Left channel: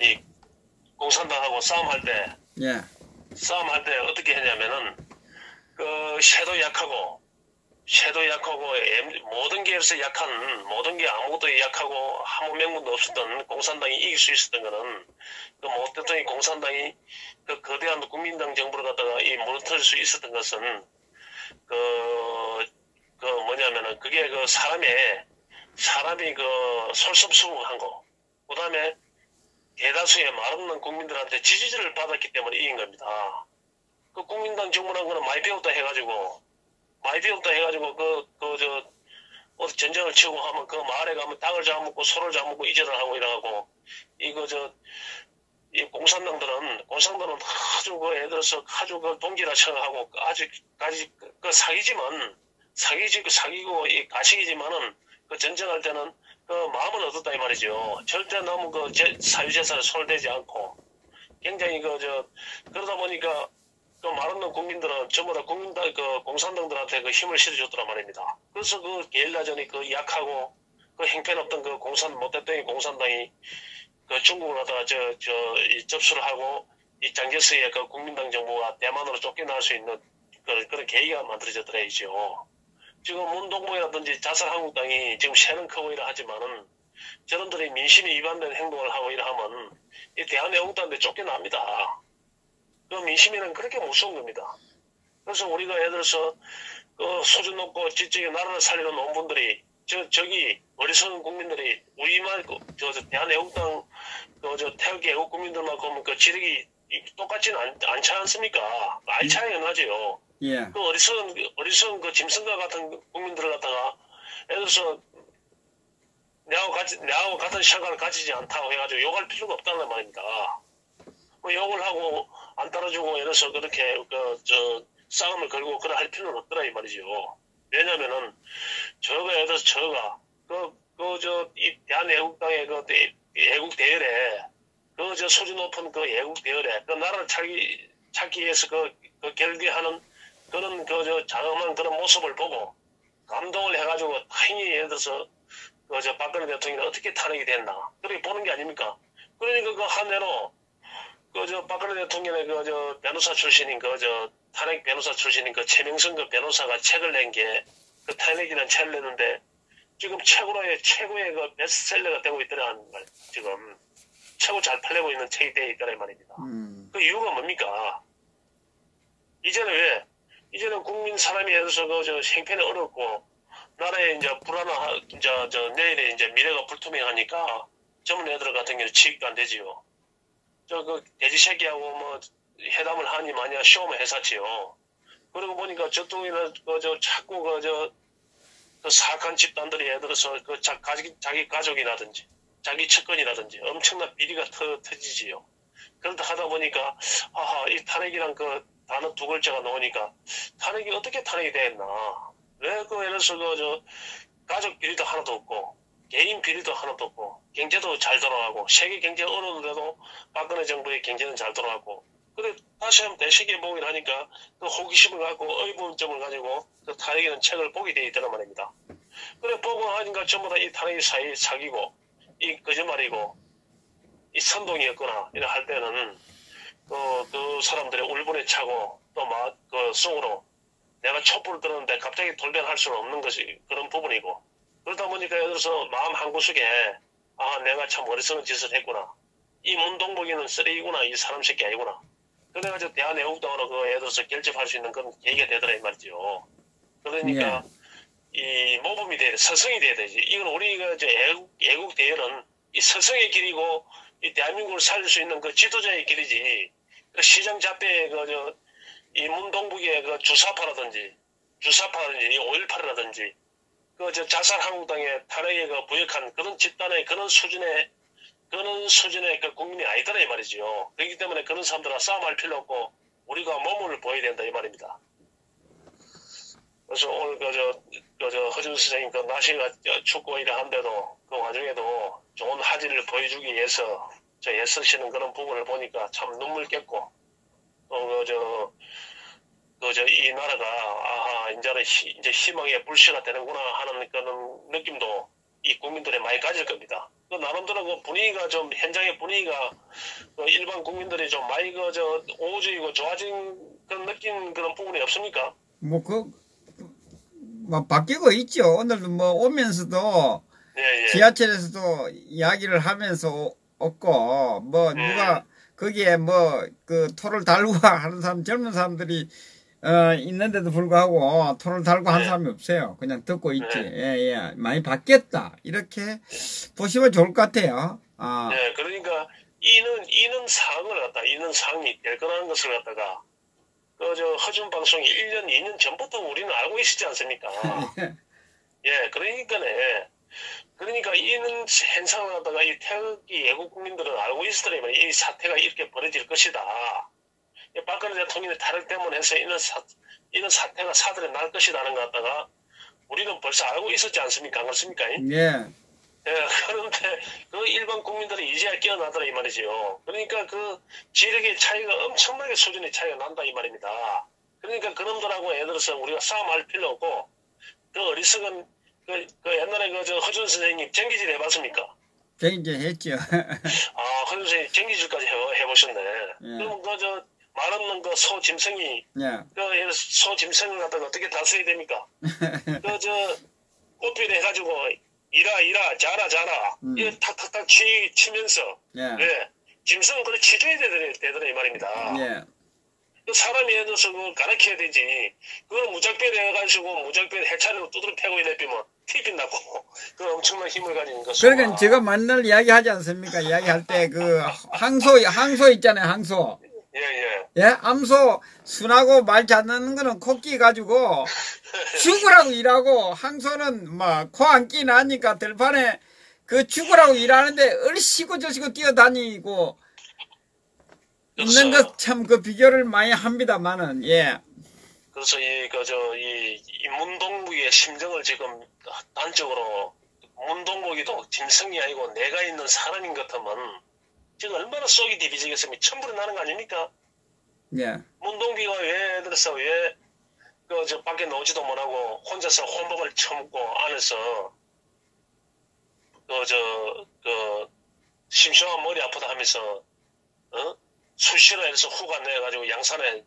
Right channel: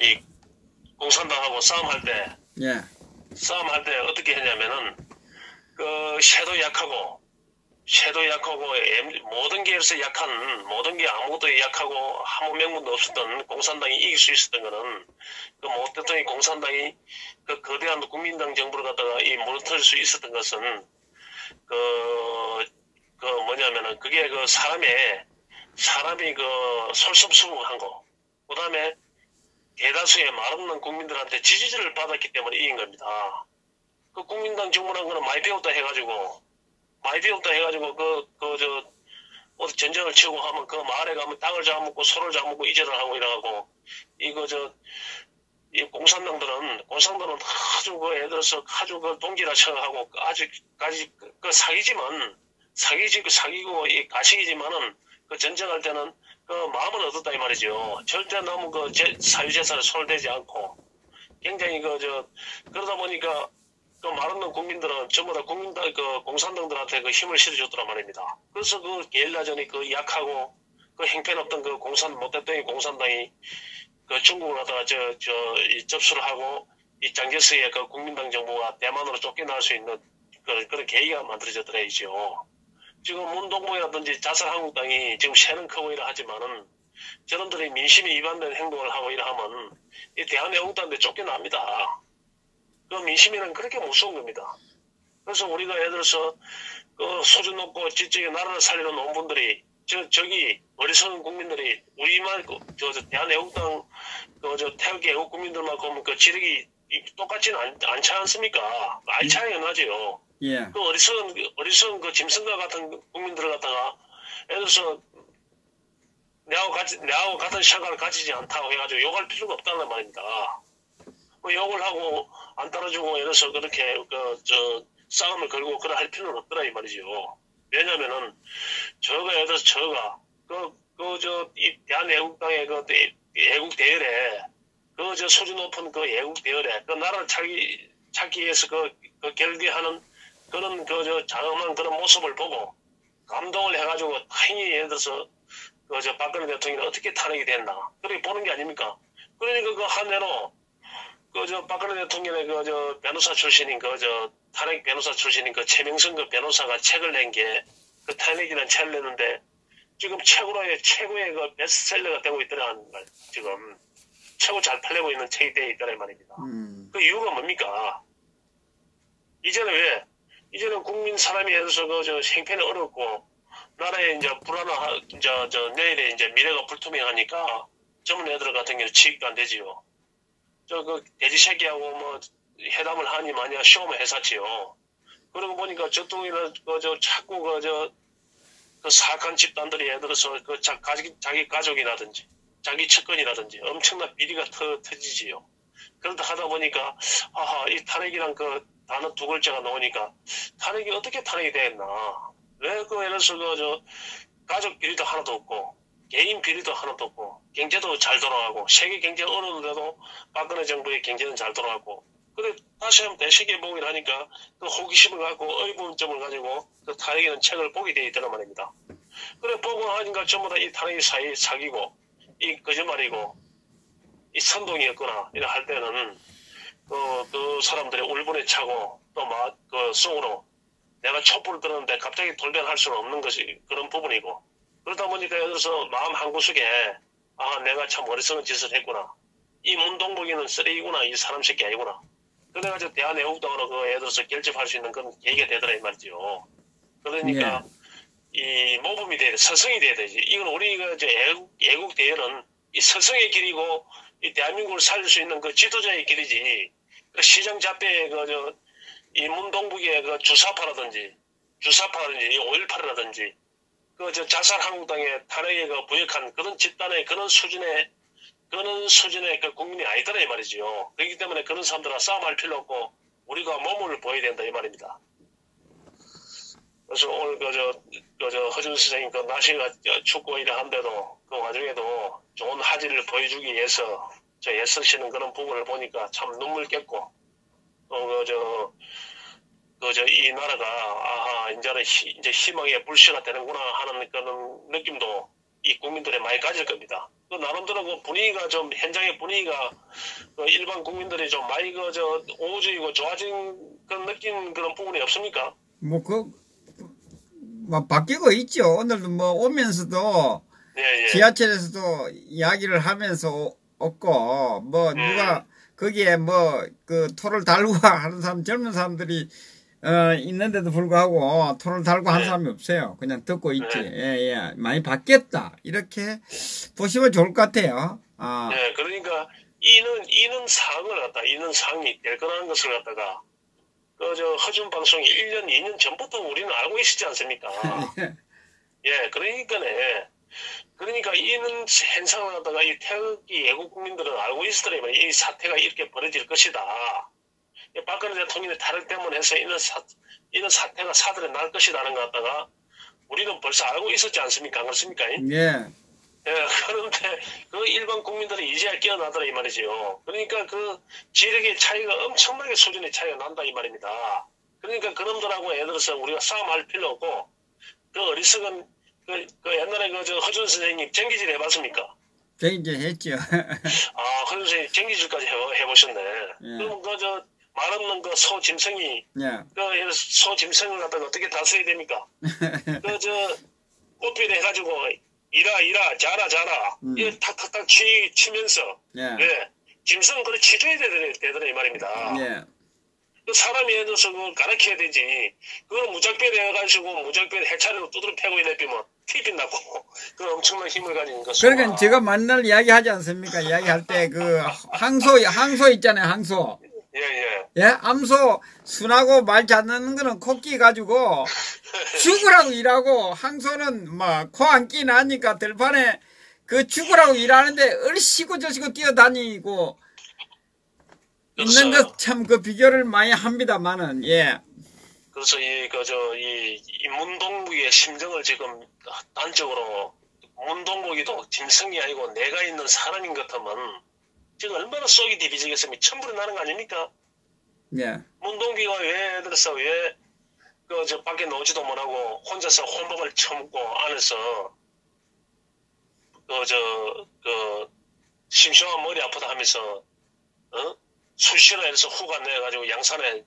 이 공산당하고 싸움할 때, 예. 싸움할 때 어떻게 했냐면은, 섀도 약하고, 모든 게에서 약한, 모든 게 아무것도 약하고, 아무 명분도 없었던 공산당이 이길 수 있었던 거는, 모 대통령이 공산당이 거대한 국민당 정부를 갖다가 무너뜨릴 수 있었던 것은, 뭐냐면은, 그게 사람이 솔선수범한 거, 그 다음에 대다수의 말없는 국민들한테 지지를 받았기 때문에 이긴 겁니다. 국민당 정부라는 거는 많이 배웠다 해가지고, 어디 전쟁을 치고 하면 그 마을에 가면 땅을 잡아먹고 소를 잡아먹고 이전을 하고 이러고, 이 공산당들은 아주 예를 들어서 아주 동지라 생각하고, 아직까지 사기고 가식이지만은 전쟁할 때는 마음은 얻었다 이 말이죠. 절대 너무 사유재산에 손을 대지 않고, 굉장히 그러다 보니까 말없는 국민들은 전부 다 공산당들한테 힘을 실어줬더란 말입니다. 그래서 게릴라전이 약하고 행편없던 못됐던 공산당이 중국을 갖다가 접수를 하고 이 장제스의 국민당 정부가 대만으로 쫓겨날 수 있는 그런 계기가 만들어졌더라죠. 지금 문동봉이라든지 자살한국당이 지금 새는 크고 이라 하지만은 저놈들이 민심에 위반된 행동을 하고 이라 하면 이 대한애국당한테 쫓겨납니다. 민심이는 그렇게 무서운 겁니다. 그래서 우리가 예를 들어서 수준 높고 지적인 나라를 살리는 논분들이 저기 어리석은 국민들이 우리만 대한애국당 태극기 애국 국민들만큼 지력이 똑같지는 않지 않습니까? 아이 차이가 나죠. 예. 어리석은 짐승과 같은 국민들을 갖다가 예를 들어서 내하고 같은 시각을 가지지 않다고 해가지고 욕할 필요가 없다는 말입니다. 욕을 하고 안 따라주고 이래서 그렇게 싸움을 걸고 그래 할 필요는 없더라 이 말이죠. 왜냐면은 예를 들어서 이 대한애국당의 애국 대열에 수준 높은 애국 대열에 나라를 찾기 위해서 결기하는 그런 장엄한 그런 모습을 보고 감동을 해가지고 행위 예를 들어서 박근혜 대통령이 어떻게 탄핵이 됐나 그렇게 보는 게 아닙니까? 그러니까 한대로 박근혜 대통령의 변호사 출신인 탄핵 변호사 출신인 최명선 변호사가 책을 낸 게 탄핵이라는 책을 냈는데 지금 최고의 베스트셀러가 되고 있더라는 말. 지금 최고 잘 팔리고 있는 책이 되어 있다는 말입니다. 그 이유가 뭡니까? 이제는 국민 사람이 예를 들어서 생편이 어렵고 나라에 이제 내일에 이제 미래가 불투명하니까 젊은 애들 같은 경우는 취직도 안 되지요. 돼지 새끼하고 회담을 하니 마냐 쇼만 해사치요. 그러고 보니까 저쪽에는 자꾸 사악한 집단들이 예를 들어서 자기 가족이라든지 자기 측근이라든지 엄청난 비리가 터지지요. 그러다 하다 보니까 이 탄핵이란 단어 두 글자가 나오니까 탄핵이 어떻게 탄핵이 됐나? 왜 예를 들어서 가족 비리도 하나도 없고 개인 비리도 하나도 없고 경제도 잘 돌아가고 세계 경제 어려운데도 박근혜 정부의 경제는 잘 돌아가고 그래 다시 한번 대세계복을 하니까 호기심을 갖고 의문점을 가지고 탄핵이라는 책을 보게 돼 있다는 말입니다. 그래 보고 하니까 전부 다 이 탄핵이 사기고 이 거짓말이고 이 선동이었구나 이래 할 때는 그 사람들의 울분에 차고 또 속으로 내가 촛불을 들었는데 갑자기 돌변할 수는 없는 것이 그런 부분이고 그러다 보니까 예를 들어서 마음 한구석에 내가 참 어리석은 짓을 했구나. 이 문동복이는 쓰레기구나. 이 사람 새끼 아니구나. 그래가지고 대한애국당으로 예를 들어서 결집할 수 있는 그런 계기가 되더라 이 말이죠. 그러니까 이 모범이 돼야 돼. 서성이 돼야 되지. 이건 우리가 애국 대열은 이 서성의 길이고 이 대한민국을 살릴 수 있는 지도자의 길이지. 시정 잡배의 이 문동북의 주사파라든지 이 5.18이라든지 자살한국당의 탄핵에 부역한 그런 집단의 그런 수준의 국민이 아니더라 이 말이지요. 그렇기 때문에 그런 사람들과 싸움할 필요 없고 우리가 몸을 보여야 된다 이 말입니다. 그래서 오늘 허준 선생님 날씨가 춥고 이러한데도 그 와중에도 좋은 화질을 보여주기 위해서 애쓰시는 그런 부분을 보니까 참 눈물 깼고 이 나라가 이제 희망의 불씨가 되는구나 하는 그런 느낌도 이 국민들이 많이 가질 겁니다. 그 나름대로 그 분위기가 좀 현장의 분위기가 그 일반 국민들이 좀 많이 그저 우호적이고 좋아진 그런 느낀 그런 부분이 없습니까? 뭐 뭐 바뀌고 있죠. 오늘도 뭐 오면서도 예, 예. 지하철에서도 이야기를 하면서 없고 뭐 누가 거기에 뭐 그 토를 달고 하는 사람 젊은 사람들이 있는데도 불구하고 토를 달고 한 사람이 없어요. 그냥 듣고 있지. 예. 많이 바뀌었다. 이렇게 보시면 좋을 것 같아요. 예, 그러니까 이는 상이 될 거라는 것을 갖다가 그저 허준 방송이 1년, 2년 전부터 우리는 알고 있었지 않습니까? 예, 그러니까 이는 현상을 갖다가 이 태극기 애국 국민들은 알고 있었더라면 이 사태가 이렇게 벌어질 것이다. 박근혜 대통령의 탈을 때문에 해서 이런 사태가 사들에 날 것이라는 것 갖다가 우리는 벌써 알고 있었지 않습니까? 그렇습니까? 예. 예, 그런데 그 일반 국민들이 이제야 깨어나더라 이 말이지요. 그러니까 그 지력의 차이가 엄청나게 수준의 차이가 난다 이 말입니다. 그러니까 그놈들하고 예를 들어서 우리가 싸움할 필요 없고 그 어리석은 그 옛날에 저 허준 선생님 전기질 해봤습니까? 전기질 했죠. 허준 선생님 전기질까지 해보셨네. 그럼 저 말 없는 그 소짐승이 소 짐승을 갖다가 어떻게 다스려야 됩니까? 저 꽃필 해가지고 이라 자라 이거 탁탁탁 치면서 짐승은 그걸 치줘야 되더라 이 말입니다. 그 사람이 예를 들어서 그걸 가르쳐야 되지. 그걸 무작별 해가지고 무작별 해차리로 두드려 패고 이래피면 티비 나고 그 엄청난 힘을 가진 거. 그러니까 제가 맨날 이야기하지 않습니까? 이야기할 때 그 항소 있잖아요. 항소. 예, 암소 순하고 말 잘듣는 거는 코끼 가지고 죽으라고 일하고 항소는 막 코 안 끼 나니까 들판에 그 죽으라고 일하는데 얼씨구 저씨구 뛰어다니고 있는 것 참 그 비교를 많이 합니다만은 예. 그래서 이 문동국의 심정을 지금 단적으로 문동국이도 짐승이 아니고 내가 있는 사람인 것 같으면 지금 얼마나 속이 디비지겠습니까? 천불이 나는 거 아닙니까? 예. 문동기가 왜 그래서 왜 저 밖에 나오지도 못하고 혼자서 혼밥을 처먹고 안에서 심심한 머리 아프다 하면서 수시로 해서 후가 내가지고 양산에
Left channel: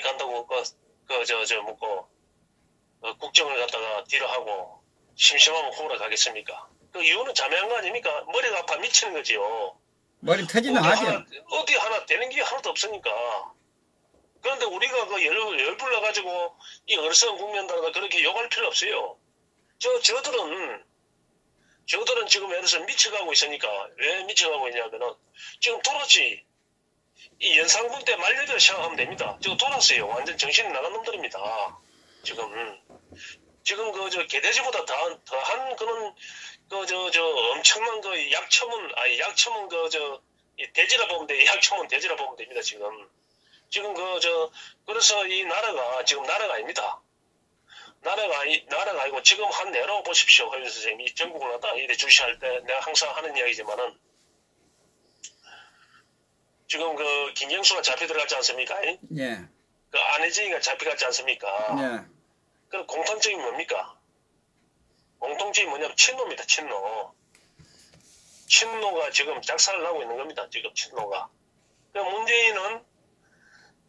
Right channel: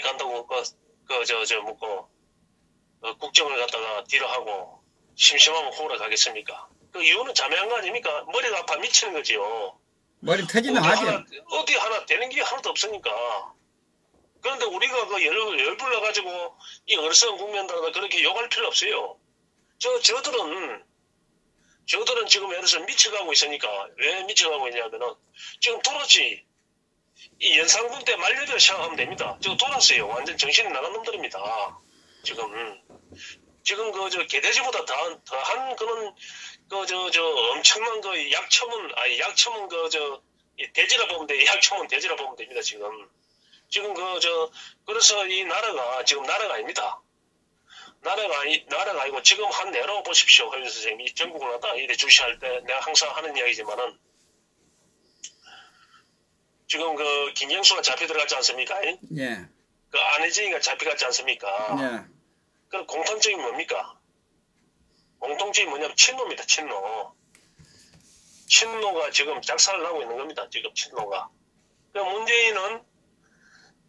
간다고 묻고 국정을 갖다가 뒤로 하고 심심하면 후로 가겠습니까? 그 이유는 자매한 거 아닙니까? 머리가 아파 미치는 거지요. 머리 터지는 하죠. 어디 하나 되는 게 하나도 없으니까. 그런데 우리가 그 열불나가지고 이 어리석은 국민들한테 그렇게 욕할 필요 없어요. 저들은 지금 예를 들어서 미쳐가고 있으니까 왜 미쳐가고 있냐면은 지금 돌았지. 이 연상군 때 말년이라 생각하면 됩니다. 지금 돌았어요. 완전 정신이 나간 놈들입니다. 지금 저 개돼지보다 더한 그런 엄청난 약첨은 돼지라 보면 돼. 약첨은 돼지라 보면 됩니다. 지금 그래서 이 나라가 지금 나라가 아닙니다. 나라가 아니고 지금 한 내로 보십시오. 허윤 선생님. 이 전국을 갖다 이래 주시할 때 내가 항상 하는 이야기지만은 지금 김경수가 잡혀 들어갔지 않습니까? 예. 안혜진이가 잡혀갔지 않습니까? 예. 그럼 공통점이 뭡니까? 공통점이 뭐냐면 친노입니다. 친노가 지금 작살을 나고 있는 겁니다. 지금 친노가. 문재인은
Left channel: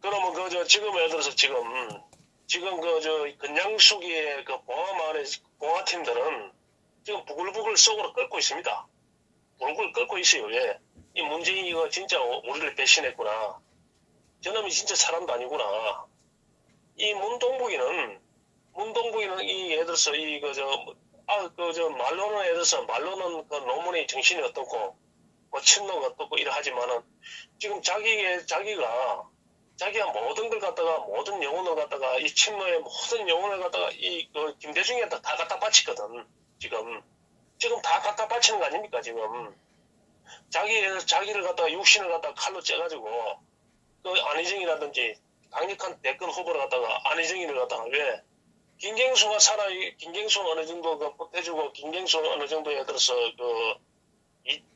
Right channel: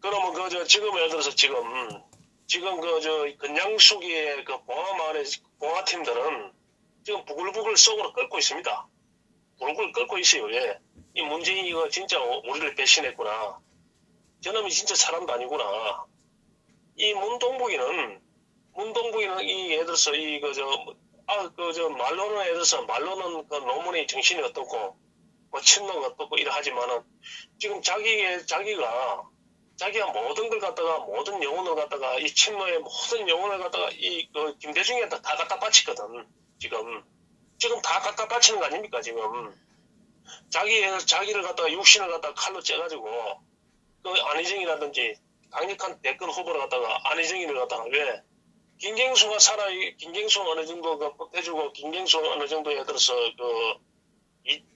그러면 지금 예를 들어서 지금 건양수기의 봉화마을의 봉화팀들은 지금 부글부글 속으로 끓고 있습니다. 부글부글 끓고 있어요. 왜? 이 문재인이가 진짜 우리를 배신했구나. 저놈이 진짜 사람도 아니구나. 이 문동국이는 이 예를 들어서 말로는 예를 들어서 말로는 그 노문의 정신이 어떻고 친노가 어떻고 이래 하지만은 지금 자기가 모든 걸 갖다가 모든 영혼을 갖다가 이 친노의 모든 영혼을 갖다가 김대중이한테 다 갖다 바치거든. 지금 다 갖다 바치는 거 아닙니까? 지금 자기를 갖다가 육신을 갖다가 칼로 째가지고 안희정이라든지 강력한 대권 후보를 갖다가 안희정이를 갖다가 왜 김경수가 김경수 어느 정도 해주고 김경수 어느 정도 예를 들어서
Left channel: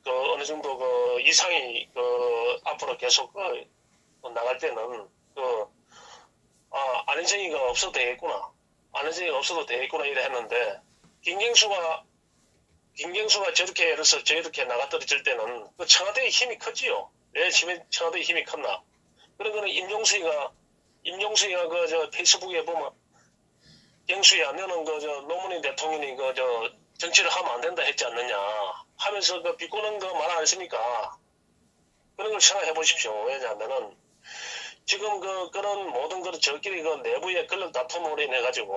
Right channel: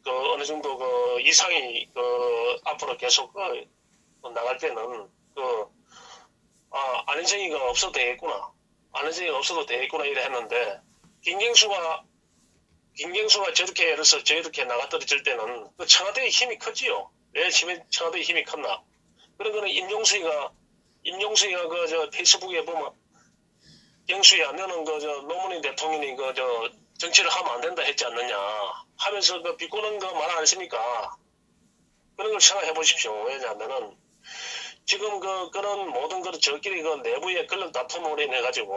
어느 정도 이상이 앞으로 계속 나갈 때는 안혜정이가 없어도 되겠구나. 안혜정이가 없어도 되겠구나 이래 했는데 김경수가 김경수가 저렇게 예를 들어서 저렇게 나가떨어질 때는 그 청와대의 힘이 컸지요. 왜 청와대의 힘이 컸나? 그런 거는 임종수이가 그 저 페이스북에 보면 경수야 너는 그 저 노무현 대통령이 그 저 정치를 하면 안 된다 했지 않느냐 하면서 그 비꼬는 거 말 안 했습니까? 그런 걸 생각해 보십시오. 왜냐하면은 지금 그런 모든 걸 저끼리 그 내부의 권력 다툼으로 인해 가지고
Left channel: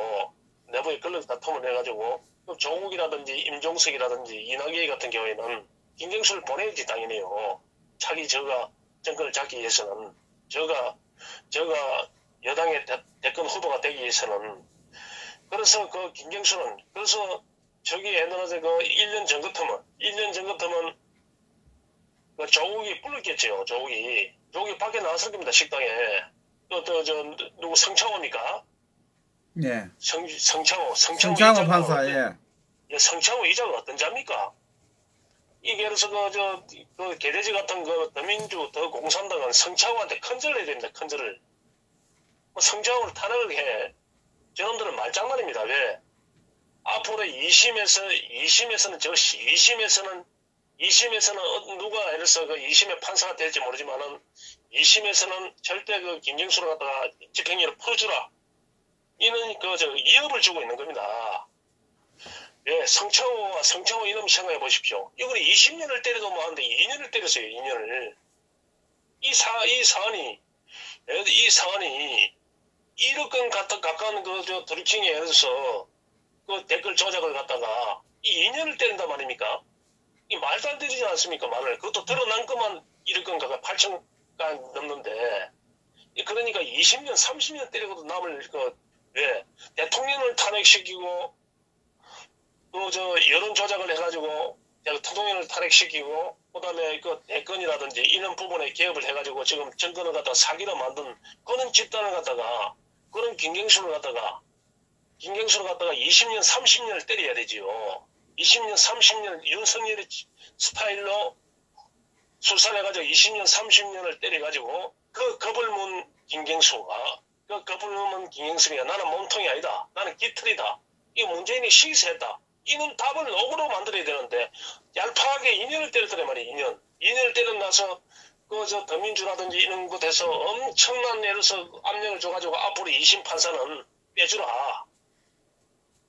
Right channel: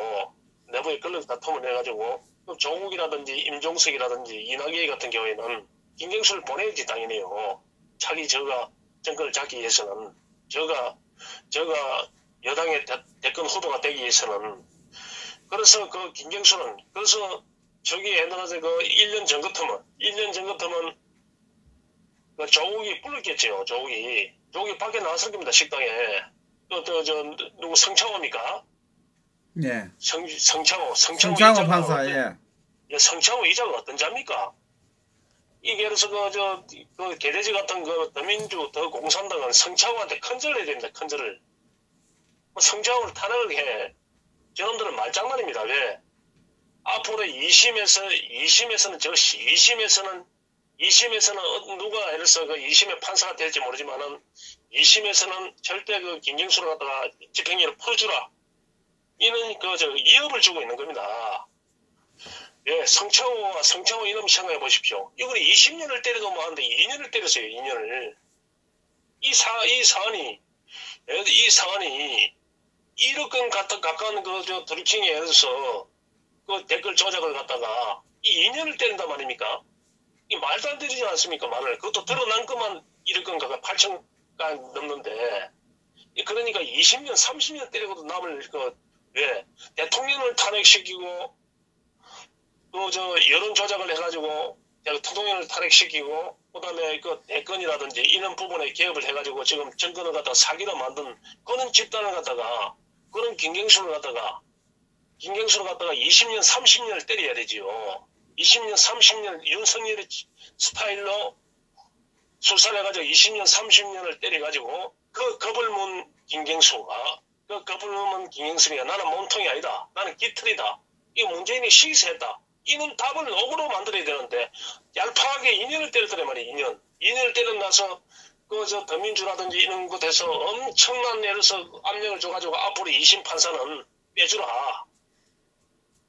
조국이라든지 임종석이라든지 이낙연 같은 경우에는 김경수를 보내야지 당연히요. 자기 저가 정권을 잡기 위해서는 저가 여당의 대권 후보가 되기 위해서는 그래서 그 김경수는 그래서 저기 옛날에 그 1년 전 같으면 그 조국이 불렀겠죠. 조국이 밖에 나왔을 겁니다. 식당에 누구 성창호입니까? 네. 성창호 판사, 예. 성창호 이자가 어떤 자입니까? 이게 그래서 그 개돼지 같은 그 더민주, 더공산당은 성창호한테 큰절을 해야 됩니다. 큰절을. 성창호를 탄핵을 해. 저놈들은 말장난입니다. 왜? 앞으로 2심에서는 누가 예를 들어서 그 2심의 판사가 될지 모르지만은 2심에서는 절대 그 김경수를 갖다가 집행유예를 풀어주라. 이는 위협을 주고 있는 겁니다. 예, 성창호 이름 생각해 보십시오. 이걸 20년을 때려도 뭐하는데 2년을 때렸어요. 2년을. 이 사안이 1억 건 가까운 드루킹에 예를 들어서 그 댓글 조작을 갖다가 이 2년을 때린단 말입니까? 이 말도 안 되지 않습니까? 말을. 그것도 드러난 것만 1억 건 가까이 8천가 넘는데. 그러니까 20년, 30년 때리고도 남을 왜? 대통령을 탄핵시키고, 또 여론 조작을 해가지고, 대통령을 탄핵시키고, 그 다음에 그 대권이라든지 이런 부분에 개업을 해가지고 지금 정권을 갖다가 사기로 만든 그런 집단을 갖다가, 그런 김경수를 갖다가 20년, 30년을 때려야 되지요. 20년, 30년 윤석열의 스타일로 수사를 해가지고 20년, 30년을 때려가지고 그 겁을 문 김경수가 나는 몸통이 아니다. 나는 깃털이다. 이 문재인이 시기했다. 이는 답을 억으로 만들어야 되는데 얄팍하게 2년을 때렸더래 말이야. 2년을 때리고 나서 더민주라든지 이런 곳에서 엄청난 예를 들어서 압력을 줘가지고 앞으로 2심 판사는 빼주라.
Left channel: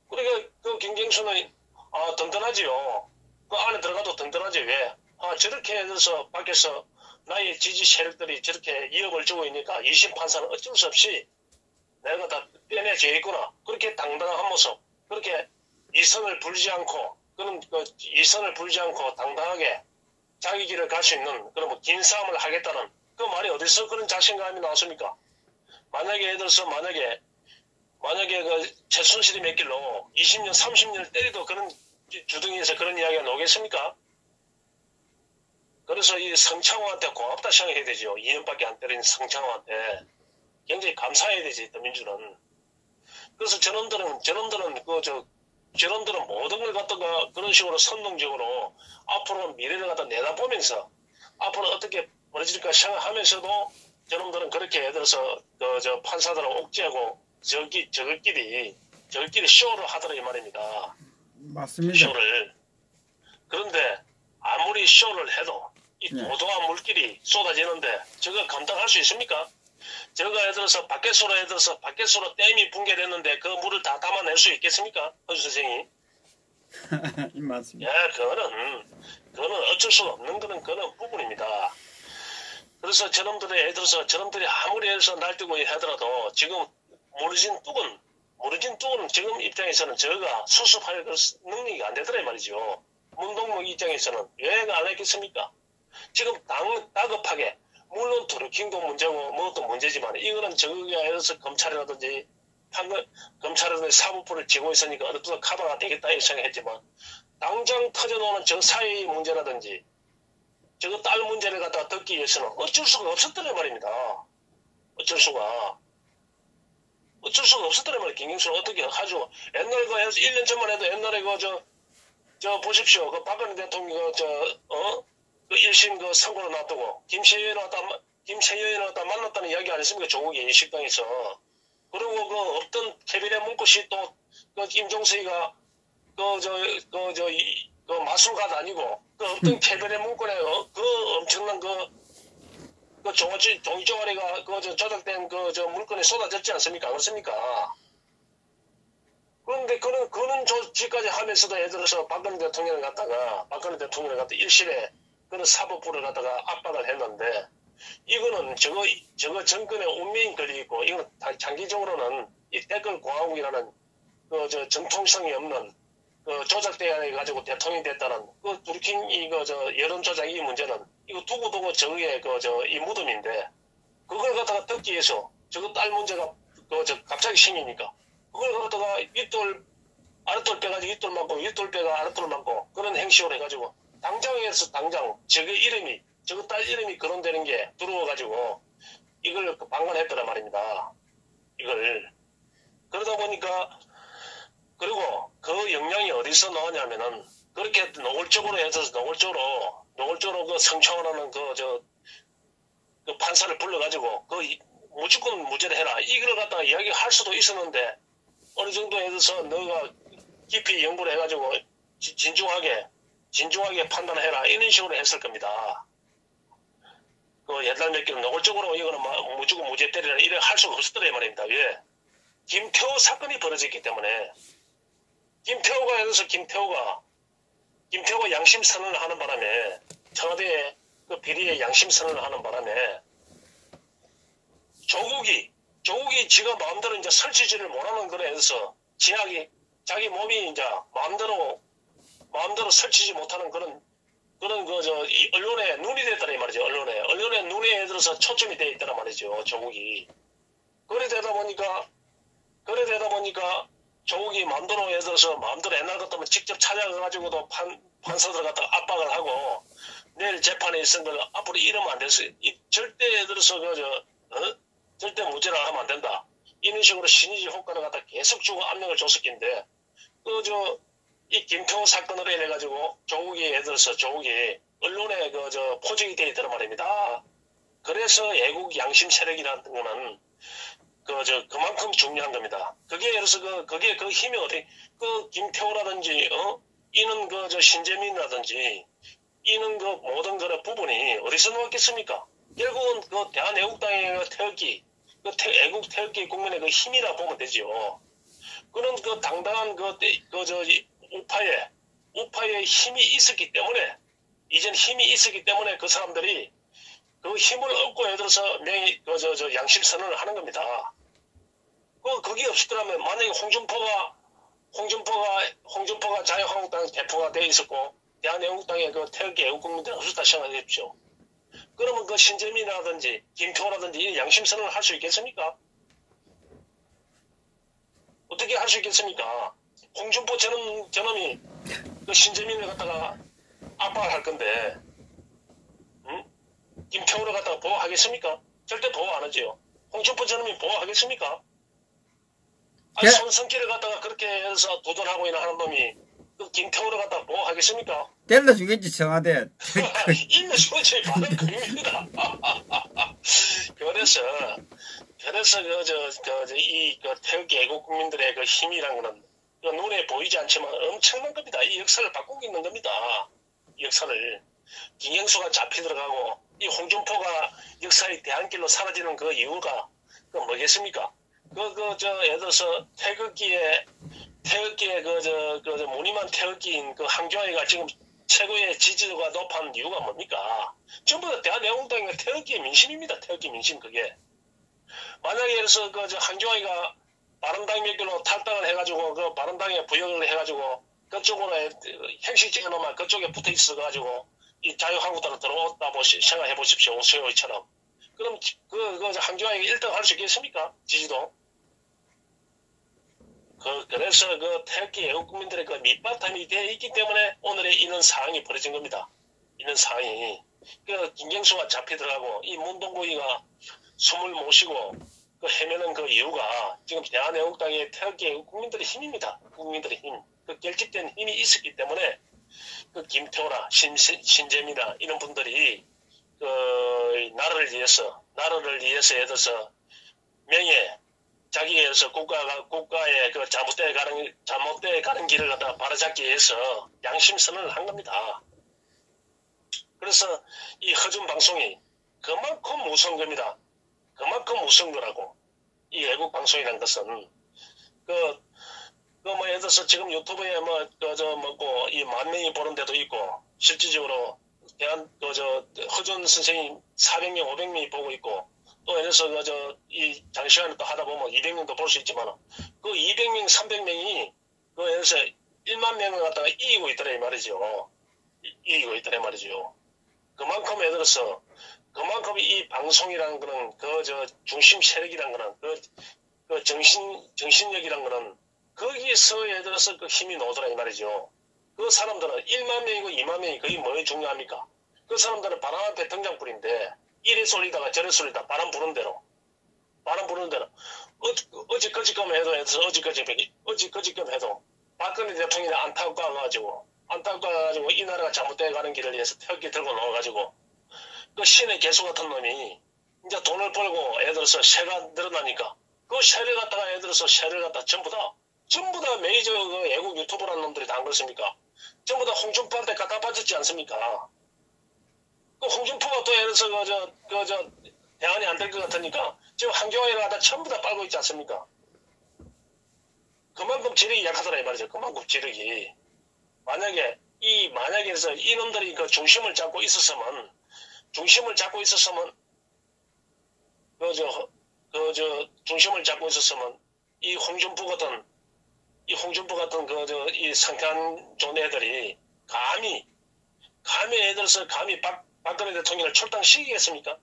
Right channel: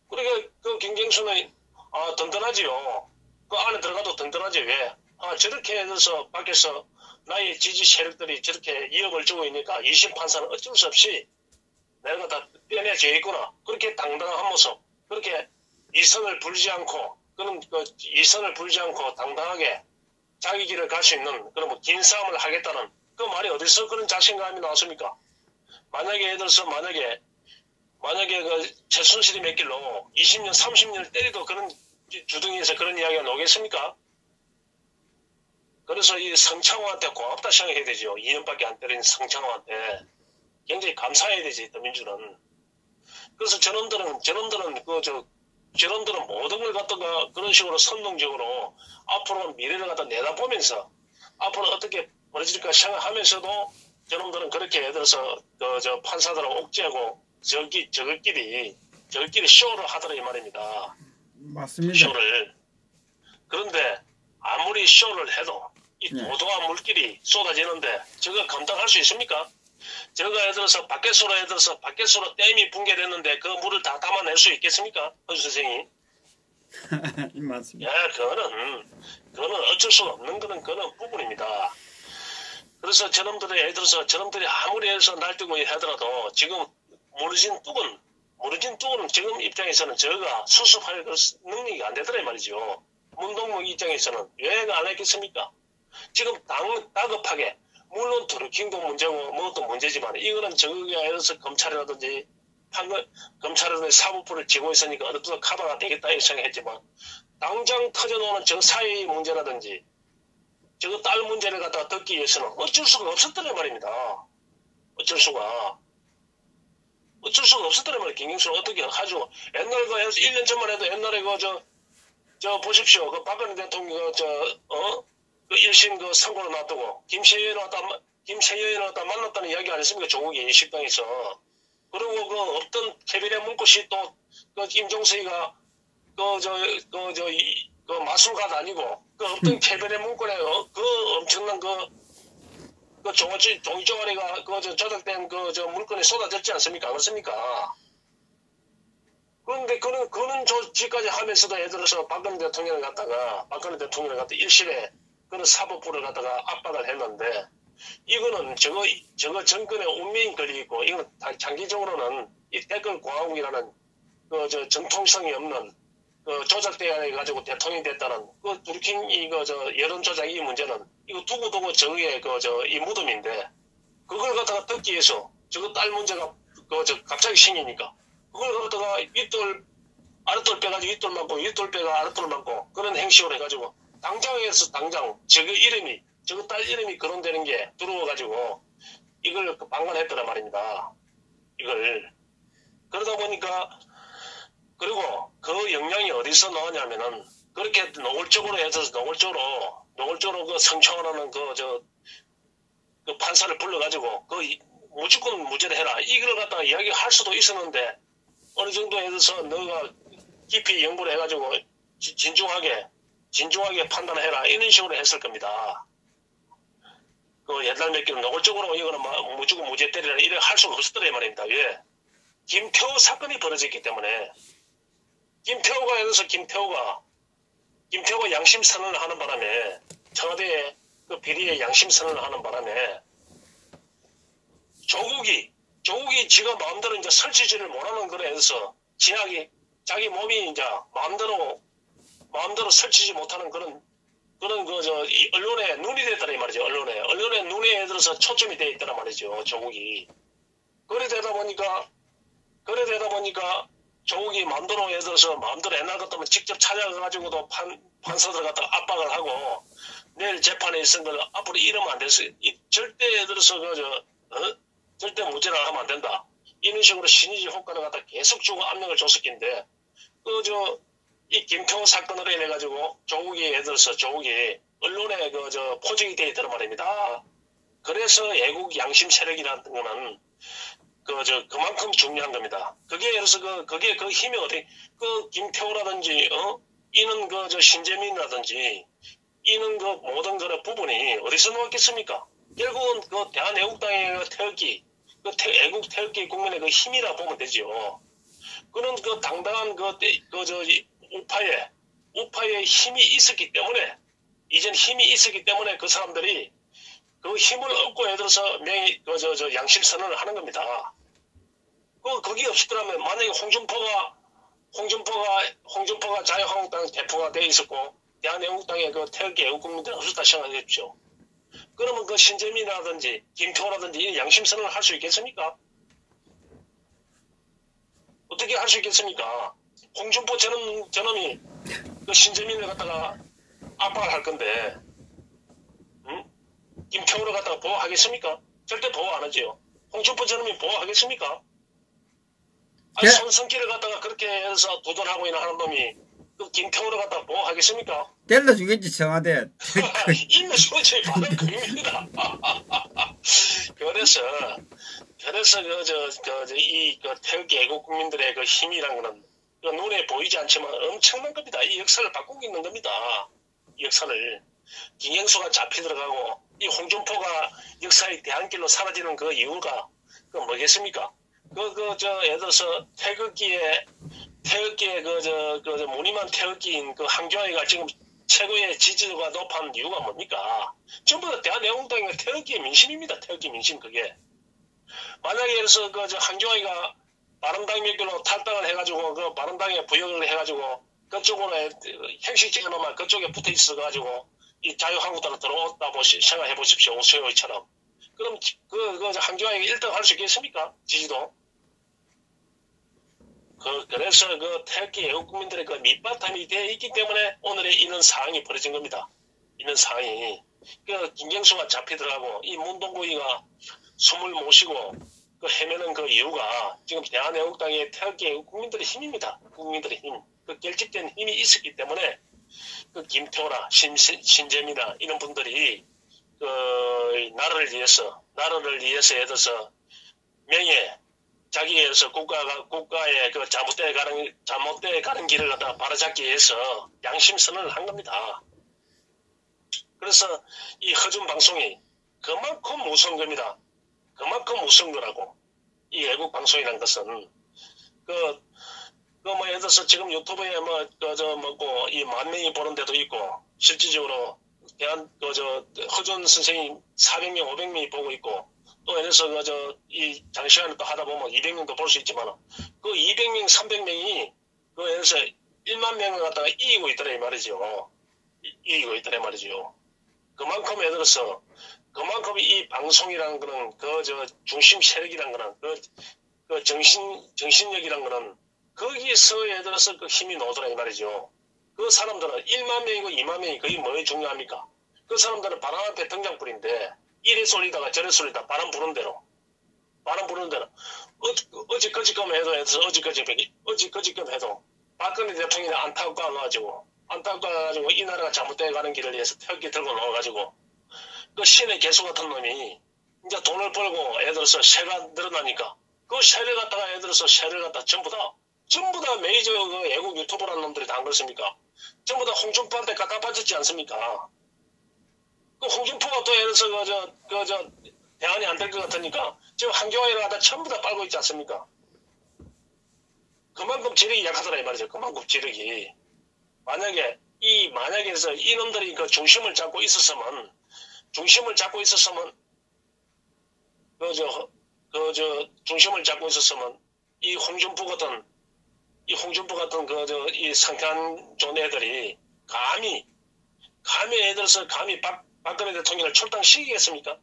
그러니까 그 김경수는 든든하지요. 그 안에 들어가도 든든하지. 왜? 저렇게 해서 밖에서 나의 지지 세력들이 저렇게 위협을 주고 있으니까 2심 판사는 어쩔 수 없이 내가 다 빼내져 있구나. 그렇게 당당한 모습, 그렇게 이선을 불지 않고 당당하게 자기 길을 갈 수 있는 그런 긴 싸움을 하겠다는 그 말이 어디서 그런 자신감이 나왔습니까? 만약에 예를 들어서 만약에 그 최순실이 몇 길로 20년, 30년을 때려도 그런 주둥이에서 그런 이야기가 나오겠습니까? 그래서 이 성창호한테 고맙다 생각해야 되죠. 2년밖에 안 때린 성창호한테 굉장히 감사해야 되지, 민주는. 그래서 저놈들은 모든 걸 갖다가 그런 식으로 선동적으로 앞으로 미래를 갖다 내다보면서 앞으로 어떻게 벌어질까 생각하면서도 저놈들은 그렇게 예를 들어서 판사들을 옥죄하고 저들끼리 쇼를 하더라 이 말입니다. 맞습니다. 쇼를. 그런데 아무리 쇼를 해도 이 도도한 물길이 쏟아지는데 저거 감당할 수 있습니까? 저거 예를 들어서 밖에서로 댐이 붕괴됐는데 그 물을 다 담아낼 수 있겠습니까? 허주 선생님. 맞습니다. 예, 그거는 어쩔 수 없는 그런 부분입니다. 그래서 예를 들어서 저놈들이 아무리 해서 날뛰고 하더라도 지금 모르진 뚝은 지금 입장에서는 저가 수습할 능력이 안 되더라 말이죠. 문동무 입장에서는 왜 안 했겠습니까? 지금 다급하게 물론 드루킹도 문제고 뭐도 문제지만 이거는 저거에 의해서 검찰이라든지 사법부를 쥐고 있으니까 어느 정도 커버가 되겠다 이렇게 생각했지만 당장 터져나오는 저 사회의 문제라든지 저거 딸 문제를 갖다가 듣기 위해서는 어쩔 수가 없었더란 말입니다. 어쩔 수가 없었더란 말이에요. 김경수는 어떻게 하죠? 옛날에 1년 전만 해도 옛날에 보십시오. 그 박근혜 대통령 그 1심 선고를 놔두고 김세연을 갖다 만났다는 이야기 안 했습니까? 조국이 식당에서. 그리고 없던 케빈의 문구시 또 임종석이가 그 마술가도 아니고 그 어떤 캐변의 문건에 그 엄청난 그 종이조가리가 조작된 저 물건에 쏟아졌지 않습니까? 그렇습니까? 그런데 그런 조치까지 하면서도 예를 들어서 박근혜 대통령을 갖다가 일실에 그런 사법부를 갖다가 압박을 했는데 이거는 저거 정권의 운명이 걸려있고 이건 장기적으로는 이 댓글 공화국이라는 그 정통성이 없는 그 조작돼 가지고 대통령이 됐다는 그 불킨 여론 조작 이 문제는 이거 두고두고 저게 이 무덤인데 그걸 갖다가 듣기 위해서 저거 딸 문제가 갑자기 생기니까 그걸 갖다가 윗돌 아랫돌 빼가지고 윗돌 맞고 윗돌 빼가 아랫돌 맞고 그런 행식으로 해가지고 당장에서 당장 저거 딸 이름이 거론되는 게 들어와가지고 이걸 방관했더란 말입니다. 이걸 그러다 보니까 그리고 그 영향이 어디서 나오냐면은 그렇게 노골적으로 해서 노골적으로 그 성추행하는 그 판사를 불러가지고 무조건 무죄를 해라 이걸 갖다가 이야기할 수도 있었는데 어느 정도에 대해서 너가 깊이 연구를 해가지고 진중하게 판단해라 이런 식으로 했을 겁니다. 그 옛날 몇 개는 노골적으로 이거는 무조건 무죄 때리라 이래 할 수가 없었더래 말입니다. 왜? 김태호 사건이 벌어졌기 때문에 김태호가 예를 들어서 김태호가 양심 선언을 하는 바람에 청와대에 그 비리에 양심 선언을 하는 바람에 조국이 지가 마음대로 이제 설치지를 못하는 거에 대해서 진하게 자기 몸이 이제 마음대로 설치지 못하는 그런 이 언론의 눈이 됐다는 이 말이죠. 언론의 눈에 들어서 초점이 되어 있다는 말이죠. 조국이. 그래 되다 보니까 조국이 마음대로 예를 들어서 마음대로 옛날 같으면 직접 찾아가가지고도 판사들 갖다가 압박을 하고 내일 재판에 있은 걸 앞으로 이러면 안 됐어. 절대 예를 들어서 절대 무죄를 하면 안 된다. 이런 식으로 신의적 효과를 갖다 계속 주고 압력을 줬었긴데 이 김태호 사건으로 인해가지고 예를 들어서 조국이 언론에 포직이 되어 있다는 말입니다. 그래서 애국 양심 세력이라는 거는 그만큼 중요한 겁니다. 그게 예를 들어서 그게 그 힘이 김태호라든지 이는 신재민이라든지 이는 모든 그런 부분이 어디서 나왔겠습니까? 결국은 대한애국당의 태극기 애국 태극기 국민의 힘이라 보면 되지요. 그런 당당한 우파의 힘이 있었기 때문에 이젠 힘이 있었기 때문에 그 사람들이 그 힘을 얻고 예를 들어서 양심 선언을 하는 겁니다. 그게 없었더라면 만약에 홍준표가 자유한국당 대표가 돼 있었고 대한애국당의 태극기 애국국민들이 없었다 생각해 주십시오. 그러면 신재민이라든지 김태호라든지 양심 선언을 할 수 있겠습니까? 어떻게 할 수 있겠습니까? 홍준표 저놈이 신재민을 갖다가 압박을 할 건데 김태호를 갖다가 보호하겠습니까? 절대 보호 안 하지요. 홍준표 저놈이 보호하겠습니까? 아니, 손성길을 갖다가 그렇게 해서 도전하고 있는 하는 놈이 김태호를 갖다가 보호하겠습니까? 때려주겠지 청와대. 있는 소리에 바로 그입니다. 그래서 이 태극기 애국 국민들의 힘이란 거는 눈에 보이지 않지만 엄청난 겁니다. 이 역사를 바꾸고 있는 겁니다. 이 역사를. 김영수가 잡혀 들어가고 이 홍준표가 역사의 대안길로 사라지는 그 이유가 뭐겠습니까? 예를 들어서 태극기의 무늬만 태극기인 항저우가 지금 최고의 지지도가 높은 이유가 뭡니까? 전부 다 대한애국당의 태극기의 민심입니다. 태극기 민심 그게. 만약에 예를 들어서 항저우가 바른당 몇 개로 탈당을 해가지고 바른당에 부역을 해가지고 그쪽으로 행식 찍어놓으면 그쪽에 붙어 있어가지고 이 자유한국당으로 들어왔다 생각해 보십시오. 오세호이처럼. 그럼 항저우가 1등 할 수 있겠습니까? 지지도. 그래서 태극기 애국국민들의 밑바탕이 되어 있기 때문에 오늘의 이런 상황이 벌어진 겁니다. 이런 상황이. 김경수가 잡혀 들어가고 이 문동구이가 숨을 못 쉬고 헤매는 이유가 지금 대한애국당의 태극기 애국국민들의 힘입니다. 국민들의 힘. 결집된 힘이 있었기 때문에 김태호나 신재미나 이런 분들이 나라를 위해서 예를 들어서 명예, 자기에서 국가의 그 잘못돼 가는 길을 갖다가 바로잡기 위해서 양심선언을 한 겁니다. 그래서 이 허준 방송이 그만큼 무서운 겁니다. 그만큼 무서운 거라고. 이 애국 방송이란 것은 예를 들어서 지금 유튜브에 이 10,000명이 보는 데도 있고, 실질적으로 허준 선생님 400명, 500명이 보고 있고, 또 예를 들어서 이 장시간을 또 하다 보면 200명도 볼 수 있지만, 그 200명, 300명이 예를 들어서 1만 명을 갖다가 이기고 있더라 이 말이죠. 이기고 있더라 이 말이죠. 그만큼 예를 들어서 그만큼 이 방송이라는 거는 중심 세력이라는 거는 정신력이라는 거는 거기서 예를 들어서 그 힘이 나오더라 이 말이죠. 그 사람들은 1만 명이고 2만 명이 그게 뭐에 중요합니까? 그 사람들은 바람 앞에 등장불인데 이래 쏠리다가 저래 쏠리다 바람 부는 대로 어지거지끔 해도 어지거지끔 해도 박근혜 대통령이 안타까워가지고 이 나라가 잘못되어 가는 길을 위해서 태극기 들고 나와가지고 그 신의 개수 같은 놈이 이제 돈을 벌고 예를 들어서 세가 늘어나니까 그 세를 갖다가 예를 들어서 세를 갖다 전부 다 메이저 그 애국 유튜버라는 놈들이 다 안 그렇습니까? 전부 다 홍준표한테 갖다 바쳤지 않습니까? 그 홍준표가 또 예를 들어서 대안이 안 될 것 같으니까 지금 한교회를 갖다 전부 다 빨고 있지 않습니까? 그만큼 지력이 약하더라 이 말이죠. 그만큼 지력이. 만약에 해서 이놈들이 그 중심을 잡고 있었으면 중심을 잡고 있었으면 이 홍준표 같은 이 상태한 존 애들이 감히 애들서 감히 박근혜 대통령을 출당시키겠습니까?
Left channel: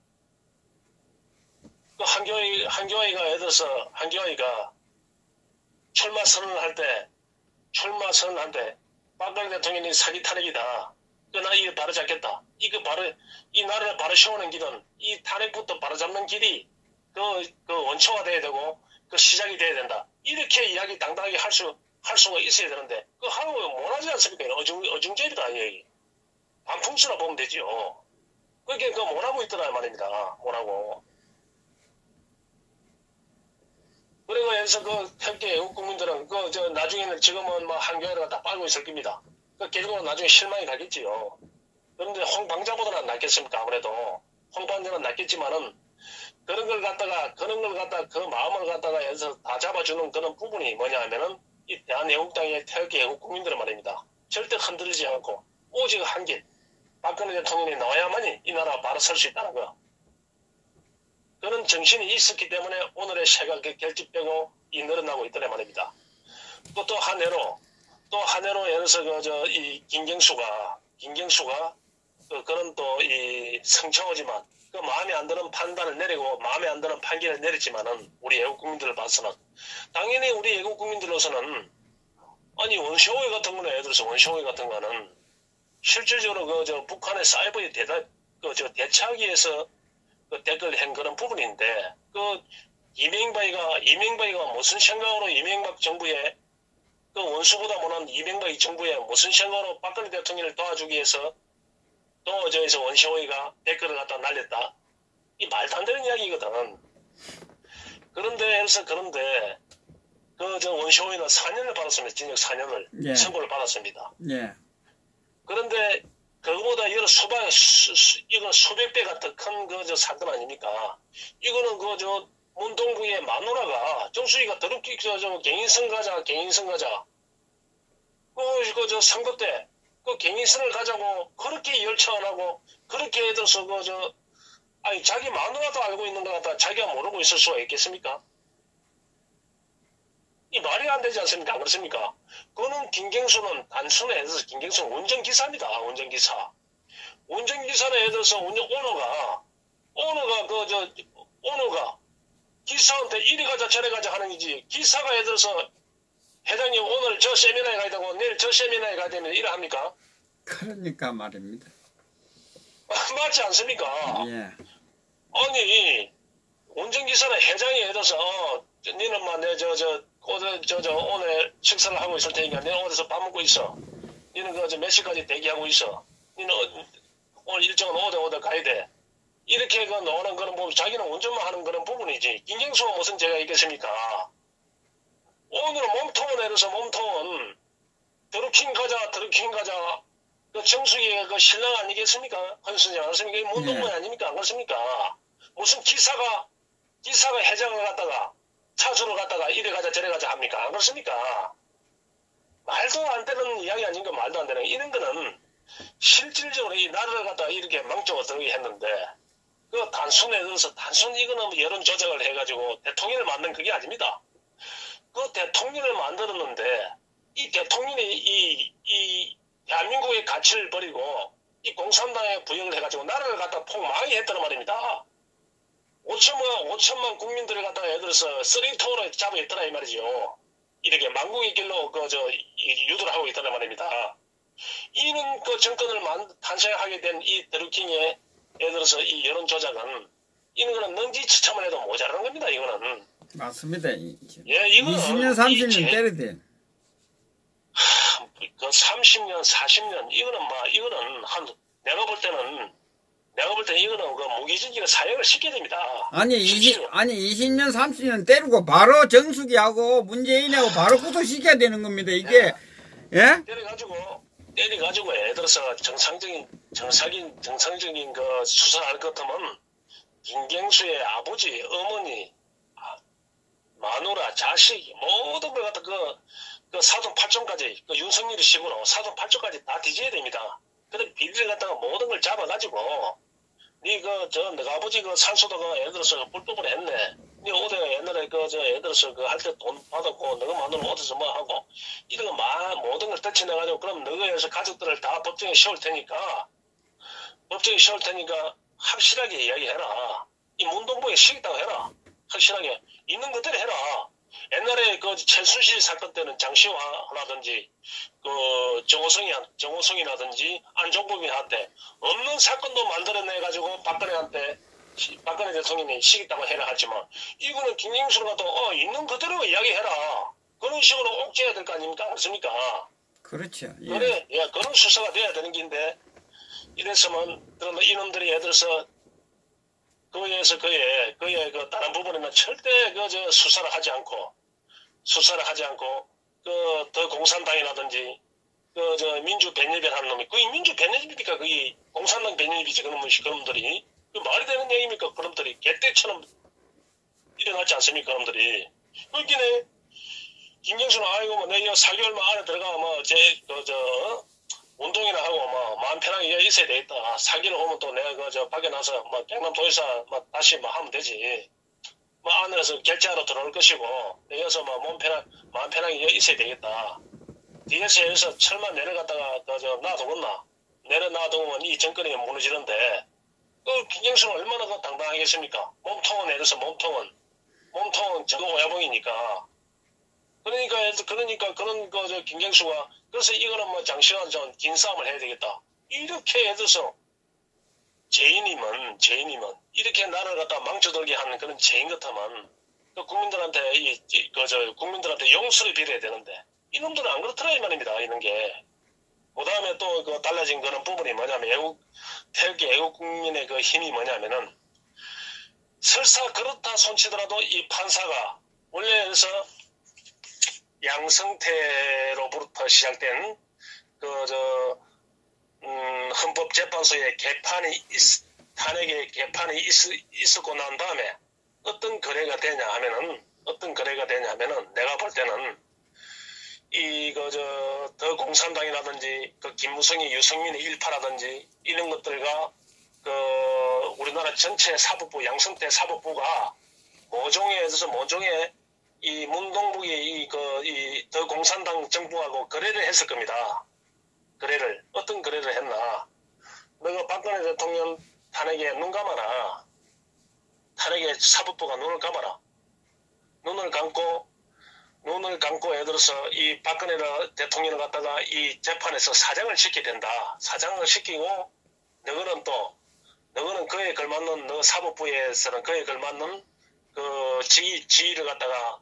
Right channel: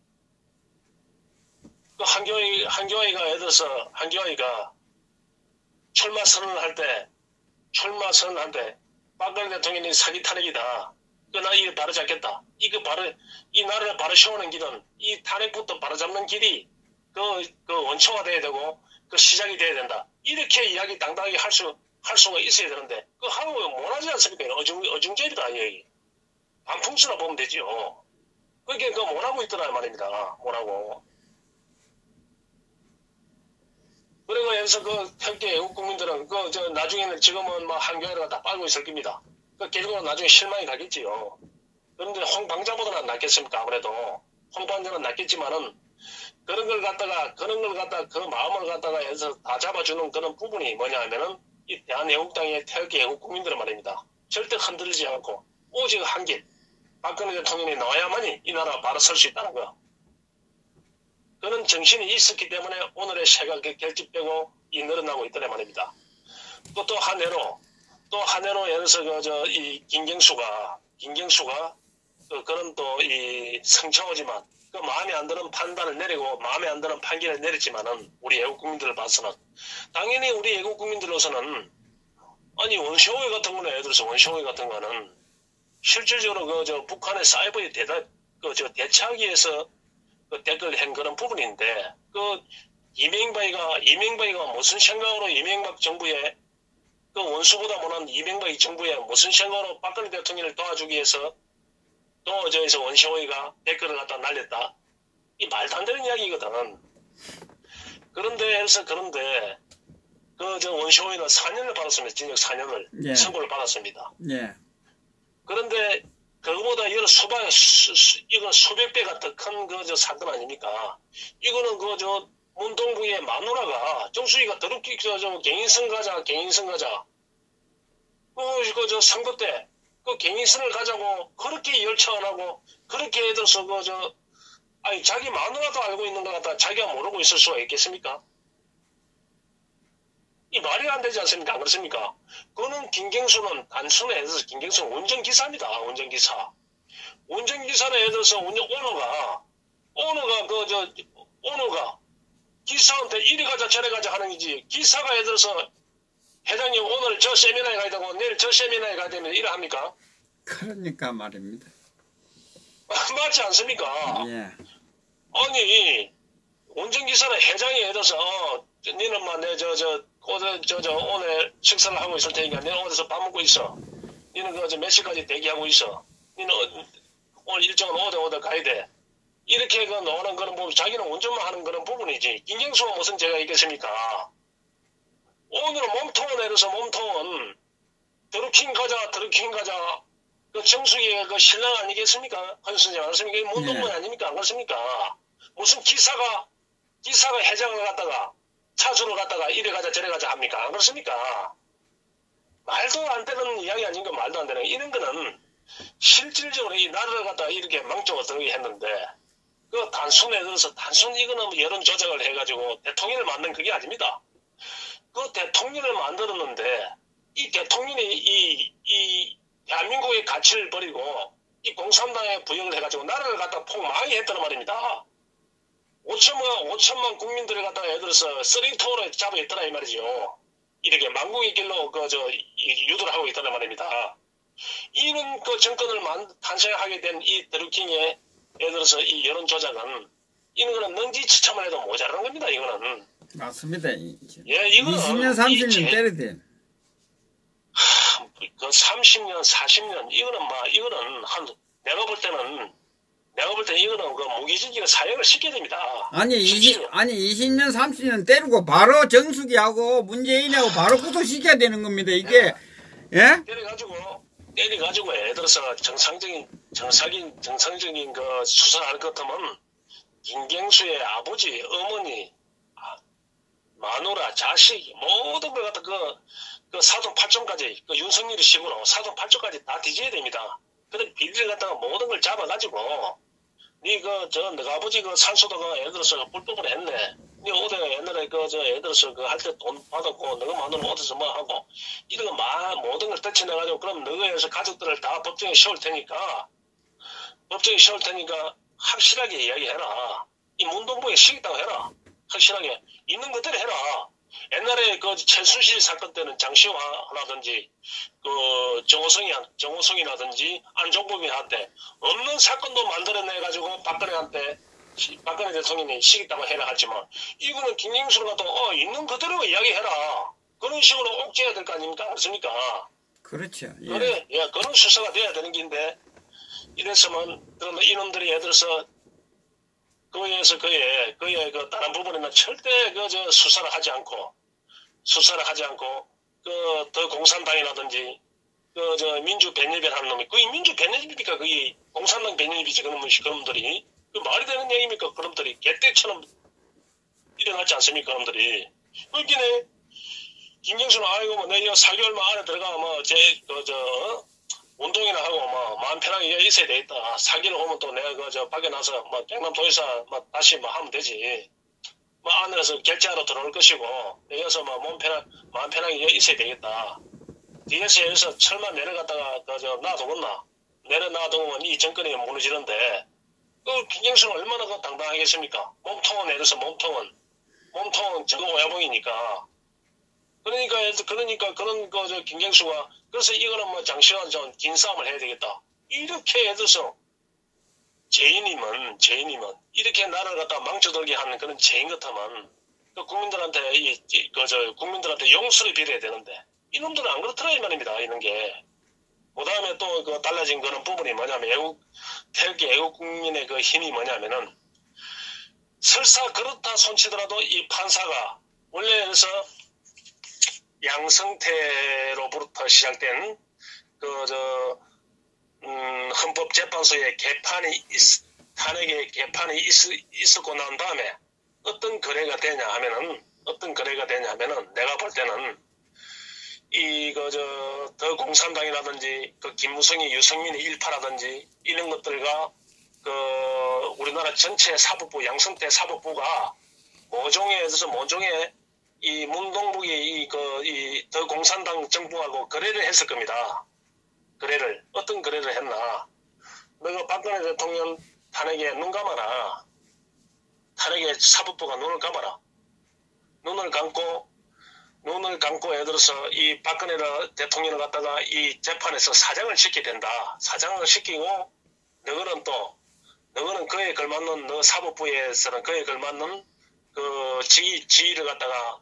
그 한교회가 애들서 한교회가 출마 선언을 할 때 박근혜 대통령이 사기 탄핵이다. 나 이거 바로 잡겠다. 이 나라를 바로 세우는 길은 이 탄핵부터 바로 잡는 길이 그 원초화돼야 되고 그 시작이 돼야 된다. 이렇게 이야기 당당하게 할 수가 있어야 되는데 그 하는 거 못하지 않습니까? 어중절이다 이 얘기. 반풍수나 보면 되지요. 그게 못하고 있더라 말입니다. 못하고. 그리고 여기서 태극기 애국 국민들은 나중에는 지금은 한교회를 갖다 빨고 있을 겁니다. 결국은 나중에 실망이 가겠지요. 그런데 홍방자보다는 낫겠습니까? 아무래도 홍방자는 낫겠지만은 그런 걸 갖다가 그 마음을 갖다가 여기서 다 잡아주는 그런 부분이 뭐냐 하면은 이 대한애국당의 태극기 애국 국민들은 말입니다. 절대 흔들리지 않고 오직 한 길 박근혜 대통령이 나와야만이 이 나라가 바로 설 수 있다는 거. 그런 정신이 있었기 때문에 오늘의 새가 결집되고 늘어나고 있더란 말입니다. 또 한 해로 예를 들어서 이 김경수가 그런 또 이 성창호지만 그 마음에 안 드는 판단을 내리고 마음에 안 드는 판결을 내렸지만은 우리 애국 국민들을 봐서는 당연히 우리 애국 국민들로서는 아니 원시호회 같은 거는 예를 들어서 원시호회 같은 거는 실질적으로 북한의 사이버에 대처하기 위해서 댓글 한 그런 부분인데 이명박이가 무슨 생각으로 이명박 정부에 원수보다 못한 이명박이 정부에 무슨 생각으로 박근혜 대통령을 도와주기 위해서 또 저기서 원시호의가 댓글을 갖다 날렸다. 이 말도 안 되는 이야기거든. 그런데 원시호의는 4년을 받았습니다. 징역 4년을 예. 선고를 받았습니다. 예. 그런데 그거보다 이건 수백 배가 더 큰 사건 아닙니까? 이거는 문동구의 마누라가 정수희가 더럽게 갱인선 가자. 선거 때 갱인선을 가자고 그렇게 열차 안 하고 그렇게 해들어서 자기 마누라도 알고 있는 것 같다. 자기가 모르고 있을 수가 있겠습니까? 이 말이 안 되지 않습니까? 안 그렇습니까? 그거는 김경수는 단순히 예를 들어서 김경수는 운전기사입니다. 운전기사. 운전기사는 예를 들어서 오너가 기사한테 이리 가자 저리 가자 하는 거지. 기사가 예를 들어서 회장님 오늘 저 세미나에 가야 되고 내일 저 세미나에 가야 되면 이래 합니까? 그러니까 말입니다. 맞지 않습니까? 예. 아니 운전기사는 회장이 예를 들어서 니는 오늘 식사를 하고 있을 테니까 내가 어디서 밥 먹고 있어. 니는 몇 시까지 대기하고 있어. 니는 오늘 일정은 어디 가야 돼. 이렇게 그 노는 그런 부분, 자기는 운전만 하는 그런 부분이지. 김경수가 무슨 죄가 있겠습니까? 오늘 몸통을 내려서 몸통은 드루킹 가자. 그 정수기의 그 신랑 아니겠습니까? 헌수지 않습니까? 이게 문동문 아닙니까? 안 그렇습니까? 무슨 기사가 해장을 갔다가 차주로 갔다가 이래 가자 저래 가자 합니까? 안 그렇습니까? 말도 안 되는 이야기 아닌가 말도 안 되는 이런 거는 실질적으로 이 나라를 갖다가 이렇게 망쳐들게 했는데 그 단순에 들어서 단순히 이거는 뭐 여론 조작을 해가지고 대통령을 만든 그게 아닙니다. 그 대통령을 만들었는데 이 대통령이 이 대한민국의 가치를 버리고 이 공산당에 부역을 해가지고 나라를 갖다 폭망하게 했다는 말입니다. 5천만 국민들을 갖다가 예를 들어서 쓰레기통으로 잡아있더라 이 말이죠. 이렇게 망국의 길로 유도를 하고 있다는 말입니다. 이는 그 정권을 탄생하게 된 이 드루킹의 예를 들어서 이 여론 조작은 이는 그런 능지처참을 해도 모자라는 겁니다. 이거는 맞습니다. 예, 이거는 20년 30년 때려대. 그 30년 40년 이거는 내가 볼 때는 이거는 그 무기징역 사형을 시켜야 됩니다. 아니 20년 30년 때리고 바로 정수기하고 문재인하고 바로 구속시켜야 되는 겁니다. 이게 예? 때려가지고 예를 들어서 정상적인 그 수사를 할 것 같으면 김경수의 아버지, 어머니, 마누라, 자식 모든 걸 갖다 그 사돈 8종까지 그 윤석열이 식으로 사돈 8종까지 다 뒤져야 됩니다. 그런 비리를 갖다가 모든 걸 잡아가지고 너가 아버지 그 산소도가 예를 들어서 불법을 했네. 니 어디 옛날에 예를 들어서 할 때 돈 받았고 너가 마누라 어디서 뭐 하고 이런 거 모든 걸 떨쳐내가지고 그럼 너가에서 가족들을 다 법정에 씌울 테니까 확실하게 이야기해라. 이 문동부에 시겠다고 해라. 확실하게 있는 그대로 해라. 옛날에 그 최순실 사건 때는 장시화라든지 그 정호성이라든지 안종범이한테 없는 사건도 만들어내가지고 박근혜 대통령이 시겠다고 해라 하지만 이거는 김경수가 또 있는 그대로 이야기해라. 그런 식으로 옥죄해야 될 거 아닙니까? 그렇습니까? 그렇죠. 예. 그래, 예, 그런 수사가 돼야 되는 긴데 이랬으면 그러면 이놈들이 예를 들어서 그의 그 다른 부분에는 절대 수사를 하지 않고 더 공산당이라든지 민주 배nyel별 하는 놈이 그게 민주 배nyel입니까? 그게 공산당 배nyel이지 그놈들이 그 말이 되는 얘기입니까? 그놈들이 개떼처럼 일어났지 않습니까? 그놈들이 그렇기는 김경수는 아이고 뭐 내가 4개월만 안에 들어가 운동이나 하고 마음 편하게 있어야 되겠다. 4개월 오면 또 내가 밖에 나서 경남 도의사 다시 하면 되지. 안에서 결제하러 들어올 것이고 여기서 마음 편하게 있어야 되겠다. 뒤에서 여기서 철만 내려갔다가 놔두겠나. 내려놔두면 이 정권이 무너지는데 그 김경수는 얼마나 당당하겠습니까? 몸통은 내려서 몸통은 저거 오야봉이니까. 그러니까 그런 김경수가 그래서 이거는 장시간 긴 싸움을 해야 되겠다. 이렇게 해서 죄인이면 이렇게 나라를 갖다 망쳐들게 하는 그런 죄인 같으면 국민들한테 국민들한테 용서를 빌어야 되는데 이놈들은 안 그렇더라 이 말입니다. 이런 게. 그다음에 또 달라진 그런 부분이 뭐냐면 태극기 애국 국민의 그 힘이 뭐냐면은 설사 그렇다 손치더라도 이 판사가 원래에서 양성태로부터 시작된 헌법재판소의 탄핵의 개판이 있었고 난 다음에 어떤 거래가 되냐 하면은 내가 볼 때는 더 공산당이라든지 김무성이 유승민의 일파라든지 이런 것들과 우리나라 전체 사법부 양성태 사법부가 모종의 이 문동북이 더 공산당 정부하고 거래를 했을 겁니다. 어떤 거래를 했나. 너가 박근혜 대통령 탄핵에 눈 감아라. 탄핵에 사법부가 눈을 감아라. 눈을 감고 예를 들어서 이 박근혜 대통령을 갖다가 이 재판에서 사장을 시켜야 된다. 사장을 시키고 너는 그에 걸맞는 사법부에서는 그에 걸맞는 지위를 갖다가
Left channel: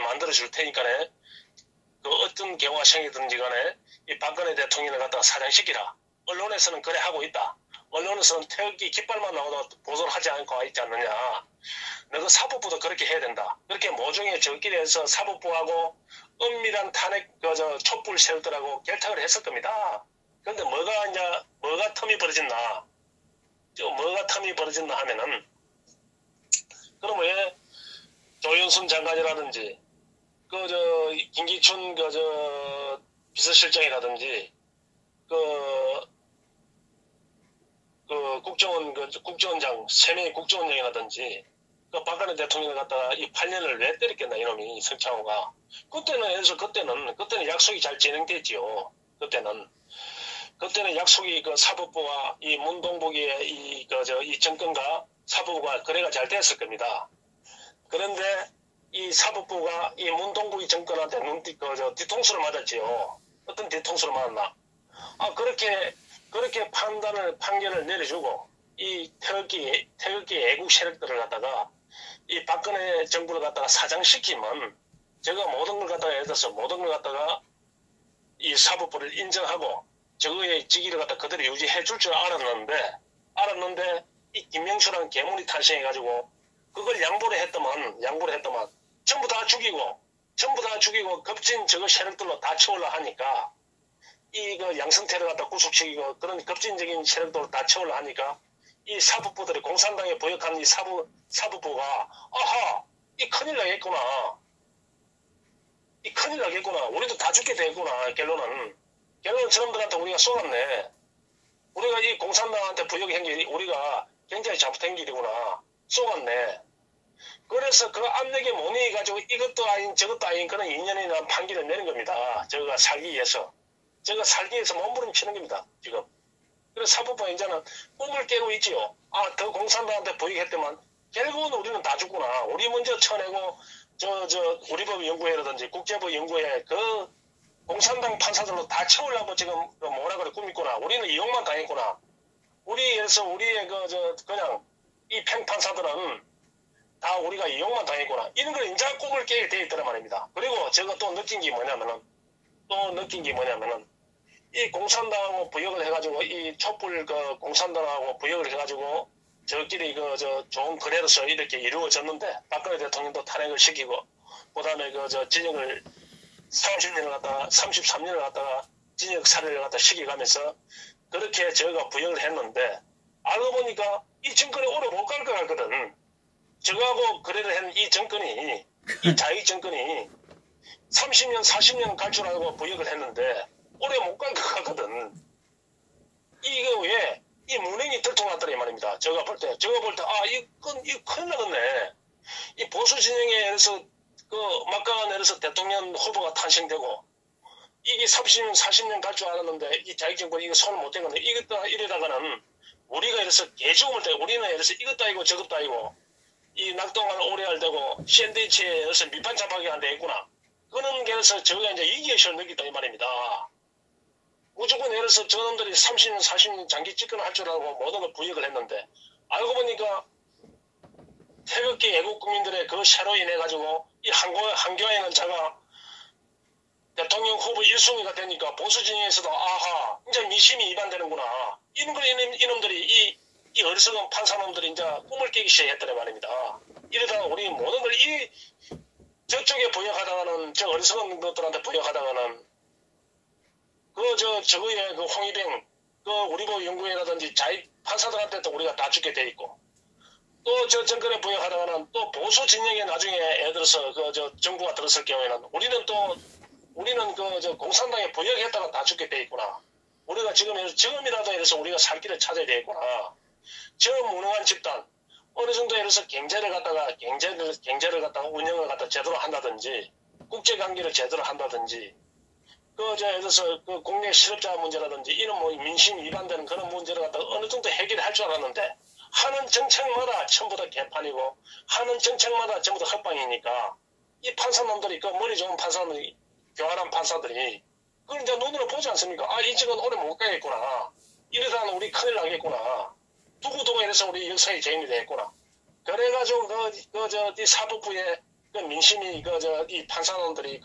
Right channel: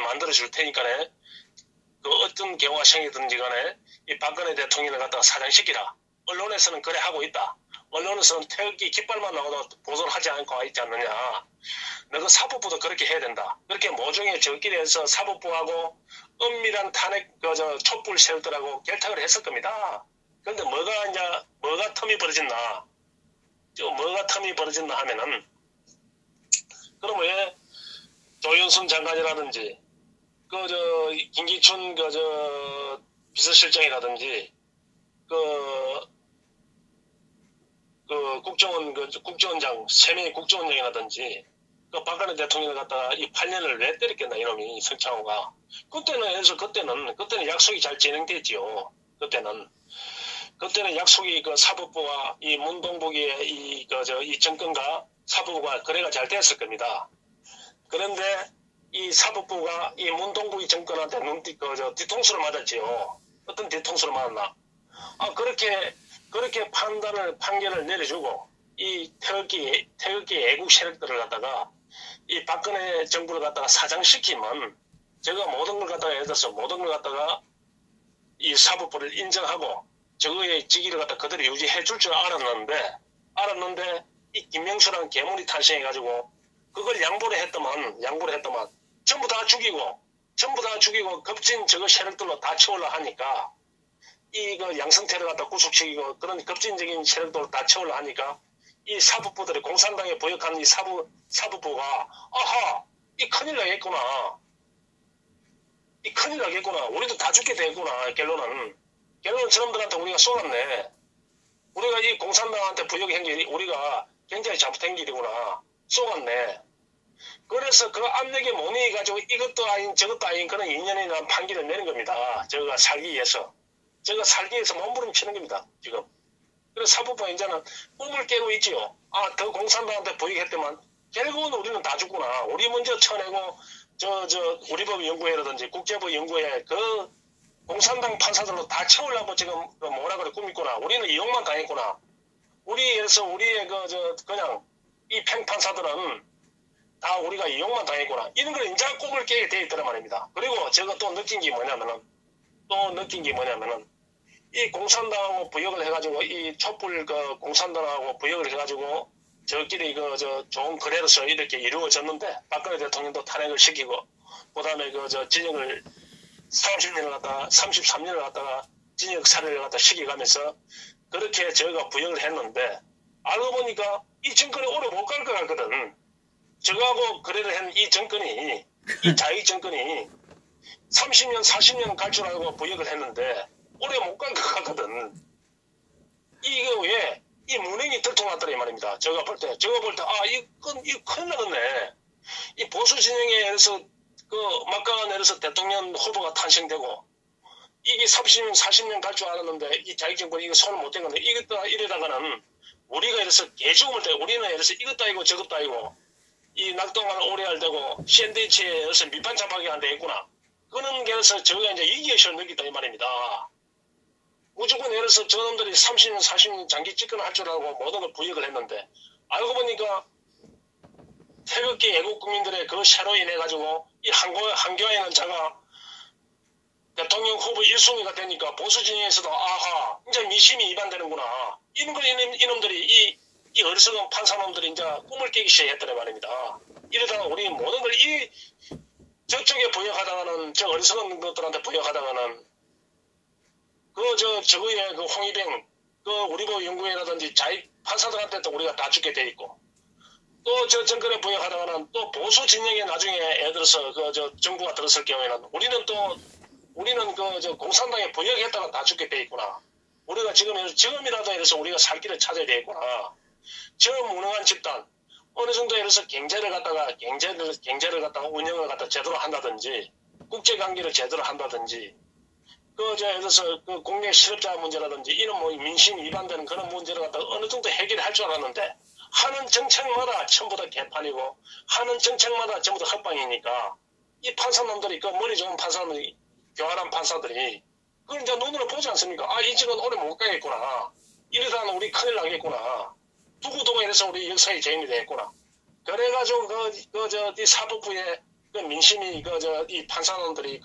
만들어 줄 테니까네. 어떤 경화성이든지 간에 이 박근혜 대통령을 갖다가 사장시키라. 언론에서는 그래 하고 있다. 언론에서는 태극기 깃발만 나오다 보도를 하지 않고 있지 않느냐. 너그 사법부도 그렇게 해야 된다. 그렇게 모종의 저끼리 해서 사법부하고 은밀한 탄핵, 촛불 세력들하고 결탁을 했을 겁니다. 그런데 뭐가 틈이 벌어졌나. 뭐가 틈이 벌어졌나 하면은, 그럼 왜 조윤선 장관이라든지, 김기춘, 비서실장이라든지, 국정원장, 3명의 국정원장이라든지, 박근혜 대통령을 갖다가 이 8년을 왜 때렸겠나, 이놈이, 성창호가. 그때는 약속이 잘 진행됐지요. 그때는 약속이 사법부와 이 문동복의 이 정권과 사법부가 거래가 잘 됐을 겁니다. 그런데 이 사법부가 이 문동복이 정권한테 뒤통수를 맞았지요. 어떤 뒤통수를 맞았나? 그렇게 판결을 내려주고, 이 태극기 애국 세력들을 갖다가, 이 박근혜 정부를 갖다가 사장시키면, 제가 모든 걸 갖다가 예를 들어서 모든 걸 갖다가 이 사법부를 인정하고, 저거의 직위를 갖다 그대로 유지해 줄 줄 알았는데, 이 김명수라는 괴물이 탄생해가지고, 그걸 양보를 했더만, 전부 다 죽이고, 급진 저거 세력들로 다 채우려 하니까, 양승태를 갖다 구속시키고, 그런 급진적인 세력들로 다 채우려 하니까, 이 사법부들이 공산당에 부역하는 이 사법부가, 이 큰일 나겠구나. 우리도 다 죽게 되겠구나, 결론은 저놈들한테 우리가 쏘았네. 우리가 이 공산당한테 부역한 게 우리가 굉장히 잘못한 길이구나. 쏘았네. 그래서 그 압력에 못 이겨가지고 이것도 아닌 저것도 아닌 그런 2년이나 판결을 내는 겁니다. 저가 살기 위해서 몸부림치는 겁니다. 지금. 그래서 사법부가 이제는 꿈을 깨고 있지요. 더 공산당한테 부역했더만 결국은 우리는 다 죽구나. 우리 먼저 쳐내고 우리법 연구회라든지 국제법 연구회 공산당 판사들로 다 채우려고 지금 뭐라 그래 꾸미구나. 우리는 이용만 당했구나. 우리의 그냥 이 팽판사들은 다 우리가 이용만 당했구나. 이런 걸 인자 꿈을 깨게 돼 있더란 말입니다. 그리고 제가 또 느낀 게 뭐냐면은 이 공산당하고 부역을 해가지고 이 촛불 공산당하고 부역을 해가지고 저끼리 좋은 거래로서 이렇게 이루어졌는데 박근혜 대통령도 탄핵을 시키고 그다음에 진영을 33년을 갖다가 진역 살해를 갖다 시켜가면서 그렇게 저희가 부역을 했는데 알고 보니까 이 정권이 오래 못 갈 것 같거든. 저거하고 거래를 한 이 정권이 이 자위 정권이 30년 40년 갈 줄 알고 부역을 했는데 오래 못 갈 것 같거든. 이게 왜 이 문행이 들통났더니 말입니다. 제가 볼 때 이거 큰일 나겠네. 이 보수 진영에서 막강한 대통령 후보가 탄생되고 이게 30년 40년 갈 줄 알았는데 이 자기 정권이 이거 손을 못 댄 건데 이러다가는 우리가 개죽음을 대고 우리는 이것도 아니고 저것도 아니고 이 낙동강 오래알 되고 샌드위치에 밑반 잡하게 안 되겠구나. 그런 게서 저희가 이제 이기의식을 느끼다 이 말입니다. 무조건 저놈들이 30년 40년 장기 집권할 줄 알고 모든 걸 부역을 했는데 알고 보니까 태극기 애국 국민들의 그 샤로 인해 가지고 이 한교안이라는 자가 대통령 후보 1순위가 되니까 보수 진영에서도 이제 미심이 위반되는구나. 이놈들이 이 어리석은 판사놈들이 이제 꿈을 깨기 시작했더란 말입니다. 이러다가 우리 모든 걸 저쪽에 부역하다가는 저 어리석은 것들한테 부역하다가는 저거의 홍위병 우리법 연구회라든지 자익 판사들한테도 우리가 다 죽게 돼 있고 또 정권에 부역하다가는 또 보수 진영에 나중에 예를 들어서 정부가 들었을 경우에는 우리는 공산당에 부역했다가 다 죽게 돼 있구나. 우리가 지금이라도 해서 우리가 살 길을 찾아야 되겠구나. 저 무능한 집단 어느 정도 해서 경제를 갖다가 운영을 갖다 제대로 한다든지 국제 관계를 제대로 한다든지 예를 들어서 국내 실업자 문제라든지 이런 민심 위반되는 그런 문제를 갖다가 어느 정도 해결할 줄 알았는데 하는 정책마다 전부 다 개판이고 하는 정책마다 전부 다 헛방이니까 이 판사놈들이 머리 좋은 판사들이 교활한 판사들이 그걸 이제 눈으로 보지 않습니까? 이 집은 오래 못 가겠구나. 이러다가는 우리 큰일 나겠구나. 두고두고 해서 우리 역사의 죄인이 되겠구나. 그래가지고 이 사법부의 민심이 이 판사놈들이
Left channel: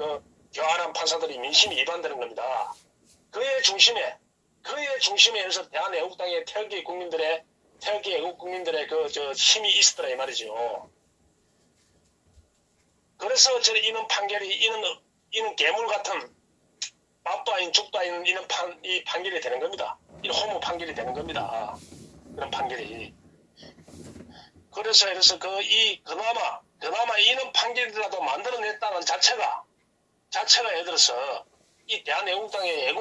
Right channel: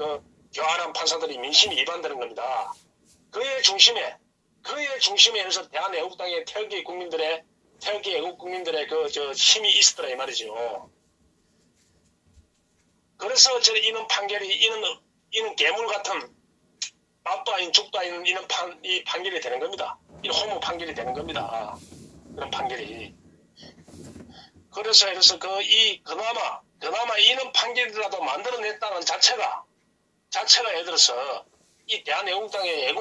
교활한 판사들이 민심이 위반되는 겁니다. 그의 중심에 그의 중심에 해서 대한애국당의 태극기 애국 국민들의 힘이 있었더라 이 말이죠. 그래서 이런 판결이 이는 괴물 같은 밥도 아닌 죽도 아닌 이 판결이 되는 겁니다. 이 허무 판결이 되는 겁니다. 그런 판결이. 그래서 그나마 이런 판결이라도 만들어냈다는 자체가 예를 들어서 이 대한애국당의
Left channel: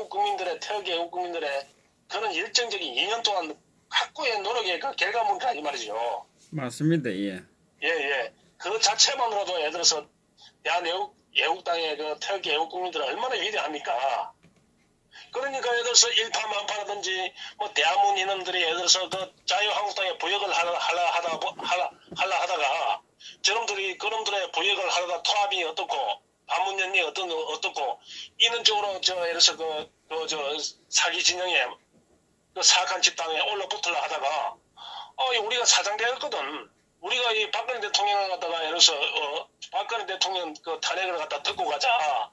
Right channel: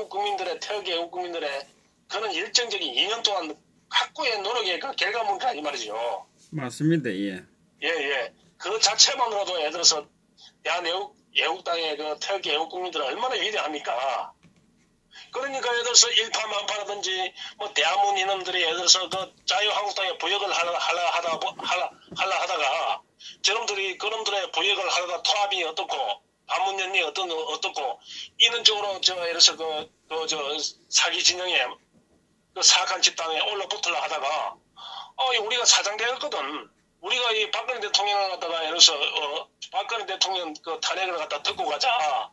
태극기 애국 국민들의 그런 열정적인 2년 동안 각고의 노력의 그 결과물이라 이 말이죠. 맞습니다. 예. 예. 그 자체만으로도 예를 들어서 대한애국당의 그 태극기 애국 국민들은 얼마나 위대합니까? 그러니까 예를 들어서 일파만파라든지 뭐 대한문 이놈들이 예를 들어서 그 자유한국당에 부역을 하다가 그놈들의 부역을 하다가 토합이 어떻고 반문연이 어떻고 이런 쪽으로 예를 들어서 사기 진영에 그 사악한 집단에 올라붙으려 하다가 우리가 사장되었거든. 우리가 이 박근혜 대통령을 갖다가 예를 들어서 박근혜 대통령 그 탄핵을 갖다 듣고 가자.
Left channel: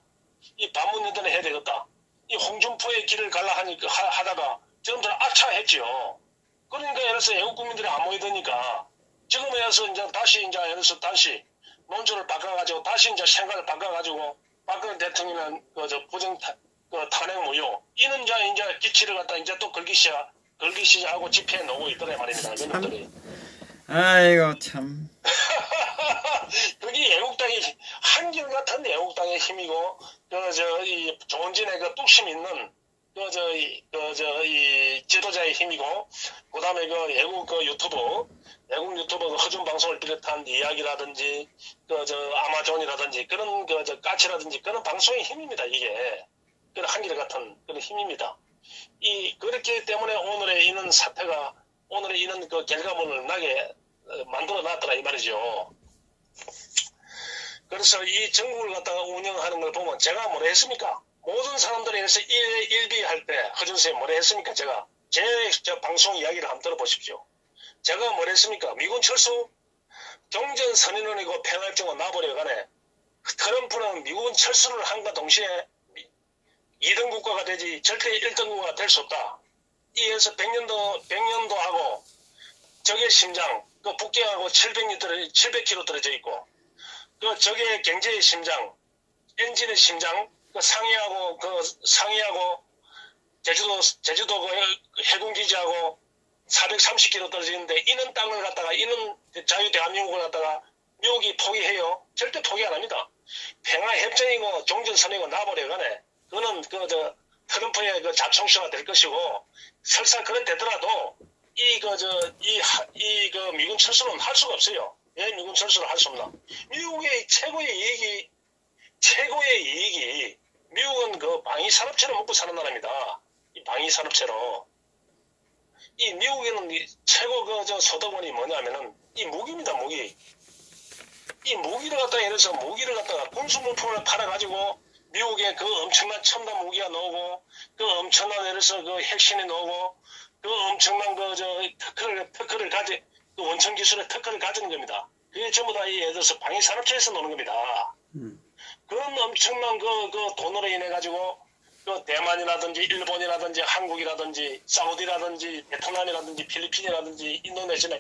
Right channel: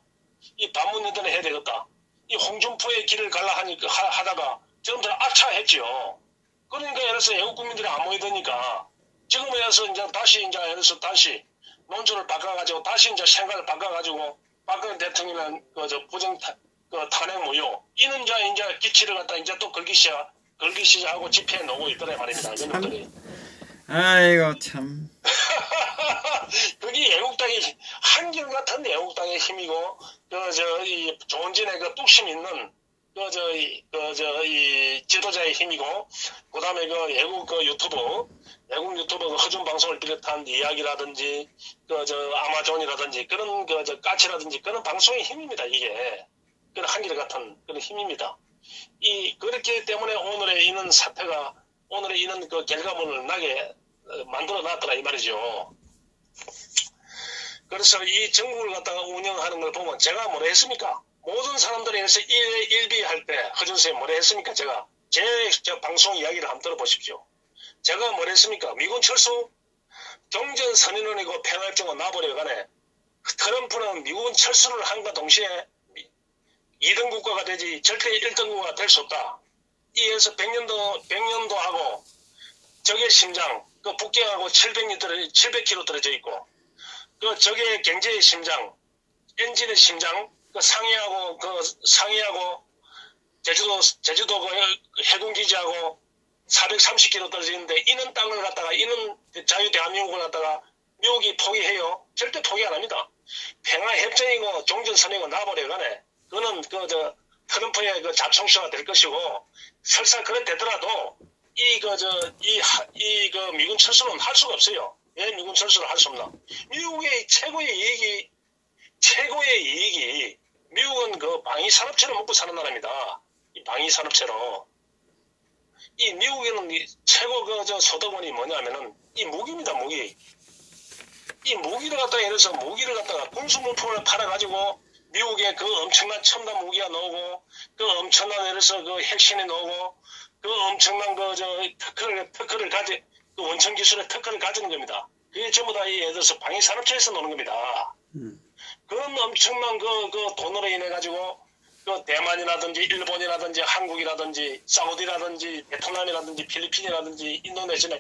이 반문연대는 해야 되겠다. 이 홍준표의 길을 갈라 하다가 지금들 아차했지요. 그러니까 예를 들어서 애국 국민들이 안 모이더니까 지금에 대해서 예를 들어서 다시 논조를 바꿔가지고 다시 생각을 바꿔가지고 박근혜 대통령은 부정 탄핵 무효 이는 이제 기치를 갖다 또 걸기 시작하고 집회에 놓고 있더라 말입니다. 이놈들이. 아이고 참. 그게 애국당의 한결같은 애국당의 힘이고 이 조원진의 그 뚝심 있는 이 지도자의 힘이고 그다음에 애국 유튜브 허준 방송을 비롯한 이야기라든지 아마존이라든지 그런 까치라든지 그런 방송의 힘입니다. 이게 그런 한결같은 그런 힘입니다. 그렇기 때문에 오늘의 이런 사태가 오늘의 이런 그 결과물을 나게 만들어 놨더라 이 말이죠. 그래서 이 정국을 갖다가 운영하는 걸 보면 제가 뭐라 했습니까? 모든 사람들이 해서 일비할 때 허준 선생님 뭐라 했습니까? 제가 제 방송 이야기를 한번 들어보십시오. 제가 뭐라 했습니까? 미군 철수 경전 선언원이고 평화협정은 놔버려가네. 트럼프는 미군 철수를 함과 동시에 2등 국가가 되지 절대 1등 국가가 될 수 없다. 이에서 100년도 하고 적의 심장 북경하고 700km 떨어져 있고 적의 경제의 심장 엔진의 심장 상해하고 제주도 해군기지하고 430km 떨어져 있는데 이는 땅을 갖다가 이는 자유 대한민국을 갖다가 미국이 포기해요. 절대 포기 안 합니다. 평화협정이고 종전선언이고 놔버려가네. 그거는 트럼프의 자충수가 될 것이고 설사 그래 되더라도 미군 철수는 할 수가 없어요. 왜 미군 철수를 할 수 없나? 미국의 최고의 이익이 미국은 방위산업체를 먹고 사는 나라입니다. 이 방위산업체로. 이 미국에는 최고 소득원이 뭐냐면은 이 무기입니다, 무기. 이 무기를 갖다가 예를 들어서 군수물품을 팔아가지고 미국에 엄청난 첨단 무기가 나오고 엄청난 예를 들어서 핵심이 나오고 엄청난 특허를 원천 기술의 특허를 가지는 겁니다. 그게 전부 다 예를 들어서 방위산업체에서 노는 겁니다. 그런 엄청난 돈으로 인해 가지고 대만이라든지 일본이라든지 한국이라든지 사우디라든지 베트남이라든지 필리핀이라든지 인도네시아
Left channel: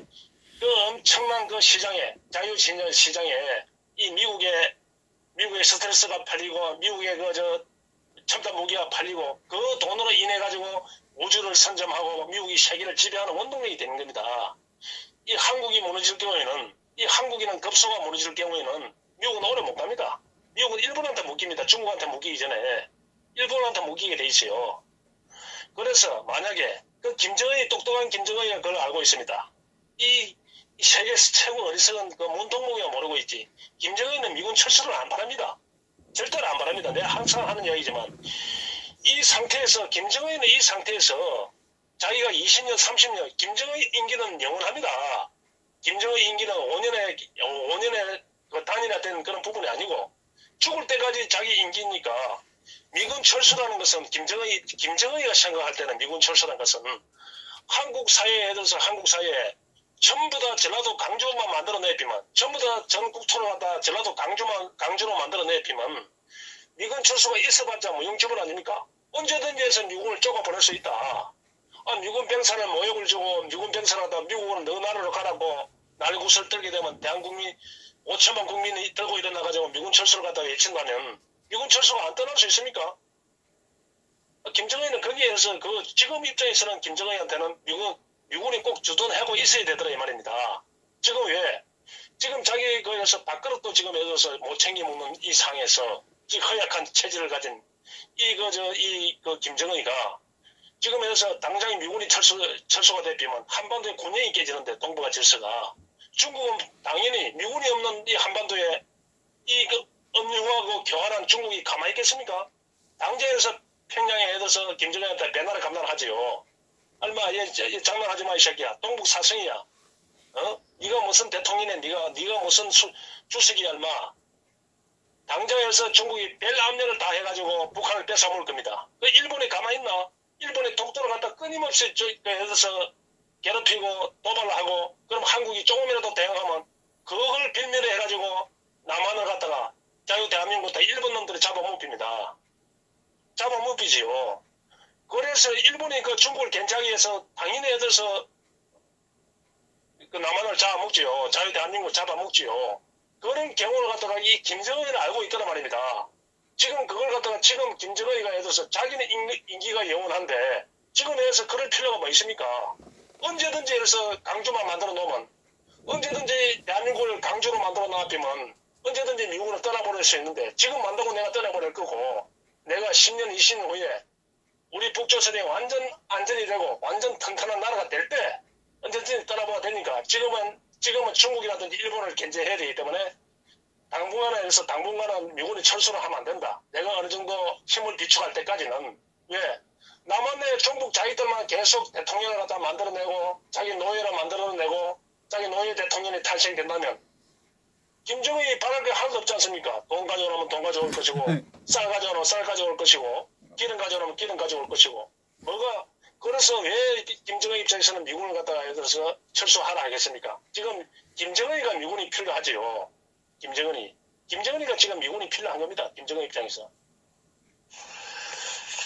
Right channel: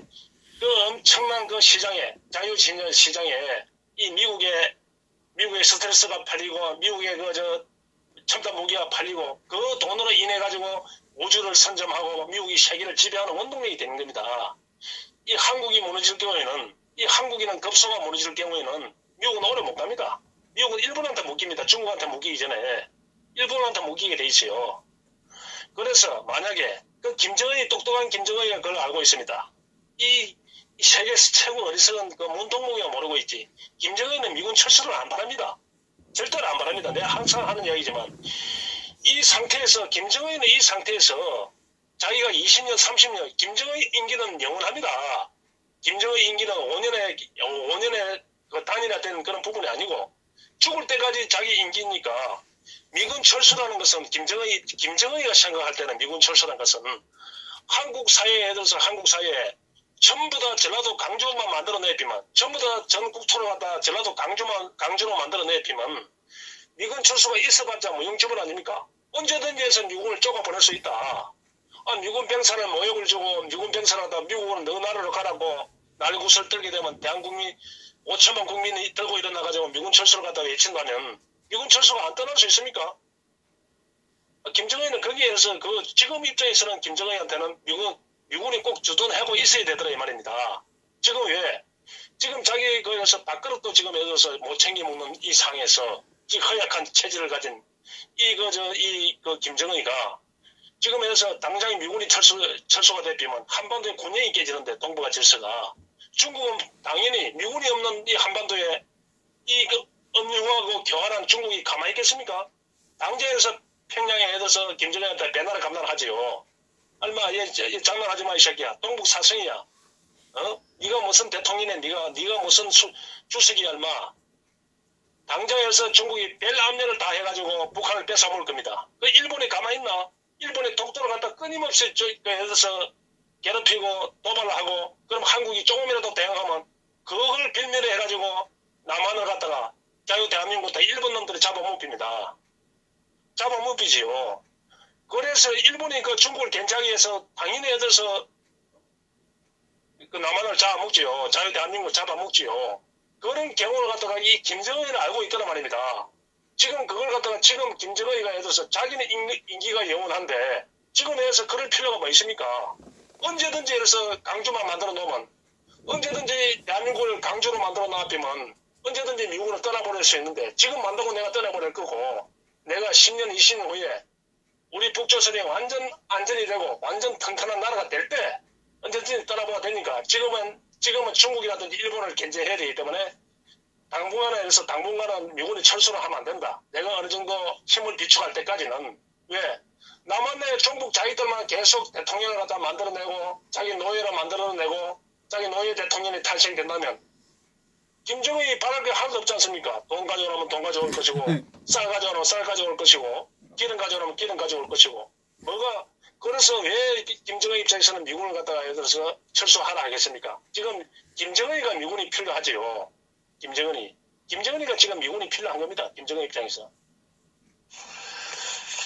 엄청난 시장에 자유시장에 이 미국의 스트레스가 팔리고 미국의 첨단 무기가 팔리고 그 돈으로 인해 가지고 우주를 선점하고 미국이 세계를 지배하는 원동력이 되는 겁니다. 이 한국이 무너질 경우에는 이 한국이는 급소가 무너질 경우에는 미국은 오래 못 갑니다. 미국은 일본한테 묶입니다. 중국한테 묶이기 전에 일본한테 묶이게 돼 있어요. 그래서 만약에 똑똑한 김정은이가 그걸 알고 있습니다. 이 세계 최고 어리석은 문동무기가 모르고 있지. 김정은은 미군 철수를 안 바랍니다. 절대로 안 바랍니다. 내가 항상 하는 이야기지만 김정은은 이 상태에서 자기가 20년, 30년 김정은 임기는 영원합니다. 김정은 임기는 5년에 단일화된 그런 부분이 아니고 죽을 때까지 자기 임기니까 미군 철수라는 것은 김정은이가 생각할 때는 미군 철수라는 것은 한국 사회에 들어서 한국 사회에 전부 다 전라도 강주만 만들어내피만 전부 다 전 국토를 갖다 전라도 강주로 만들어내피만 미군 철수가 있어봤자 무용지물 아닙니까? 언제든지 해서 미국을 쪼가보낼 수 있다. 미군 병사는 모욕을 주고 미군 병사라다 미국은 너 나라로 가라고 날구슬 떨게 되면 대한국민 5천만 국민이 들고 일어나가지고 미군 철수를 갖다가 외친다면 미군 철수가 안 떠날 수 있습니까? 김정은은 거기에서 지금 입장에서는 김정은한테는 미군이 꼭 주둔하고 있어야 되더라 이 말입니다. 지금 왜? 지금 자기 거에서 밥그릇도 지금 예를 들어서 못 챙겨 먹는 이 상에서 이 허약한 체질을 가진 김정은이가 지금에서 당장 미군이 철수가 되면 한반도에 곤경이 깨지는데 동북아 질서가 중국은 당연히 미군이 없는 이 한반도에 엄유하고 교환한 중국이 가만히 있겠습니까? 당장에서 평양에 애들서 김정은한테 배나라 감난하지요. 얼마 장난하지 마 이 새끼야. 동북 사성이야. 네가 무슨 대통령이네. 네가 무슨 주석이야 얼마. 당장에서 중국이 별 압력을 다 해가지고 북한을 뺏어먹을 겁니다. 일본이 가만히 있나? 일본이 독도를 갖다 끊임없이 애들서 괴롭히고 도발을 하고 그럼 한국이 조금이라도 대응하면 그걸 빌미로 해가지고 남한을 갖다가 자유 대한민국 다 일본 놈들이 잡아먹힙니다. 잡아먹히지요. 그래서 일본이 중국을 견제하기 위해서 당연히 애들서 남한을 잡아먹지요. 자유 대한민국을 잡아먹지요. 그런 경우를 갖다가 이 김정은이는 알고 있더란 말입니다. 지금 그걸 갖다가 지금 김정은이가 예를 들어서 자기는 인기가 영원한데 지금 에서 그럴 필요가 뭐 있습니까? 언제든지 해서 강주만 만들어 놓으면 언제든지 대한민국을 강주로 만들어 놔두면 언제든지 미국을 떠나버릴 수 있는데 지금 만들고 내가 떠나버릴 거고 내가 10년 20년 후에 우리 북조선이 완전 안전이 되고 완전 튼튼한 나라가 될 때 언제든지 떠나봐야 되니까 지금은 중국이라든지 일본을 견제해야 되기 때문에 당분간은 미군이 철수를 하면 안 된다. 내가 어느 정도 힘을 비축할 때까지는 왜? 남한의 종북 자기들만 계속 대통령을 갖다 만들어내고 자기 노예를 만들어내고 자기 노예 대통령이 탄생된다면 김정은이 바랄 게 하나도 없지 않습니까? 돈 가져오면 돈 가져올 것이고 쌀 가져오면 쌀 가져올 것이고 기름 가져오면 기름 가져올 것이고 그래서 왜 김정은 입장에서는 미군을 갖다가 예를 들어서 철수하라 하겠습니까? 지금 김정은이가 미군이 필요하지요. 김정은이가 지금 미군이 필요한 겁니다. 김정은 입장에서.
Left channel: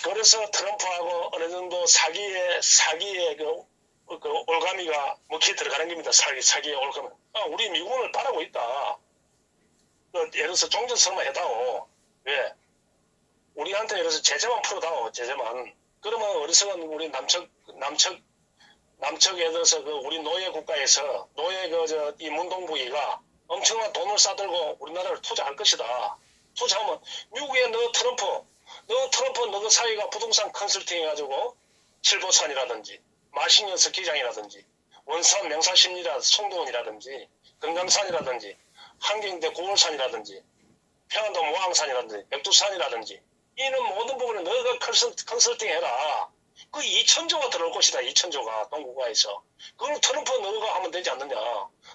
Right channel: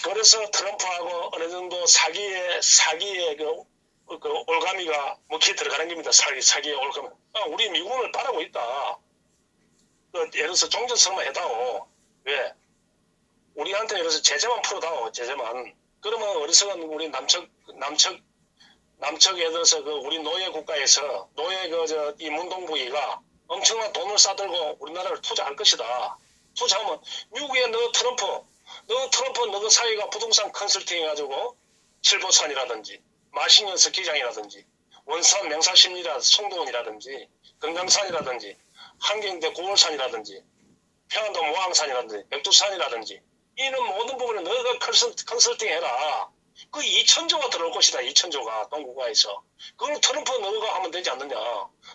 그래서 트럼프하고 어느 정도 사기의 올가미가 먹히 들어가는 겁니다. 사기의 올가미. 우리 미군을 바라고 있다. 예를 들어서 종전선언만 해다오. 왜? 우리한테 예를 들어서 제재만 풀어다오. 제재만. 그러면 어리석은 우리 남측 예를 들어서 우리 노예 국가에서 이 문동부위가 엄청난 돈을 싸들고 우리나라를 투자할 것이다. 투자하면 미국에 너 트럼프 사이가 부동산 컨설팅 해가지고 칠보산이라든지 마신여 스키장이라든지 원산 명사심리라든지 송도원이라든지 금강산이라든지 한경대 고월산이라든지 평안도 모항산이라든지 백두산이라든지 이런 모든 부분에 너가 컨설팅 해라. 그 2천조가 들어올 것이다. 2천조가 동국가에서. 그걸 트럼프 너가 하면 되지 않느냐.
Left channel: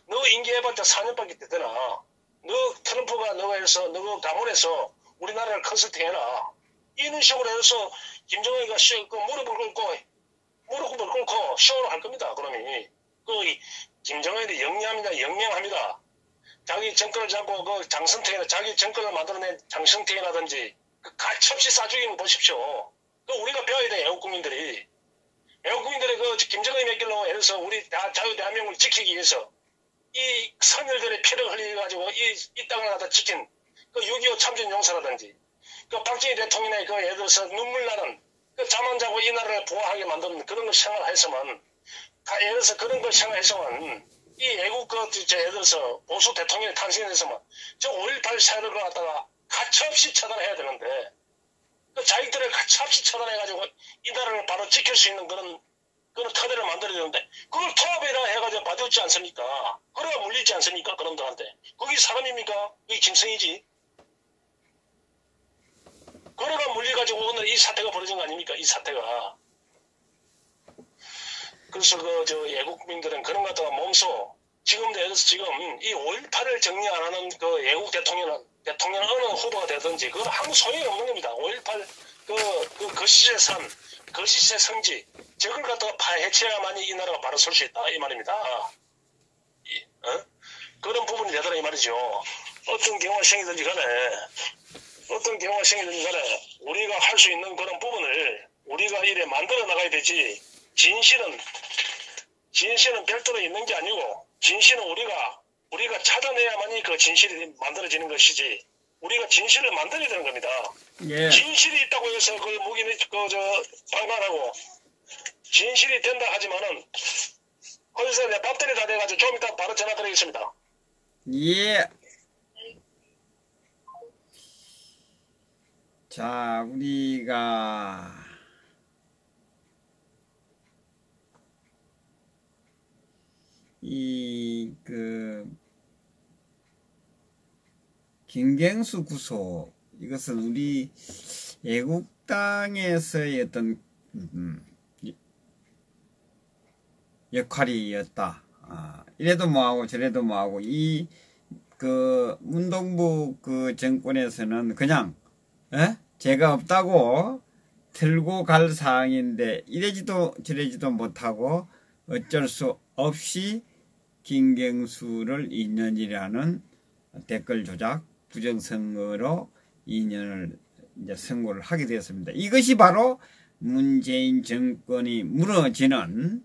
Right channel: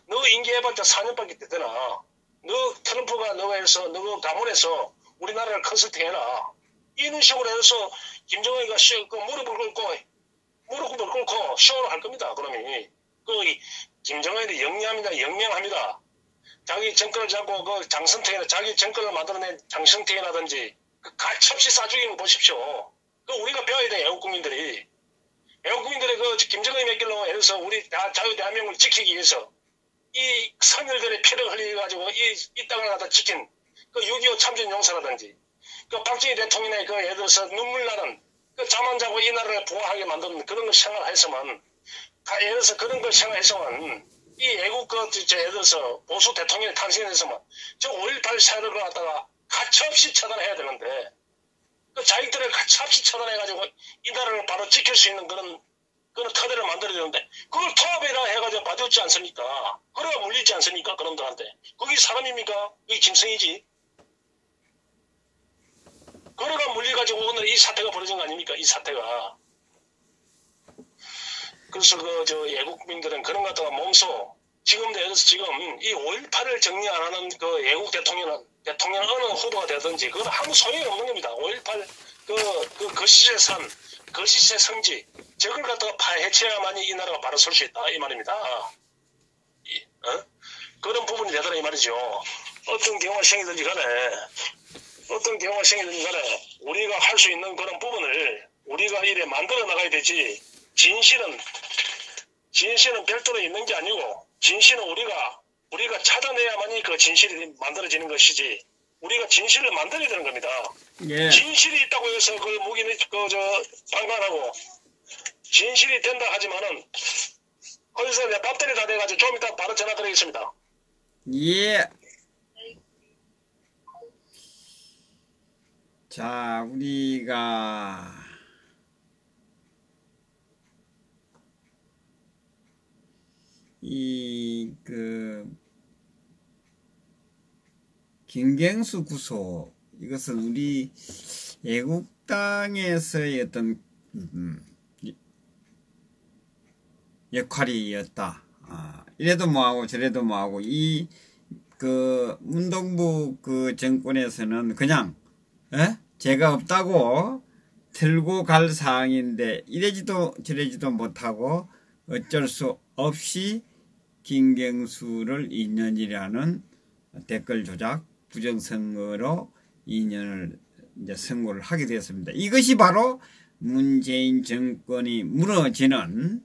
너 임기해봤자 4년밖에 되나. 너가 해서 너 가문에서 우리나라를 컨설팅해라. 이런 식으로 해서 김정은이가 무릎을 꿇고 쇼를 할 겁니다. 그러니 김정은이 영명합니다. 자기 정권을 잡고 장성택이나 자기 정권을 만들어낸 장성택이라든지 가차없이 쏴죽이는 거 보십시오. 우리가 배워야 돼. 애국국민들이 김정은이 몇 길로 해서 우리 자유 대한민국을 지키기 위해서 이 선열들의 피를 흘려가지고 이 땅을 갖다 지킨 6.25 참전용사라든지 박정희 대통령의 예를 들어서 눈물 나는 잠 안 자고 이 나라를 부활하게 만드는 그런 걸 생활했으면 예를 들어서 그런 걸 생활했으면 이 애국 예를 들어서 보수 대통령이 탄생했으면 저 5.18 세력을 갖다가 가차없이 처단해야 되는데 자기들을 가차없이 처단해가지고 이 나라를 바로 지킬 수 있는 그런 터대를 만들어야 되는데 그걸 통합이라 해가지고 봐줬지 않습니까? 그래야 물리지 않습니까? 그런들한테. 그게 사람입니까? 이게 짐승이지. 그래가 물려가지고 오늘 이 사태가 벌어진 거 아닙니까? 이 사태가. 그래서 애국민들은 그런 것 같다가 몸소 지금 이 5.18을 정리 안 하는 애국 대통령은 어느 후보가 되든지 그건 아무 소용이 없는 겁니다. 5.18 거시의 성지 저걸 갖다가 파헤쳐야만이 이 나라가 바로 설 수 있다 이 말입니다. 그런 부분이 되더라 이 말이죠. 어떤 경우가 생기든지 간에 어떤 경우가 생기든 간에 우리가 할 수 있는 그런 부분을 우리가 이래 만들어 나가야 되지. 진실은 별도로 있는 게 아니고 진실은 우리가 찾아내야만이 그 진실이 만들어지는 것이지. 우리가 진실을 만들어야 되는 겁니다. 예. 진실이 있다고 해서 그 무기는 방관하고 진실이 된다 하지만은 거기서 내 배터리 다 돼가지고 좀 이따 바로 전화 드리겠습니다. 예. 자, 우리가 김경수 구속, 이것은 우리 애국당에서의 어떤 역할이었다. 이래도 뭐하고 저래도 뭐하고 문동부 정권에서는 그냥 죄가 없다고 들고 갈 사항인데 이래지도 저래지도 못하고 어쩔 수 없이 김경수를 2년이라는 댓글 조작 부정선거로 2년을 이제 선고를 하게 되었습니다. 이것이 바로 문재인 정권이 무너지는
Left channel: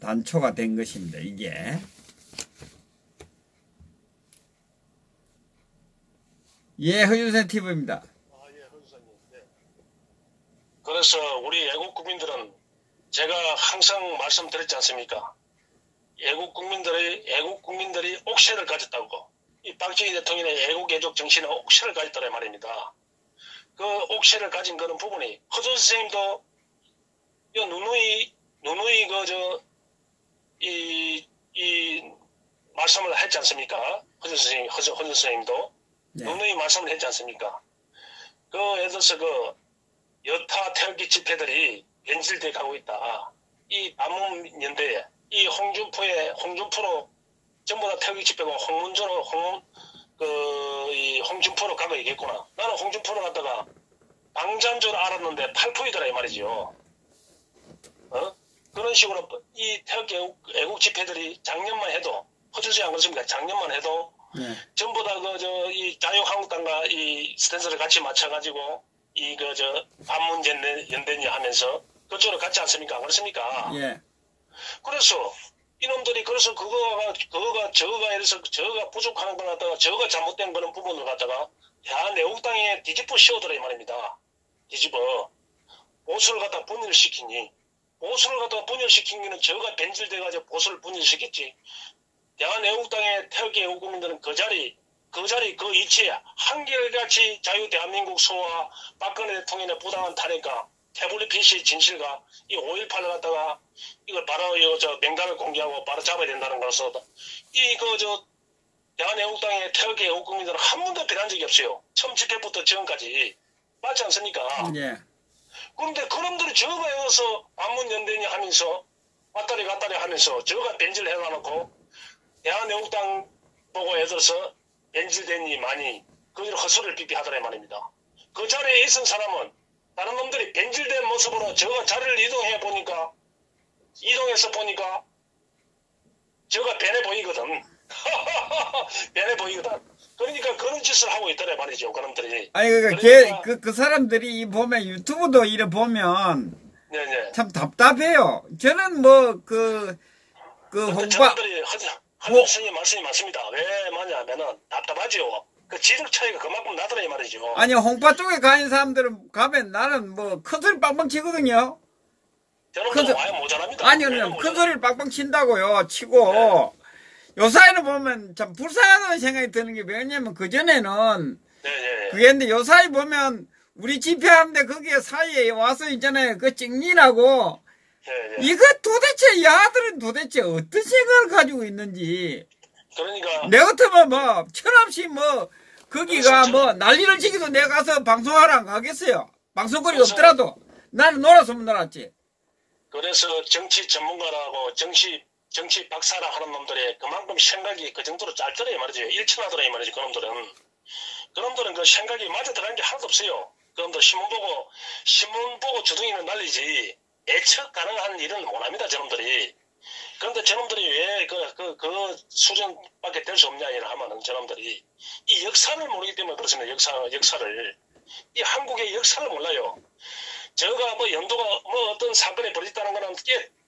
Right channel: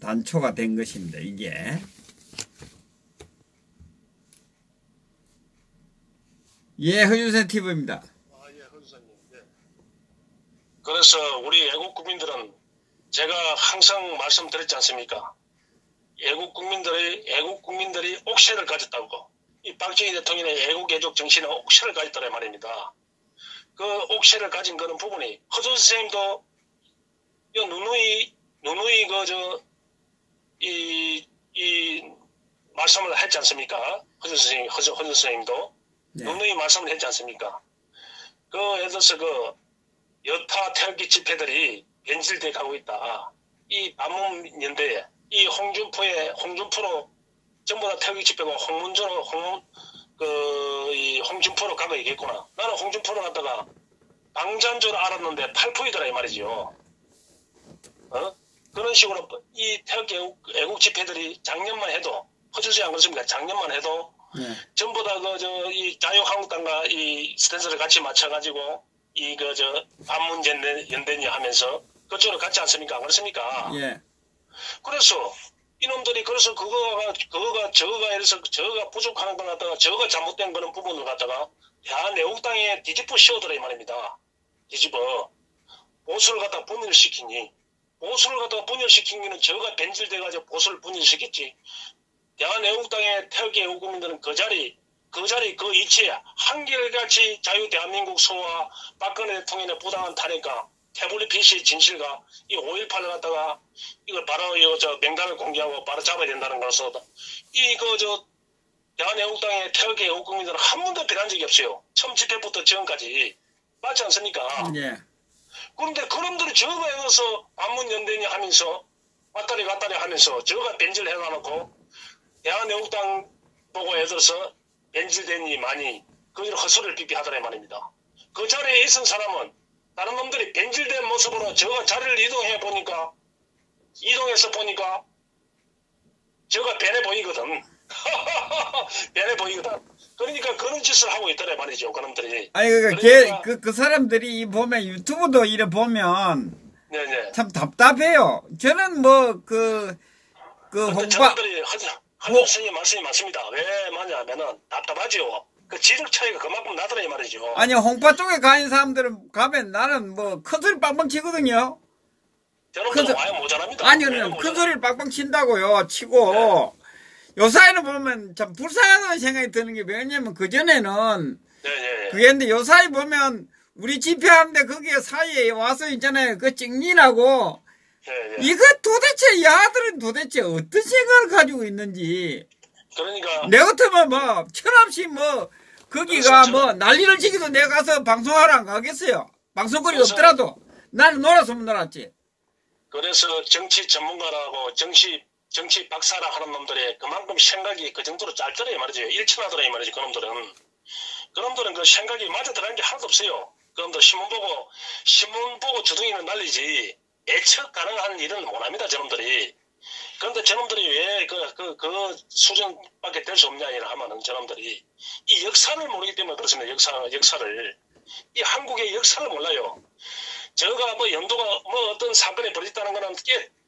단초가 된 것입니다. 이게. 예, 허준세 TV입니다. 예, 허준사님. 네. 그래서 우리 애국 국민들은 제가 항상 말씀드렸지 않습니까? 애국 국민들이 옥새를 가졌다고. 이 박정희 대통령의 애국 정신은 옥새를 가졌다는 말입니다. 그 옥새를 가진 그런 부분이 허준 선생님도 누누이 이 말씀을 했지 않습니까? 허준 선생님도 네. 누누이 말씀을 했지 않습니까? 예를 들어서 여타 태극기 집회들이 변질돼 가고 있다. 이 반문연대에 이 홍준표로 전부 다 태극기 집회가 홍준표로 가고 있겠구나. 나는 홍준표로 갔다가 당자인 줄 알았는데 탈포이더라 이 말이죠. 그런 식으로 이 태극기 애국 집회들이 작년만 해도 허주지 안 그렇습니까? 작년만 해도 네. 전부 다 이 자유한국당과 이 스탠스를 같이 맞춰가지고 반문연대니 하면서 그쪽으로 갔지 않습니까? 안 그렇습니까? 예. 그래서 이놈들이 저거가 부족하는 걸 갖다가 저거가 잘못된 그런 부분을 갖다가 애국당에 뒤집어 씌우더라 이 말입니다. 뒤집어 보수를 갖다 분열시키니 보수를 갖다가 분열시키기는 저거가 변질돼가지고 보수를 분열시켰지. 애국당의 태극기 애국국민들은 그 자리 그 이치에 한결같이 자유 대한민국 소와 박근혜 대통령의 부당한 탄핵과 태블릿 PC 진실과 이 5.18을 갖다가 이걸 바로 명단을 공개하고 바로 잡아야 된다는 것으로 대한애국당의 태극기 애국국민들은 한 번도 변한 적이 없어요. 처음 집회부터 지금까지. 맞지 않습니까? 예. 그런데 그놈들이 저거에 의해서 반문연대니 하면서 왔다리 갔다리 하면서 저거가 변질해가놓고 대한애국당 보고 애들서 변질되니 많이 그들 헛소리를 삐삐하더라 말입니다. 그 자리에 있은 사람은 다른 놈들이 변질된 모습으로 저가 자리를 이동해서 보니까 저가 변해 보이거든. 변해 보이거든. 그러니까 그런 짓을 하고 있더라 말이죠. 그놈들이. 아니 그러니까 그 사람들이 보면 유튜브도 이래 보면 네네. 참 답답해요. 저는 저놈들이 선생님 말씀이 맞습니다. 왜 맞냐면은 답답하죠. 그 지적 차이가 그만큼 나더라 이 말이죠. 아니 홍파 쪽에 가는 사람들은 가면 나는 큰 소리 빵빵 치거든요. 저놈들 와야 모자랍니다. 아니요, 큰 소리를 빵빵 친다고요. 치고 네. 요사이는 보면 참 불쌍하다는 생각이 드는 게 왜냐면 그전에는 그게인데 요사이 보면 우리 집회하는데 거기에 사이에 와서 있잖아요. 그 찍린하고 이거 도대체 야들은 도대체 어떤 생각을 가지고 있는지. 그러니까 내 같으면 철없이 거기가 난리를 치기도 내가 가서 방송하러 안 가겠어요. 방송거리 없더라도 나는 놀았으면 놀았지. 그래서 정치 전문가라고 정치 박사라 하는 놈들의 그만큼 생각이 그 정도로 짧더라 이 말이죠. 일천하더라 이 말이죠. 그놈들은 그 생각이 맞아 들어간 게 하나도 없어요. 그놈들 신문 보고 주둥이는 날리지 예측 가능한 일은 못합니다. 저놈들이. 그런데 저놈들이 왜 그 수준밖에 될 수 없냐 하면은 저놈들이 이 역사를 모르기 때문에 그렇습니다. 역사를. 이 한국의 역사를 몰라요. 저가 뭐 연도가 뭐 어떤 사건이 벌어졌다는 거는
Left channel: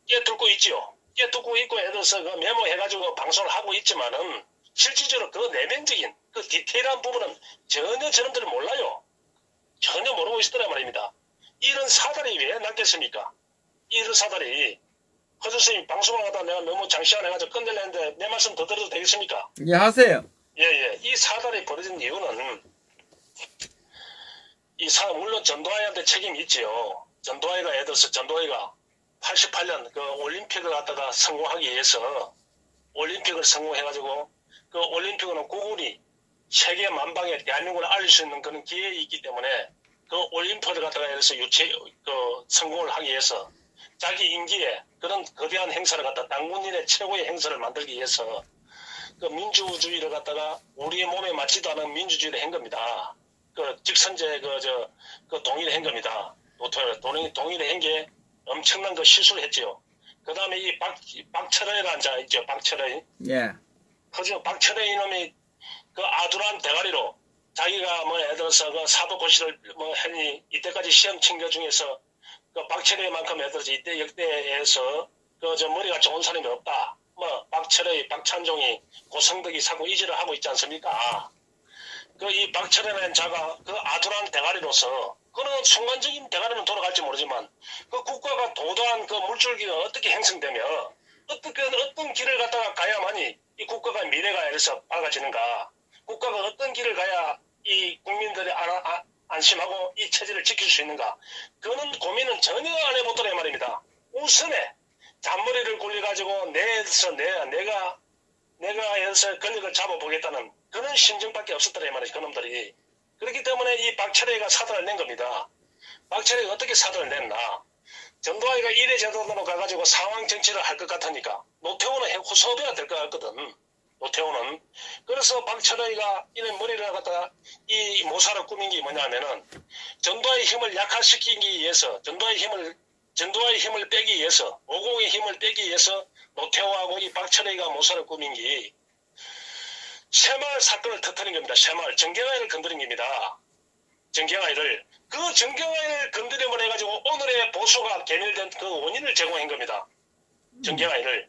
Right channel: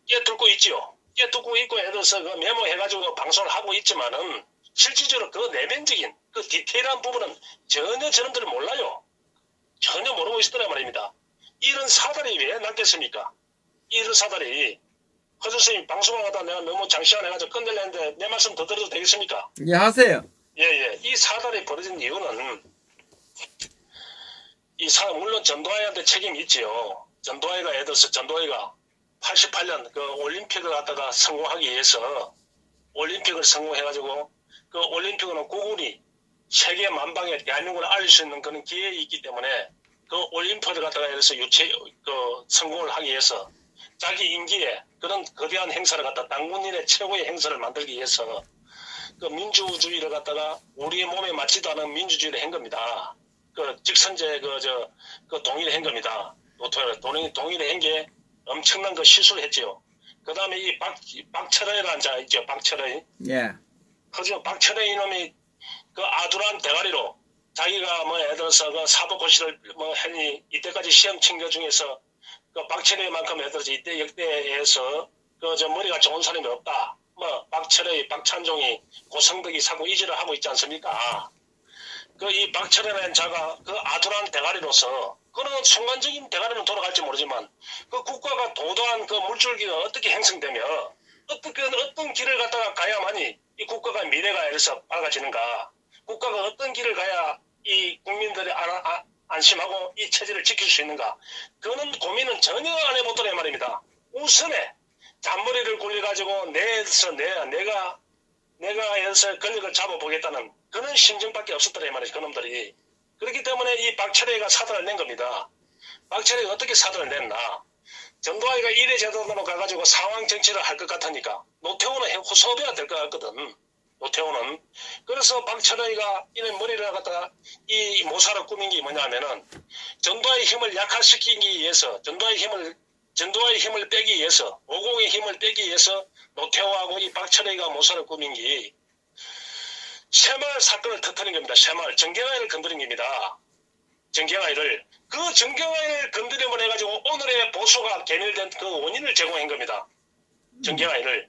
깨뚫고 있지요. 깨뚫고 있고 예를 들어서 그 메모해가지고 방송을 하고 있지만은 실질적으로 그 내면적인 그 디테일한 부분은 전혀 저놈들은 몰라요. 전혀 모르고 있었단 말입니다. 이런 사달이 왜 났겠습니까? 이런 사달이 허 선생님 방송을 하다 내가 너무 장시간 해가지고 끝내려는데 내 말씀 더 들어도 되겠습니까? 예, 하세요. 예. 이 사달이 벌어진 이유는 물론 전두환한테 책임이 있지요. 전두환이가 예를 들어서 전두환이가 88년 그 올림픽을 갖다가 성공하기 위해서 올림픽을 성공해가지고 그 올림픽은 국군이 세계 만방에 대한민국을 알릴 수 있는 그런 기회가 있기 때문에 그 올림픽을 갖다가 예를 들어서 성공을 하기 위해서 자기 임기에 그런 거대한 행사를 갖다 당군인의 최고의 행사를 만들기 위해서 그 민주주의를 갖다가 우리의 몸에 맞지도 않은 민주주의를 한 겁니다. 그 직선제 그 동의를 한 겁니다. 동의를 한 게 엄청난 그 실수를 했지요. 그 다음에 이 박철호라는 자 있죠. 박철호. 예. 그죠. 박철호 이놈이 그 아두란 대가리로 자기가 뭐 예를 들어서 그 사법고시를 뭐 했니 이때까지 시험 친구 중에서 그 박철호만큼 예를 들어서 이때 역대에서 그 머리가 좋은 사람이 없다. 뭐 박철호, 박찬종이 고성덕이 사고 이지를 하고 있지 않습니까? 그 이 박철호라는 자가 그 아두란 대가리로서 그런 순간적인 대가리는 돌아갈지 모르지만 그 국가가 도도한 그 물줄기가 어떻게 형성되며 어떤 길을 갖다가 가야만이 이 국가가 미래가 에서 밝아지는가? 국가가 어떤 길을 가야 이 국민들이 안심하고 이 체제를 지킬 수 있는가? 그런 고민은 전혀 안 해보더라 말입니다. 우선에 잔머리를 굴려가지고 내가 여기서 권력을 잡아보겠다는 그런 심정밖에 없었더라 말이죠. 그놈들이. 그렇기 때문에 이 박철혜가 사달을 낸 겁니다. 박철혜가 어떻게 사달을 냈나? 전두환이가 이래 제도로 가가지고 상황 정치를 할 것 같으니까 노태우는 후소비가 될 것 같거든. 노태우는. 그래서 박철혜가 이런 머리를 갖다가 이 모사를 꾸민 게 뭐냐면은 전두환의 힘을 약화시키기 위해서 전두환의 힘을 빼기 위해서 50의 힘을 빼기 위해서 노태우하고 이 박철혜가 모사를 꾸민 게 새마을 사건을 터뜨린 겁니다. 새마을 정경화를 건드린 겁니다. 정경화를 그 정경화를 건드림을 해가지고 오늘의 보수가 개멸된 그 원인을 제공한 겁니다. 정경화를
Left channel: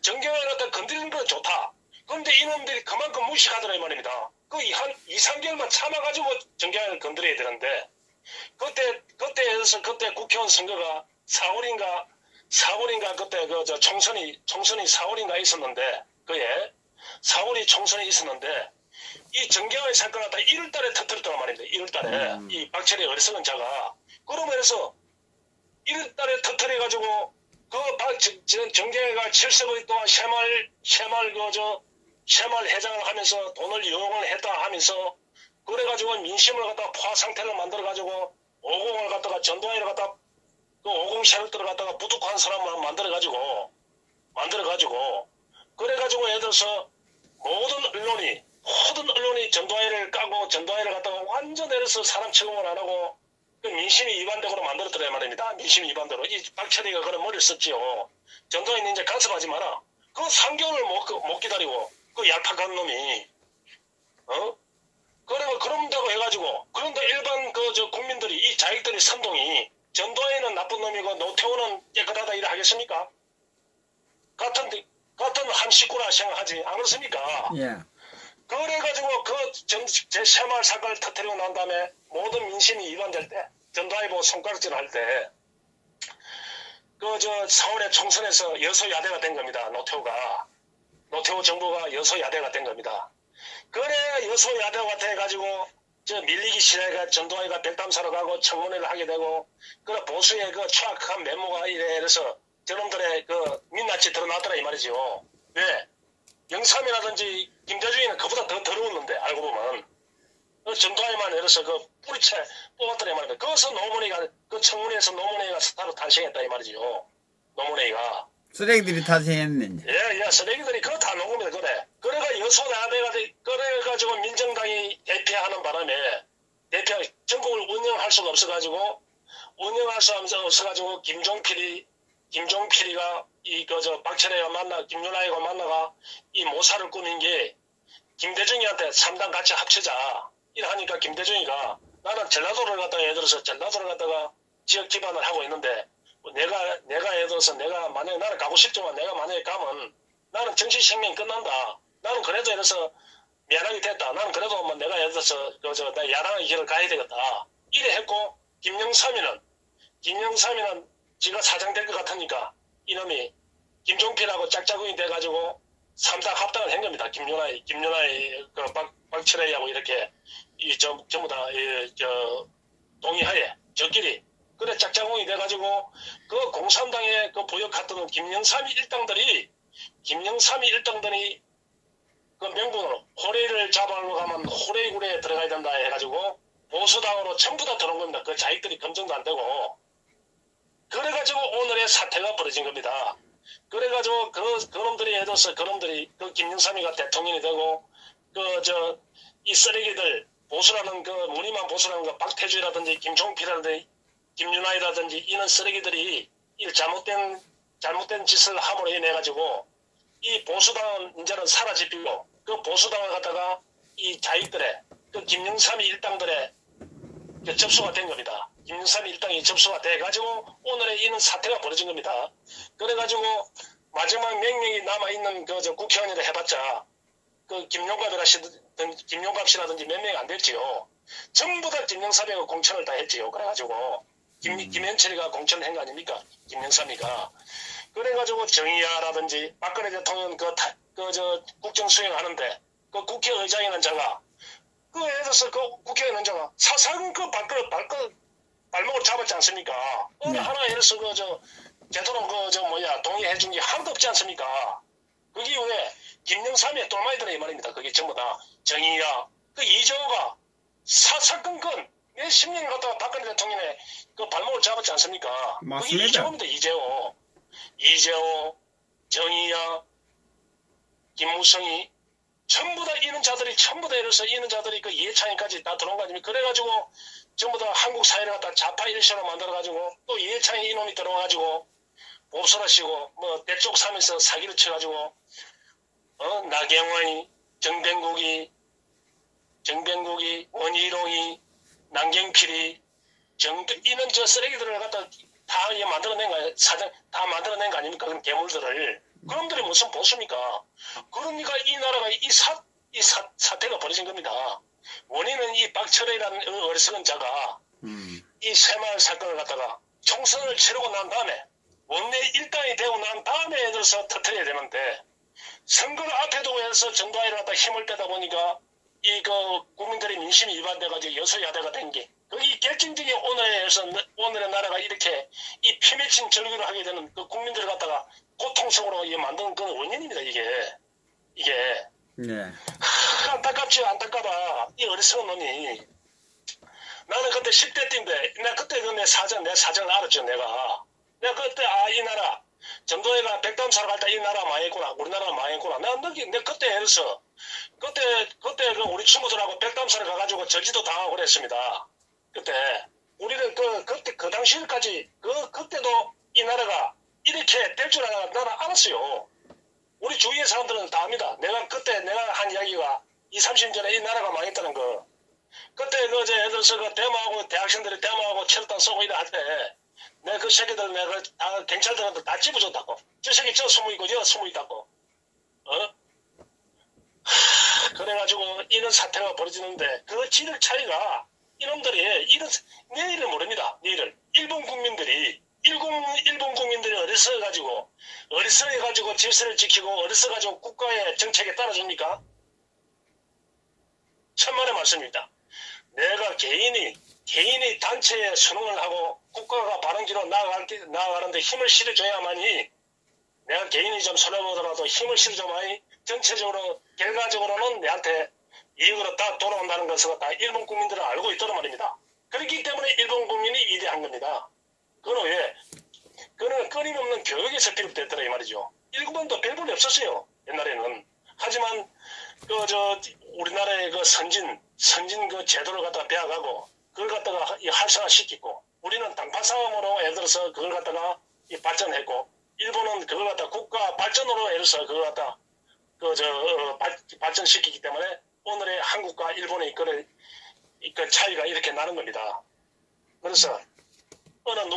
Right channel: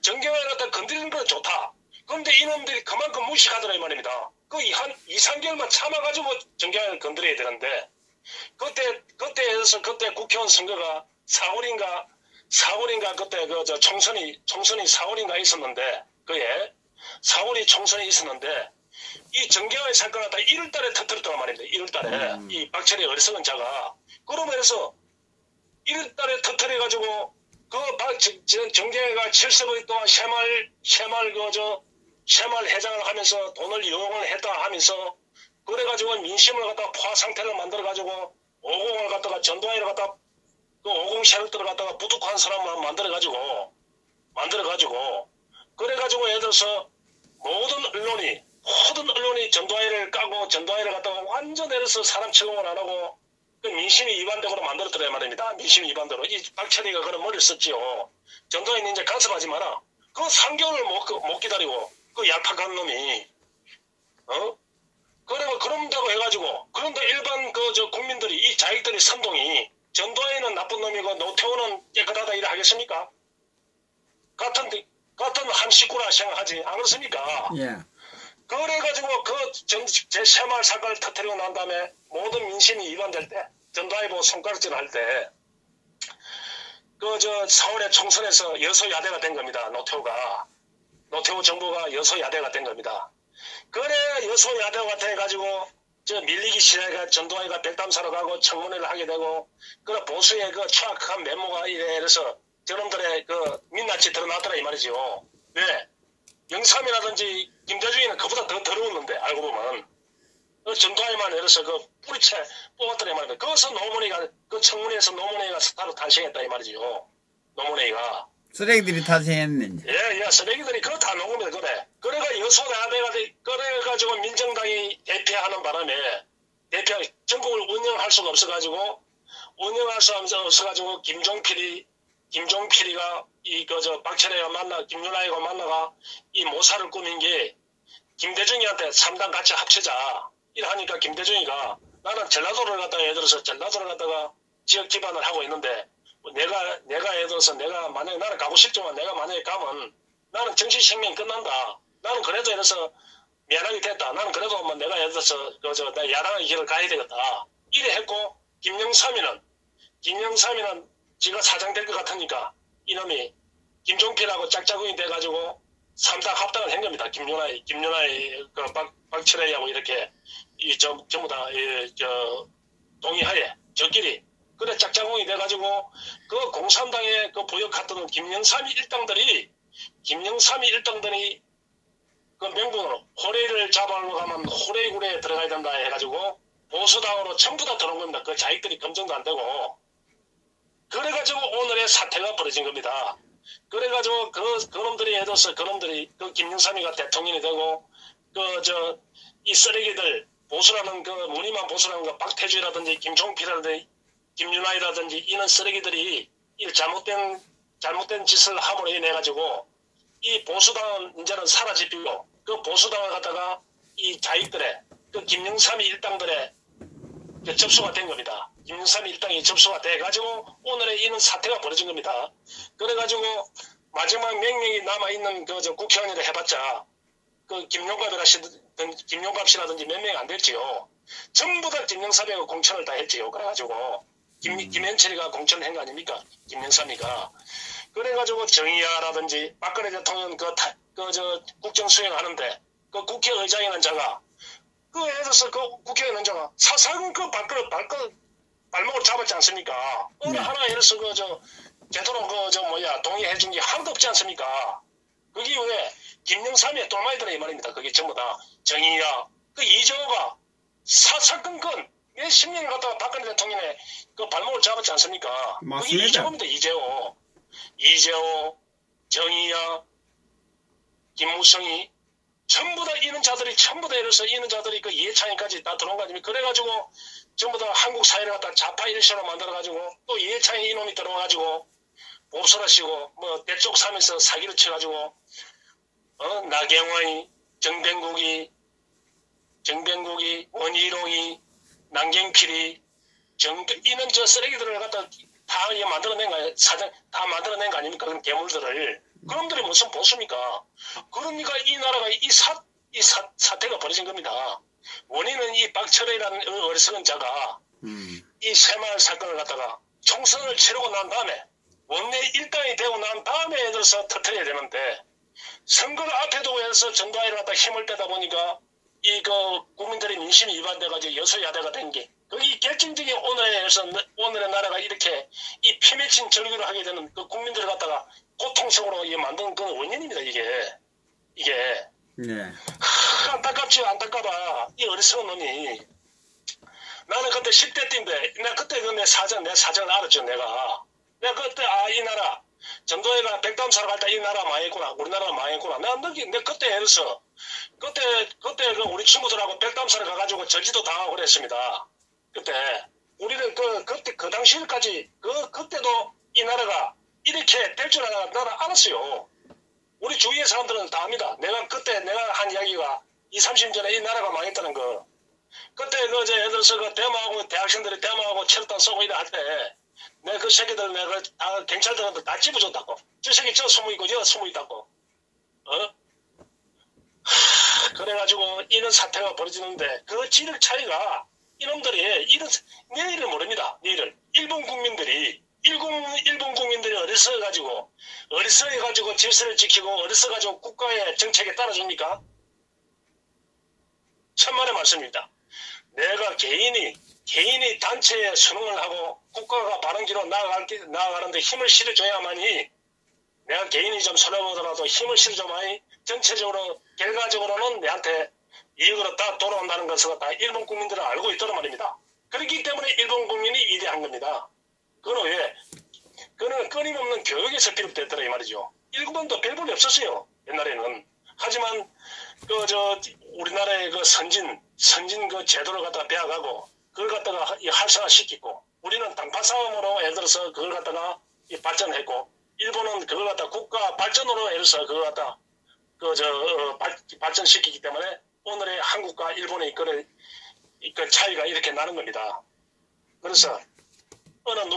정경화를 갖다 건드리는 건 좋다. 그런데 이놈들이 그만큼 무식하더라 이 말입니다. 그 한 2, 3개월만 참아가지고 정경화를 건드려야 되는데 그때 국회의원 선거가 4월인가 그때 총선이 4월인가 있었는데 그에 4월이 총선이 있었는데 이 정경화의 사건을 다 1월달에 터뜨렸단 말입니다. 1월달에 이 박철희 어리석은 자가 그러면서 1월달에 터뜨려가지고 정경화가 70일 동안 새마을 회장을 하면서 돈을 이용을 했다 하면서 그래가지고 민심을 갖다가 포화 상태를 만들어가지고 50을 갖다가 전두환을 갖다가 그 50 셰ル터를 갖다가 부득한 사람을 만들어가지고 그래가지고 예를 들어서 모든 언론이 전두환을 까고 전두환을 갖다가 완전 예를 들어서 사람 취급을 안 하고 그 민심이 위반되고 만들었더라 말입니다. 민심이 위반대로. 이 박철희가 그런 머리를 썼지요. 전두환이 이제 간섭하지 마라. 그 3개월을 못 기다리고 그 얄팍한 놈이 그런다고 해가지고 그런데 일반 국민들이 이 자익들의 선동이 전두환이는 나쁜 놈이고 노태우는 깨끗하다 이래 하겠습니까? 같은 한 식구라 생각하지 않았습니까? 예. 그래가지고 제 새마을 사건을 터뜨리고 난 다음에 모든 민심이 위반될 때 전두환이 보고 손가락질 할 때 4월에 총선에서 여소야대가 된 겁니다. 노태우 정부가 여소야대가 된 겁니다. 그래 여소야대가 돼가지고 밀리기 시작해 전두환이가 백담사로 가고 청문회를 하게 되고 그 보수의 그 추악한 메모가 이래서 저놈들의 그 민낯이 드러나더라 이 말이지요. 왜? 영삼이라든지 김대중이는 그보다 더 더러웠는데 알고 보면 전두환이만 이래서 그 뿌리채 뽑았더라 이 말입니다. 거기서 그 청문회에서 노무현이가 스타로 탄생했다 이 말이지요. 노무현이가 쓰레기들이 탄생했네. 예, 쓰레기들이 그거 다 녹음니다. 그래가 여소야대가 그래가지고 민정당이 대표하는 바람에 전국을 운영할 수가 없어가지고 김종필이 김종필이가 박철애가 김윤아이가 만나가 이 모사를 꾸민 게 김대중이한테 3당 같이 합치자. 이러니까 김대중이가 나는 전라도를 갖다가 예를 들어서 전라도를 갖다가 지역 기반을 하고 있는데 내가 예를 들어서 내가 만약에 나는 가고 싶지만 내가 만약에 가면 나는 정치 생명 끝난다. 나는 그래도 예를 들어서 미안하게 됐다. 나는 그래도 뭐 내가 예를 들어서 나 야당의 길을 가야 되겠다. 이래 했고 김영삼이는 지가 사장 될 것 같으니까 이놈이 김종필하고 짝짝꿍이 돼가지고 3당 합당을 한 겁니다. 김윤아이 박철애하고 이렇게 전부 다 동의하에 저끼리 그래 짝짝꿍이 돼가지고 그 공산당의 그 보역했던 김영삼이 일당들이 그 명분으로 호레이를 잡아오러 가면 호레이굴에 들어가야 된다 해가지고 보수당으로 전부 다 들어온 겁니다. 그 자기들이 검증도 안 되고 그래가지고 오늘의 사태가 벌어진 겁니다. 그래가지고 그놈들이 해둬서 그놈들이 그 김영삼이가 대통령이 되고 이 쓰레기들 보수라는 무늬만 보수라는 거 박태주라든지 김종필이라든지 김윤아이라든지 이런 쓰레기들이 이 잘못된 짓을 함으로 인해 가지고 이 보수당은 이제는 사라지고 그 보수당을 갖다가 이 자익들의 그 김영삼이 일당들의 접수가 된 겁니다. 김영삼이 일당이 접수가 돼가지고 오늘의 이런 사태가 벌어진 겁니다. 그래가지고 마지막 명령이 남아있는 국회의원이라 해봤자 그 김용갑씨라든지 몇 명이 안 됐지요. 전부 다 김영삼이가 공천을 다 했지요. 그래가지고 김현철이가 공천을 한 거 아닙니까? 김영삼이가. 그래가지고 정의야라든지 박근혜 대통령 국정수행하는데 그 국회의장이라는 자가 예를 들어서 그 국회의원 자가 사상 발목을 잡았지 않습니까? 어느 하나 예를 들어서 제대로 동의해준 게 하나도 없지 않습니까? 그게 왜 김영삼의 또마이들아 이 말입니다. 그게 전부 다 정의야. 이재호가 사사건건 몇십 년 갖다가 박근혜 대통령의 그 발목을 잡았지 않습니까? 맞습니다. 그게 이재호입니다. 이재호, 정의야, 김무성이 전부 다 이런 자들이 그 이해창이까지 다 들어온 거 아닙니까? 그래가지고 전부 다 한국 사회를 갖다 좌파 일시로 만들어가지고 또 이해창이 이놈이 들어와가지고 옵소라시고 대쪽 삼에서 사기를 쳐가지고 나경원이 정병국이 원희룡이 남경필이 이런 쓰레기들을 갖다 다 만들어낸 거 아닙니까? 그런 괴물들을. 그놈들이 무슨 보수입니까? 그러니까 이 나라가 이 사태가 벌어진 겁니다. 원인은 이 박철애라는 어리석은 자가 이 새마을 사건을 갖다가 총선을 치르고 난 다음에 원내 일당이 되고 난 다음에 애들 들어서 터뜨려야 되는데 선거를 앞에 두고 해서 전두환을 갖다 힘을 빼다 보니까 국민들의 민심이 위반돼가지고 여소야대가 된 게 그게 결정적인 오늘의 나라가 이렇게 이 피 맺힌 절규를 하게 되는 그 국민들을 갖다가 고통적으로 만든 그 원인입니다. 이게. 네. 안타깝지 안타까워. 이 어리석은 놈이. 나는 그때 10대 때인데 내가 그때 내 사정을 알았죠. 내가 그때 이 나라 전도회가 백담사를 갈 때 이 나라 망했구나. 우리나라가 망했구나. 내가 그때 해서 그때 우리 친구들하고 백담사를 가가지고 저지도 당하고 그랬습니다. 그때 우리는 그때 그 당시까지 그때도 이 나라가 이렇게 될 줄 알았어요. 우리 주위의 사람들은 다 압니다. 내가 한 이야기가 20-30년 전에 이 나라가 망했다는 거. 그때 예를 들어서 대마하고 대학생들이 대마하고 체류탄 쏘고 이래 할 때 내가 그 새끼들 다 경찰들한테 다 집어줬다고. 저 새끼 저 숨어있고 저 숨어있다고. 그래가지고 이런 사태가 벌어지는데 그 지력 차이가 이놈들이 내일을 모릅니다. 내일을. 일본 국민들이 어리석어가지고 질서를 지키고 어리석어가지고 국가의 정책에 따라줍니까? 천만의 말씀입니다. 내가 개인이 단체에 선언을 하고 국가가 바른길로 나아가는데 힘을 실어줘야만이 내가 개인이 좀 손해보더라도 힘을 실어줘야만이 전체적으로 결과적으로는 내한테 이익으로 다 돌아온다는 것을 다 일본 국민들은 알고 있다는 말입니다. 그렇기 때문에 일본 국민이 위대한 겁니다. 그는 끊임없는 교육에서 비롯됐더라 이 말이죠. 일본도 별볼이 없었어요. 옛날에는. 하지만 우리나라의 선진 제도를 갖다가 배워가고 그걸 갖다가 활성화시키고 우리는 당파 싸움으로 예를 들어서 그걸 갖다가 이 발전했고, 일본은 그걸 갖다 국가 발전으로 해서 그걸 갖다 발전시키기 때문에 오늘의 한국과 일본의 그 차이가 이렇게 나는 겁니다. 그래서 어느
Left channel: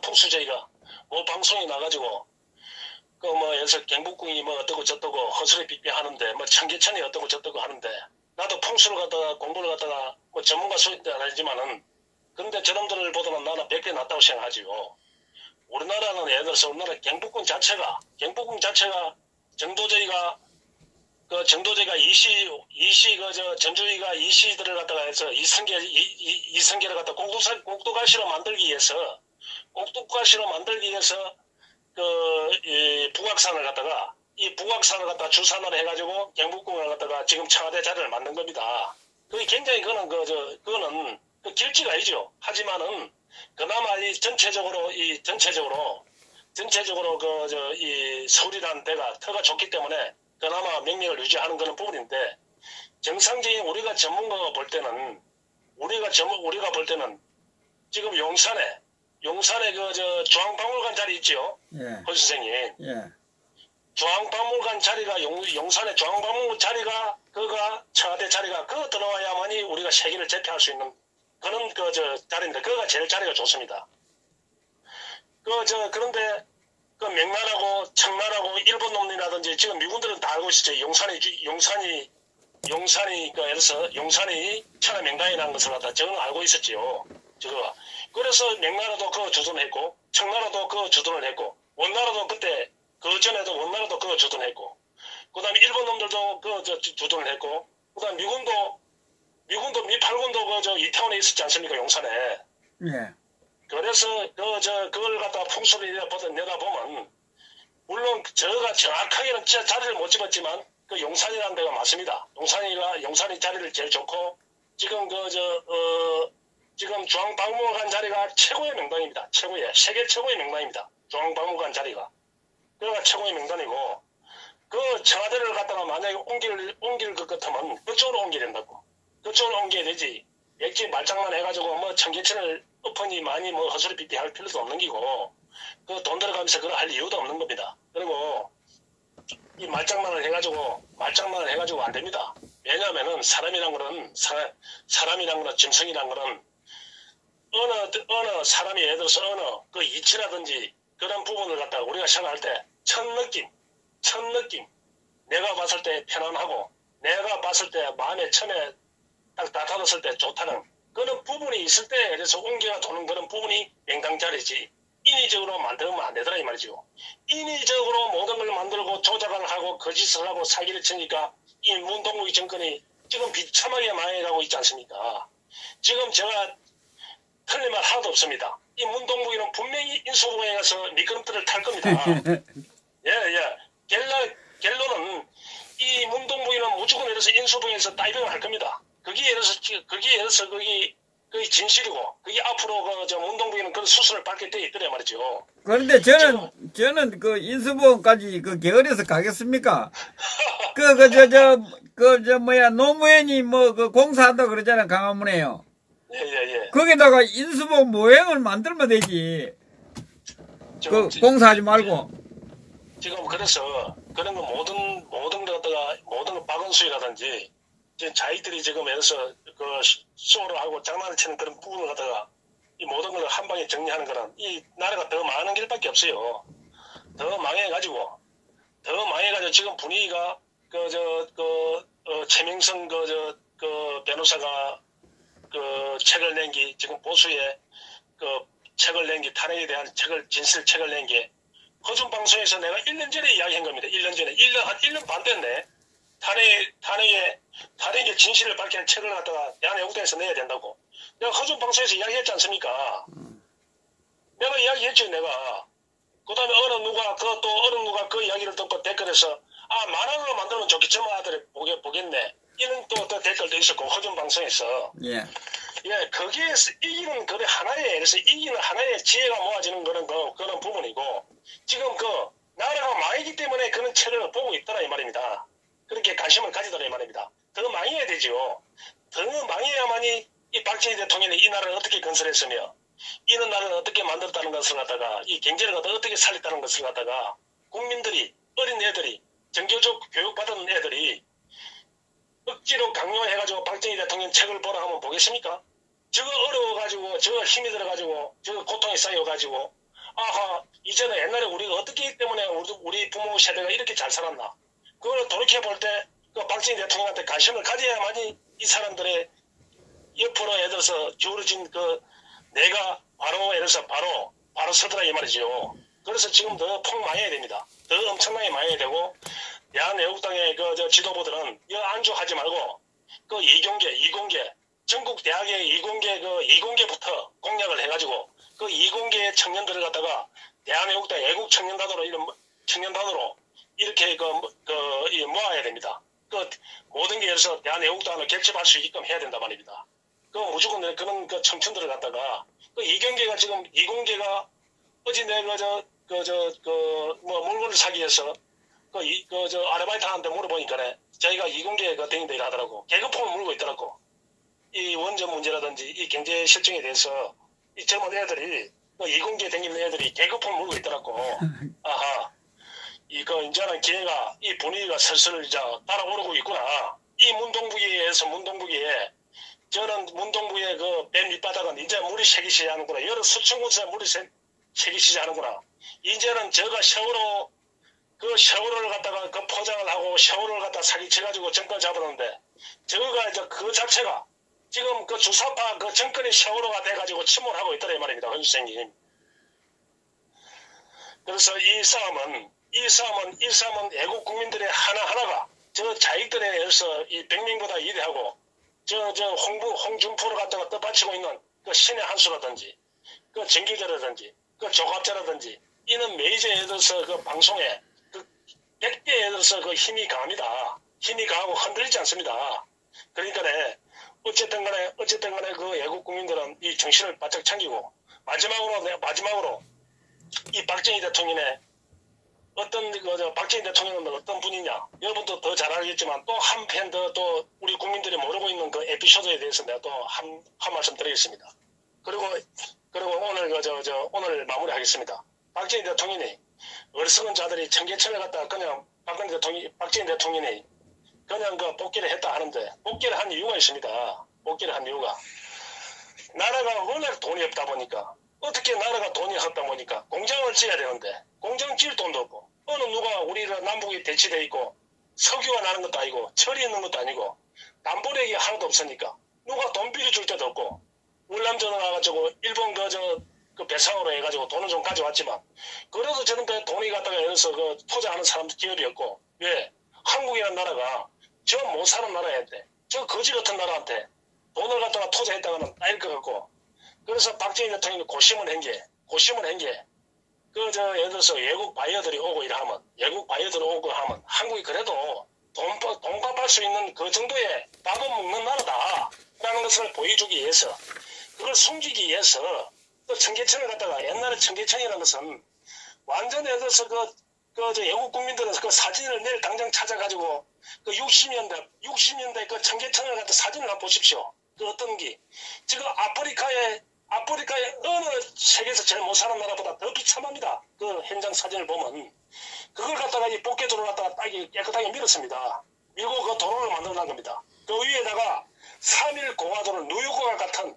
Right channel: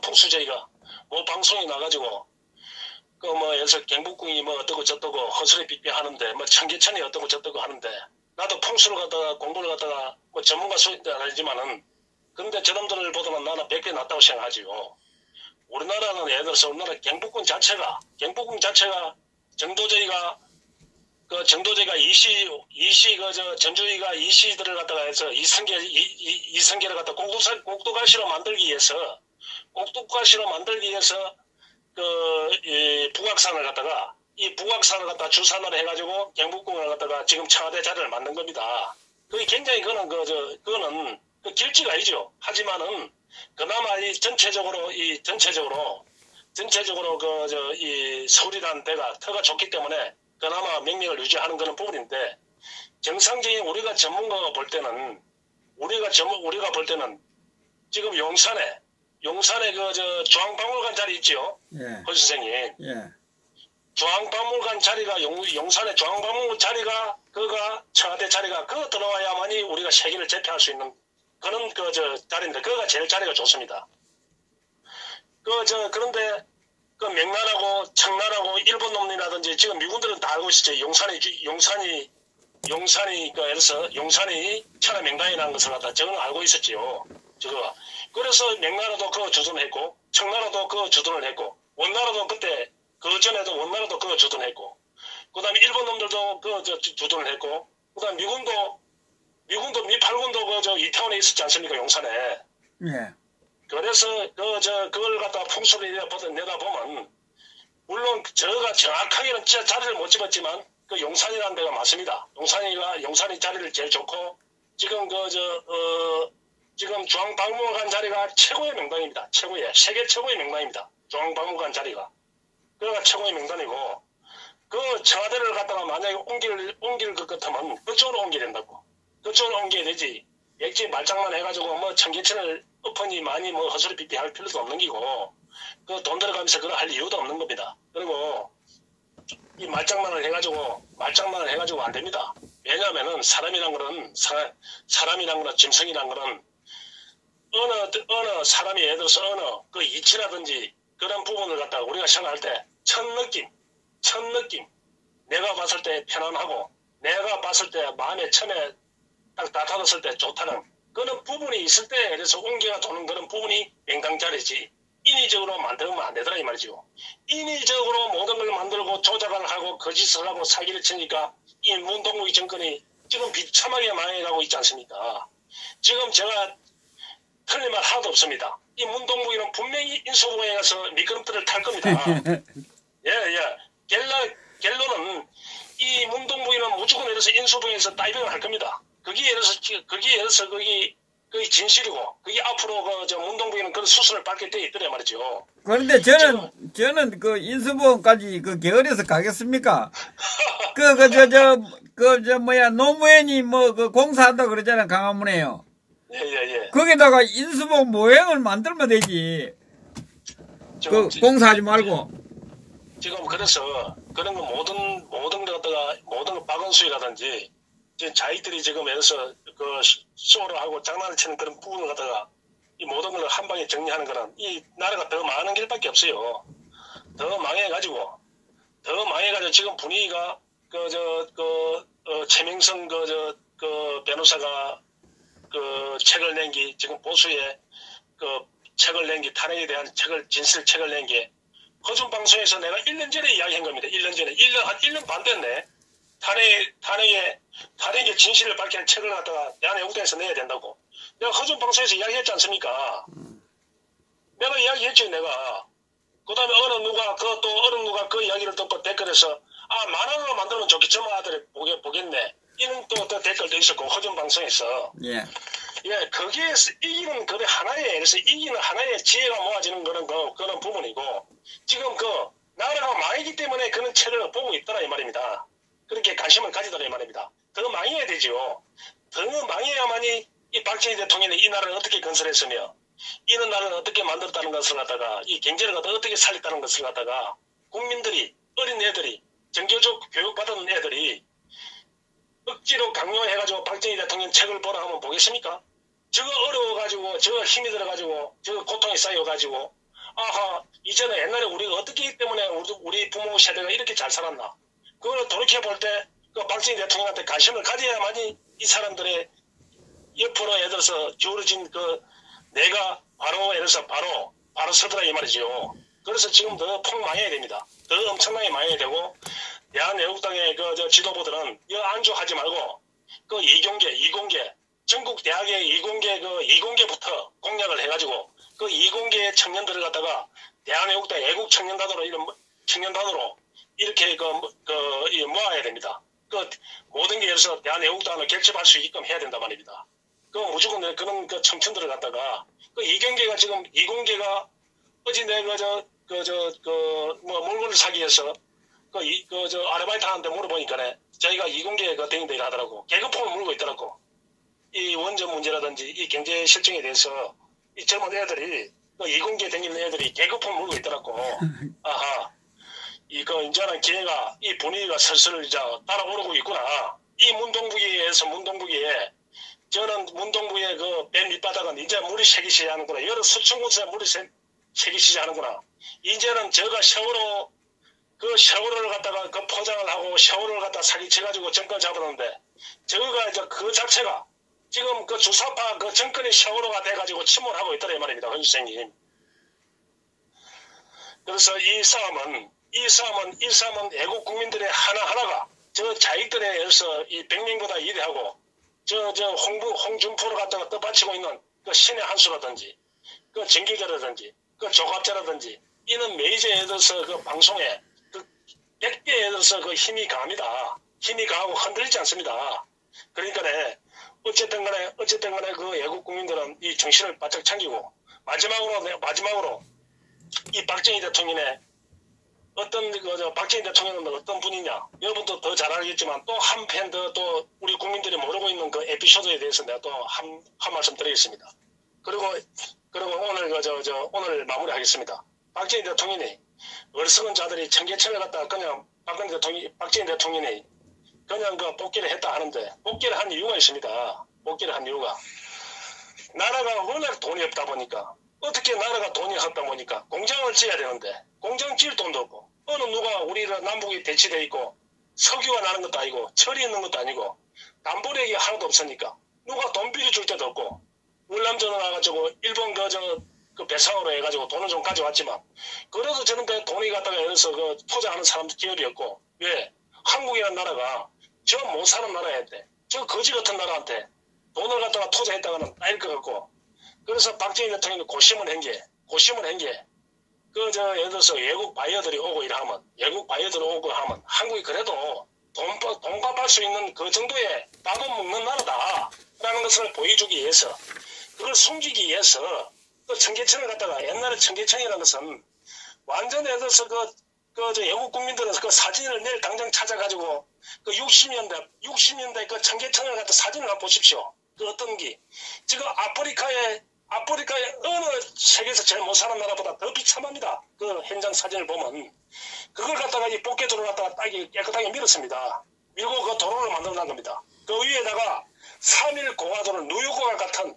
풍수저희가 뭐 방송에 나가지고 여기서 경복궁이 뭐 어떠고 저떠고 허술히 삐삐하는데 뭐 청계천이 어떠고 저떠고 하는데 나도 풍수를 갖다가 공부를 갖다가 뭐 전문가 수준은 아니지만은 그런데 저놈들을 보다는 나는 100배 낫다고 생각하지요. 우리나라는 예를 들어서 우리나라 경복궁 자체가 정도저희가 전주희가 이시들을 갖다가 해서 이성계를 갖다 꼭두가시로 만들기 위해서 북악산을 갖다가 이 북악산을 갖다 주산을 해가지고 경복궁을 갖다가 지금 청와대 자리를 만든 겁니다. 그게 굉장히 그거는 그 길지가 아니죠. 하지만은 그나마 전체적으로 이 서울이라는 데가 터가 좋기 때문에 그나마 명맥을 유지하는 그런 부분인데 정상적인 우리가 전문가가 볼 때는 지금 용산에 중앙박물관 자리 있죠. 예. 허 선생님. 예. 중앙박물관 자리가 용산의 중앙박물관 자리가 그가 청와대 자리가 그거 들어와야만이 우리가 세계를 제패할 수 있는 그런 자리인데 그거가 제일 자리가 좋습니다. 그런데 그 명나라고 청나라고 일본 놈이라든지 지금 미군들은 다 알고 있었죠. 용산이 천하 명당이라는 것을 갖다 저는 알고 있었지요. 저거. 그래서 명나라도 그거 주둔했고 청나라도 그거 주둔을 했고 원나라도 그때 그 전에도 원나라도 그거 주둔했고 그 다음에 일본 놈들도 그거 주둔을 했고 그 다음에 미군도 미팔군도 이태원에 있었지 않습니까? 용산에. 예. 그래서 그걸 갖다가 풍수를 내다보면 물론 저가 정확하게는 진짜 자리를 못 집었지만 그 용산이라는 데가 맞습니다. 용산이 자리를 제일 좋고 지금 지금 중앙박물관 자리가 최고의 명당입니다. 세계 최고의 명당입니다. 중앙박물관 자리가. 그가 최고의 명단이고 그 청와대를 갖다가 만약에 옮길 것 같으면 그쪽으로 옮겨야 된다고. 그쪽으로 옮겨야 되지. 액지 말장난 해가지고 뭐 청계천을 엎으니 많이 뭐 허술이 삐삐 할 필요도 없는 기고 그 돈 들어가면서 그걸 할 이유도 없는 겁니다. 그리고 이 말장난을 해가지고 안 됩니다. 왜냐하면은 사람이란 거는 짐승이란 거는 어느 사람이 예를 들어서 어느 그 이치라든지 그런 부분을 갖다가 우리가 생각할 때 첫 느낌 내가 봤을 때 편안하고 내가 봤을 때 마음에 처음에 딱 나타났을 때 좋다는 그런 부분이 있을 때 그래서 옹기가 도는 그런 부분이 명당자리지 인위적으로 만들면 안 되더라 이 말이죠. 인위적으로 모든 걸 만들고 조작을 하고 거짓을 하고 사기를 치니까 이 문동국이 정권이 지금 비참하게 망해가고 있지 않습니까? 지금 제가 틀린 말 하나도 없습니다. 이 문동국이는 분명히 인수부에 가서 미끄럼틀을 탈 겁니다. 결론은 이 문동부인은 무조건 이래서 인수부에서 다이빙을 할 겁니다. 거기에 이래서 거기 진실이고 그게 앞으로 문동부인은 그런 수순을 밟게 돼 있더래 말이죠. 그런데 저는 그 인수부까지 그 게을러서 가겠습니까? 노무현이 그 공사한다고 그러잖아, 강화문에요. 예. 거기다가 인수부 모형을 만들면 되지. 공사하지 말고. 지금 그래서 그런 거 모든 박은수라든지 자기들이 지금 여기서 그 쇼를 하고 장난을 치는 그런 부분을 갖다가 이 모든 걸 한 방에 정리하는 거는 이 나라가 더 망하는 길밖에 없어요. 더 망해가지고 지금 분위기가 최명성 변호사가 책을 낸 게 지금 보수에 책을 낸 게 탄핵에 대한 진실책을 낸 게 허준 방송에서 내가 1년 전에 이야기한 겁니다. 1년 전에. 한 1년 반 됐네. 탄핵의 진실을 밝히는 책을 갖다가 대한애국당에서 내야 된다고. 내가 허준 방송에서 이야기했지 않습니까? 내가 이야기했죠, 내가. 그 다음에 어느 누가 그 이야기를 듣고 댓글에서, 만원으로 만들면 좋겠지, 뭐 아들이 보겠네. 이런 또 댓글도 있었고, 허준 방송에서. 예. 예, 거기에서 이기는 하나의 지혜가 모아지는 그런 부분이고, 지금 나라가 망이기 때문에 그런 책을 보고 있더라, 이 말입니다. 그렇게 관심을 가지더라, 이 말입니다. 더 망해야 되지요. 더 망해야만이 이 박정희 대통령이 이 나라를 어떻게 건설했으며, 이런 나라를 어떻게 만들었다는 것을 갖다가 이 경제를 갖다가 어떻게 살렸다는 것을 갖다가 국민들이 어린 애들이 정교적 교육받은 애들이 억지로 강요해가지고 박정희 대통령 책을 보라 하면 보겠습니까? 저거 어려워가지고 저거 힘이 들어가지고 저거 고통이 쌓여가지고 아하 이제는 옛날에 우리가 어떻게 했기 때문에 우리 부모 세대가 이렇게 잘 살았나 그걸 돌이켜볼 때 그 박정희 대통령한테 관심을 가져야만이 이 사람들의 옆으로 예를 들어서 기울어진 그 내가 바로 예를 들어서 바로 서더라 이 말이죠. 그래서 지금 더 폭망해야 됩니다. 더 엄청나게 망해야 되고 대한애국당의 그 지도부들은 이거 안주하지 말고 그 이공계 전국 대학의 이공계부터 공약을 해가지고 그 이공계 청년들을 갖다가 대한애국당 애국 청년단으로 이런 청년단으로 이렇게 모아야 됩니다. 그 모든 게 예를 들어서 대한애국당을 객집할 수 있게끔 해야 된단 말입니다. 그 무조건 그런 그 청춘들을 갖다가 그 이경계가 지금 이공계가 어제 내가 물건을 사기 위해서 아르바이트하는데 물어보니까 저희가 이공계 대행들 하더라고. 계급품을 물고 있더라고. 이 원전 문제라든지 이 경제 실정에 대해서 이 젊은 애들이 이공계 댕기는 애들이 계급품을 물고 있더라고. 아하. 이제는 기회가 이 분위기가 슬슬 이제 따라오르고 있구나. 이 문동부기에 저는 문동부의 그 맨 밑바닥은 이제 물이 새기 시작하는구나. 여러 수천 곳에 물이 새기 시작하는구나. 이제는 저가 샤워를 갖다가 그 포장을 하고 샤워를 갖다 사기쳐가지고 정권 잡았는데 저가 이제 그 자체가 지금 그 주사파 그 정권이 샤워로가 돼가지고 침몰하고 있더라 이 말입니다. 헌 선생님. 그래서 이 싸움은 애국 국민들의 하나하나가 저 자익들에 의해서 이 백명보다 이대하고 홍준표를 갖다가 떠받치고 있는 그 신의 한수라든지 그 정기자라든지 그 조갑자라든지 이는 메이저에 들어서 그 방송에 그 100개에 들어서 그 힘이 강합니다. 힘이 강하고 흔들리지 않습니다. 그러니까 어쨌든 간에 그 애국 국민들은 이 정신을 바짝 챙기고 마지막으로 이 박정희 대통령의 박정희 대통령은 어떤 분이냐 여러분도 더 잘 알겠지만 또 한편 또 우리 국민들이 모르고 있는 그 에피소드에 대해서 내가 또 한 말씀 드리겠습니다. 그리고 오늘 오늘 마무리하겠습니다. 박정희 대통령이 어리석은 자들이 청계천을 갖다가 그냥 박정희 대통령이 그냥 그 복귀를 했다 하는데 복귀를 한 이유가 있습니다. 복귀를 한 이유가 나라가 워낙 돈이 없다 보니까 어떻게 나라가 돈이 없다 보니까 공장을 지어야 되는데 공장 지을 돈도 없고 어느 누가 우리가 남북이 대치돼 있고 석유가 나는 것도 아니고 철이 있는 것도 아니고 담보력이 하나도 없으니까 누가 돈 빌려줄 때도 없고 월남전을 와가지고 일본 그 배상으로 해가지고 돈을 좀 가져왔지만 그래도 저는 그 돈이 갖다가 여기서 그 투자하는 사람 기업이었고 왜 한국이라는 나라가 저 못 사는 나라한테 저 거지 같은 나라한테 돈을 갖다가 투자했다가는 따일 것 같고 그래서 박정희 대통령이 고심을 한 게 예를 들어서 외국 바이어들이 오고 하면 한국이 그래도 돈 갚을 수 있는 그 정도의 밥은 먹는 나라다라는 것을 보여주기 위해서 그걸 숨기기 위해서 청계천을 갖다가 옛날에 청계천이라는 것은 완전 예를 들어서 외국 국민들은 그 사진을 내일 당장 찾아가지고 그 60년대 그 청계천을 갖다 사진을 한번 보십시오. 그 어떤 게 지금 아프리카의 어느 세계에서 제일 못 사는 나라보다 더 비참합니다. 그 현장 사진을 보면 그걸 갖다가 이 복개도를 갖다가 딱 깨끗하게 밀었습니다. 밀고 그 도로를 만들어낸 겁니다. 그 위에다가 3일 공화도를 뉴욕과 같은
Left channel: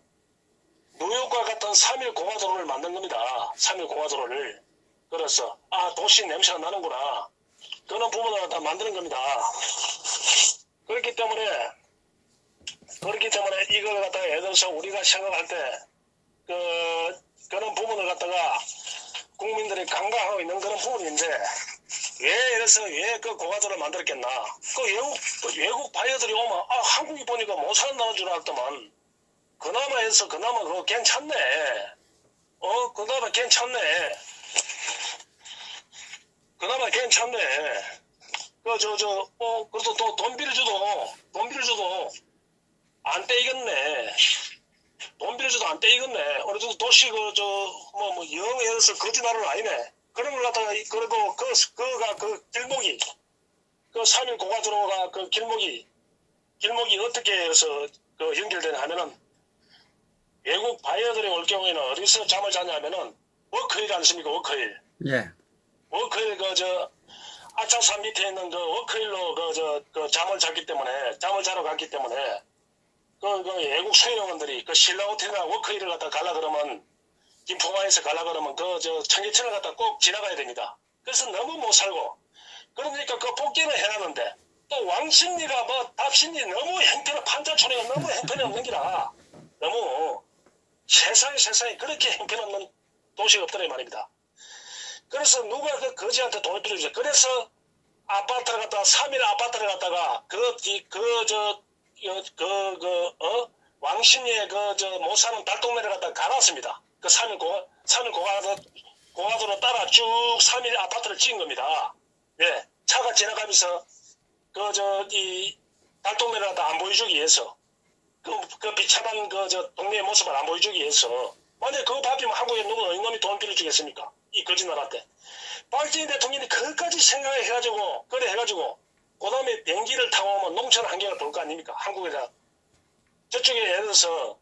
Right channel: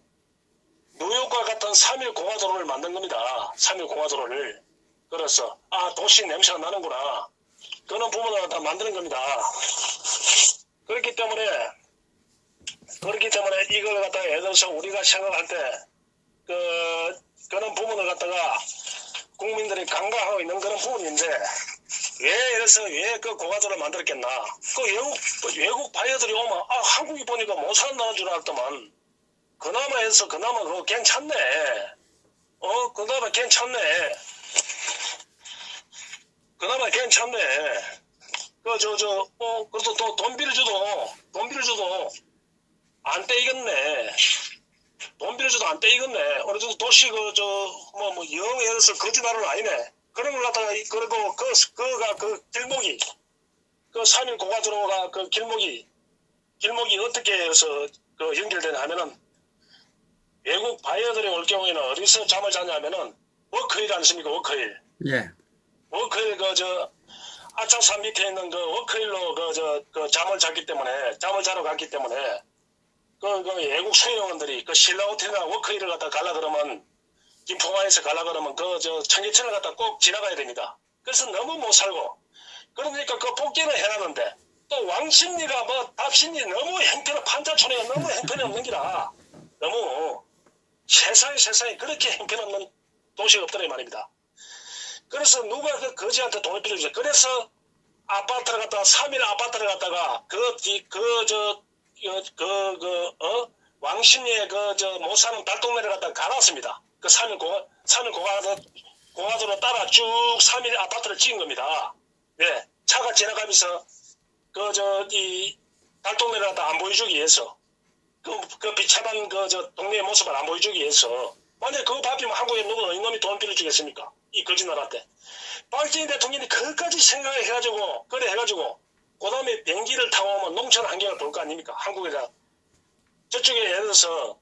3일 공화도를 만든 겁니다. 3일 공화도를. 그래서 도시 냄새가 나는구나. 그런 부분을 다 만드는 겁니다. 그렇기 때문에 이걸 갖다가 예를 들어서 우리가 생각할 때 그런 부분을 갖다가 국민들이 간과하고 있는 그런 부분인데 왜 그 공화도를 만들었겠나? 그 외국 바이어들이 오면 한국이 보니까 못 사는 나라인 줄 알았더만 그나마 그거 괜찮네. 그나마 괜찮네. 그래도 또 돈 빌려줘도 안 떼이겠네. 돈 빌려줘도 안 떼이겠네. 어느 정도 도시 영 예를 들어서 거지 나라는 아니네. 그런 걸 갖다가 그래도 그 길목이 3일 고가도로가 그 길목이 어떻게 해서 연결되냐 하면은 외국 바이어들이 올 경우에는 어디서 잠을 자냐면은 워크힐 아니십니까? 워크힐. 예. 워크힐 아차산 밑에 있는 워크힐로 잠을 잤기 때문에 잠을 자러 갔기 때문에 외국 수행원들이 신라호텔이나 워크힐을 갖다 가려 그러면 김포화에서 가려 그러면 청계천을 갖다 꼭 지나가야 됩니다. 그래서 너무 못 살고 그러니까 복귀는 해놨는데 또 왕십리가 답십리 너무 형편은 판자촌이가 너무 형편이 없는 기라 너무 세상에 그렇게 형편없는 도시가 없더라 이 말입니다. 그래서 누가 거지한테 돈을 빌려주죠. 그래서 아파트를 갖다가 3일 아파트를 갖다가 왕십리에 못 사는 달동네를 갖다가 가놨습니다. 3일 고가도로 따라 쭉 3일 아파트를 찍은 겁니다. 네, 차가 지나가면서 이 달동네를 갖다 안 보여주기 위해서 그 비참한 동네의 모습을 안 보여주기 위해서 만약에 그거 바뀌면 한국에 누구 이놈이 돈 빌려주겠습니까? 이 거짓나라 때. 박정희 대통령이 그것까지 생각을 해가지고 그 다음에 비행기를 타고 오면 농촌 환경을 볼 거 아닙니까? 한국에다. 저쪽에 예를 들어서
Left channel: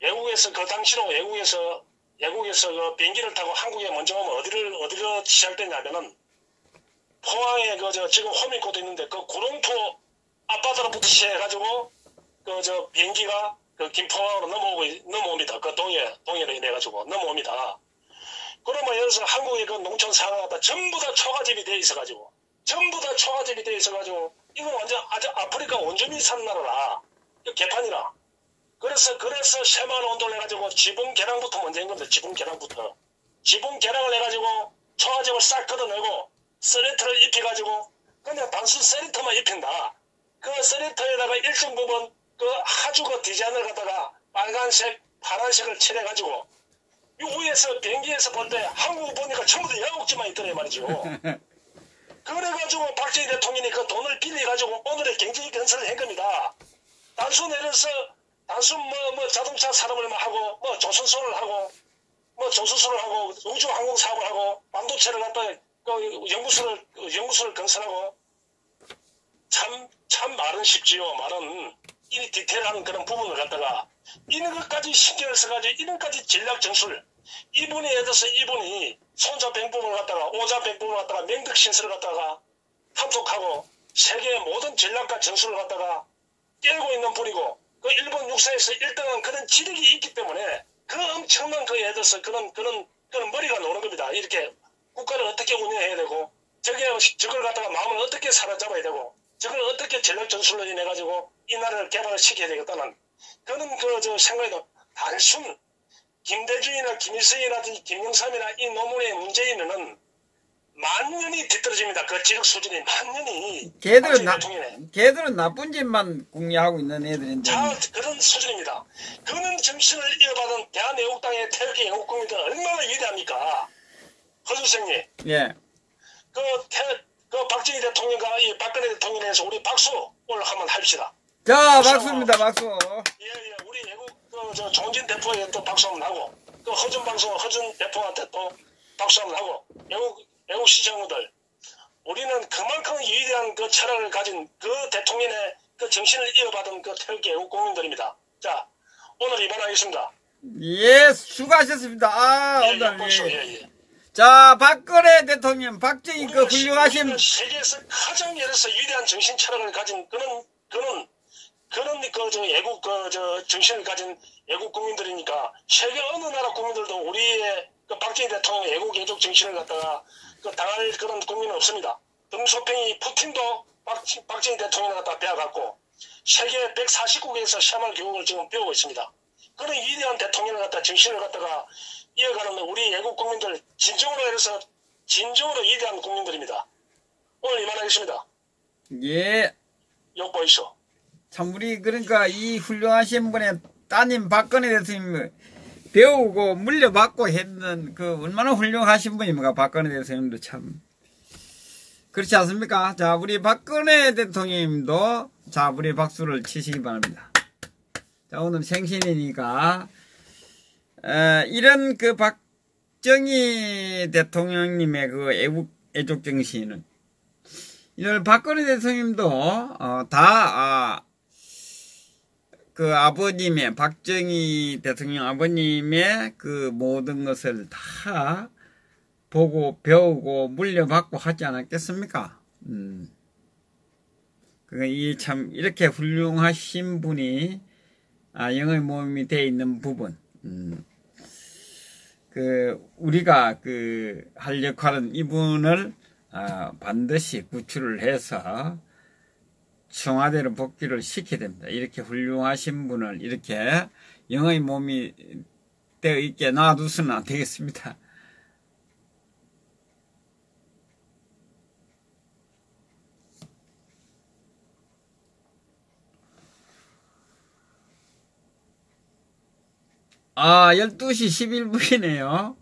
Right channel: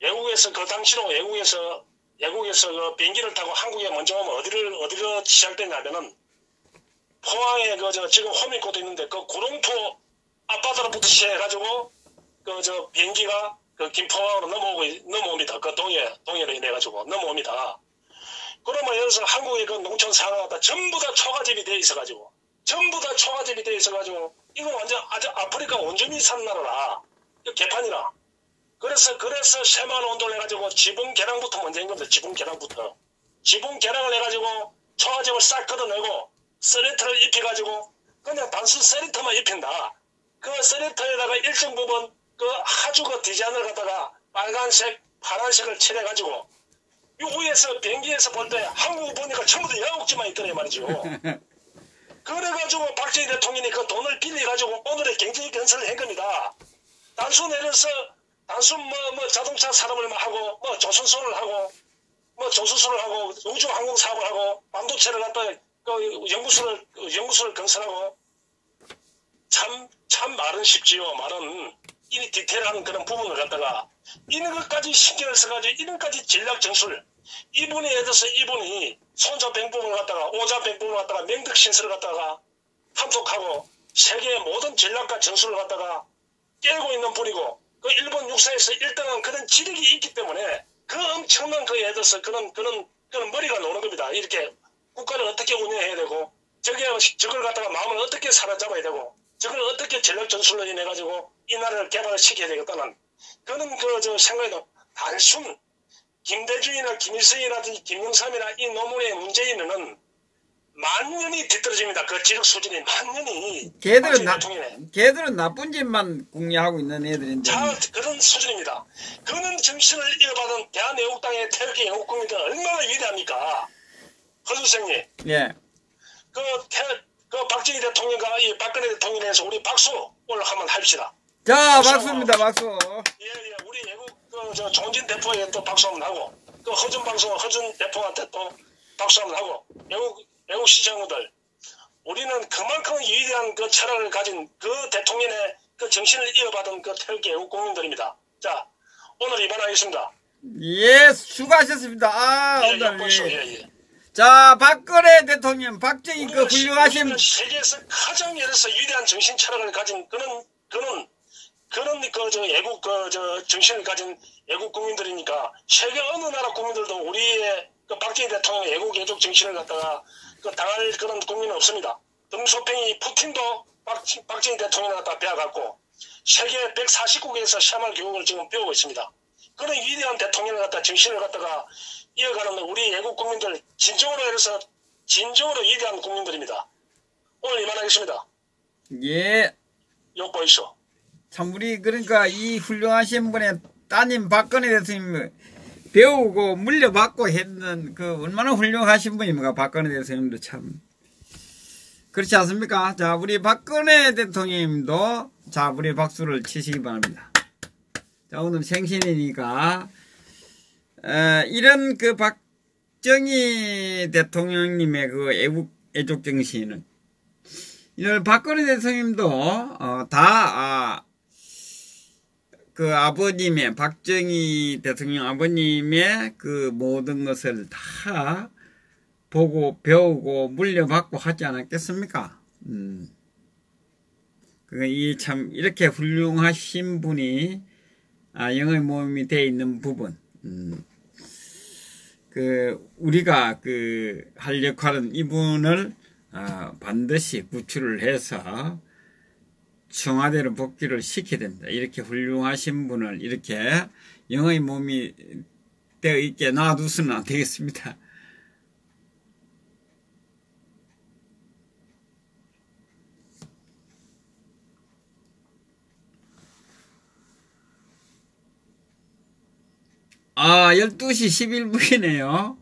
외국에서 비행기를 타고 한국에 먼저 오면 어디로 시작되냐면은 포항에 지금 호민고도 있는데 구룡포 아파트로부터 시작해가지고 비행기가 김포항으로 넘어옵니다. 동해로 인해가지고 넘어옵니다. 그러면 예를 들어서 한국의 농촌 상황마다 전부 다 초가집이 돼 있어가지고 이거 완전 아주 아프리카 원주민 사는 나라라. 개판이라. 그래서 쇠만 온도를 해가지고 지붕 계량부터 먼저 한 겁니다. 지붕 계량을 해가지고 초가집을 싹 걷어내고 서리터를 입혀가지고 그냥 단순 서리터만 입힌다. 그 서리터에다가 일정 부분 하주 디자인을 갖다가 빨간색, 파란색을 칠해가지고 이 위에서 비행기에서 볼 때 한국 보니까 전부 다 야옥지만 있더래 말이죠. 그래가지고 박정희 대통령이 그 돈을 빌려가지고 오늘의 경제 건설을 한 겁니다. 단순 자동차 산업을 하고 조선소를 하고 우주항공 사업을 하고 반도체를 갖다 연구소를 건설하고 참 말은 쉽지요. 말은 이 디테일한 그런 부분을 갖다가 이런 것까지 신경을 써가지고 이런까지 전략 전술 이분이 예를 들어서 이분이 손자 병법을 갖다가 오자 병법을 갖다가 명득신설을 갖다가 탐독하고 세계의 모든 전략과 전술을 갖다가 깨고 있는 분이고 일본 육사에서 1등한 그런 지력이 있기 때문에 그 엄청난 예를 들어서 그런 머리가 노는 겁니다. 이렇게 국가를 어떻게 운영해야 되고 저걸 갖다가 마음을 어떻게 사로잡아야 되고 저걸 어떻게 전략 전술로 인해가지고 이 나라를 개발을 시켜야 되겠다는 그런 생각에도 단순 김대중이나 김일성이라든지 김영삼이나 이 노무현의 문재인은 만년이 뒤떨어집니다. 그 지적 수준이 만년이. 걔들은 나쁜 짓만 궁리하고 있는 애들인데. 그런 수준입니다. 그런 정신을 이어받은 대한애국당의 태극기 애국국민들은 얼마나 위대합니까? 허 선생님. 예. 박정희 대통령과 이 박근혜 대통령에 대해서 우리 박수 오늘 한번 합시다. 자, 박수입니다, 박수. 예, 우리 애국, 정진 대표에 또 박수 한번 하고, 허준 대표한테 또 박수 한번 하고, 애국 시청자들, 우리는 그만큼 위대한 철학을 가진 대통령의 정신을 이어받은 태극기 애국 국민들입니다. 자, 오늘 입안하겠습니다. 예, 수고하셨습니다. 오늘. 예. 자, 박근혜 대통령, 박정희 훌륭하신. 세계에서 가장 예를 들어서 위대한 정신 철학을 가진 그런 애국, 정신을 가진 애국 국민들이니까 세계 어느 나라 국민들도 우리의 박정희 대통령의 애국 애족 정신을 갖다가 당할 그런 국민은 없습니다. 등소팽이 푸틴도 박정희 대통령을 갖다 배워갖고 세계 140국에서 새마을 교육을 지금 배우고 있습니다. 그런 위대한 대통령을 갖다 정신을 갖다가 이어가는 우리 애국 국민들 진정으로 해서 진정으로 위대한 국민들입니다. 오늘 이만하겠습니다. 예. 욕 보이시오. 참 우리 그러니까 이 훌륭하신 분의 따님 박근혜 대통령 배우고 물려받고 했는 얼마나 훌륭하신 분입니까? 박근혜 대통령도 참 그렇지 않습니까? 자, 우리 박근혜 대통령님도 자, 우리 박수를 치시기 바랍니다. 자, 오늘 생신이니까 이런 박정희 대통령님의 애국 정신은 이런 박근혜 대통령님도 그 아버님의, 박정희 대통령 아버님의 그 모든 것을 다 보고 배우고 물려받고 하지 않았겠습니까? 이 참, 이렇게 훌륭하신 분이, 영의 모험이 되어 있는 부분, 우리가 할 역할은 이분을, 반드시 구출을 해서 청와대로 복귀를 시켜야 됩니다. 이렇게 훌륭하신 분을 이렇게 영의 몸이 되어 있게 놔두서는 안 되겠습니다. 아, 12시 11분이네요.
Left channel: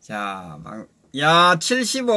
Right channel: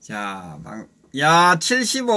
자, 야, 75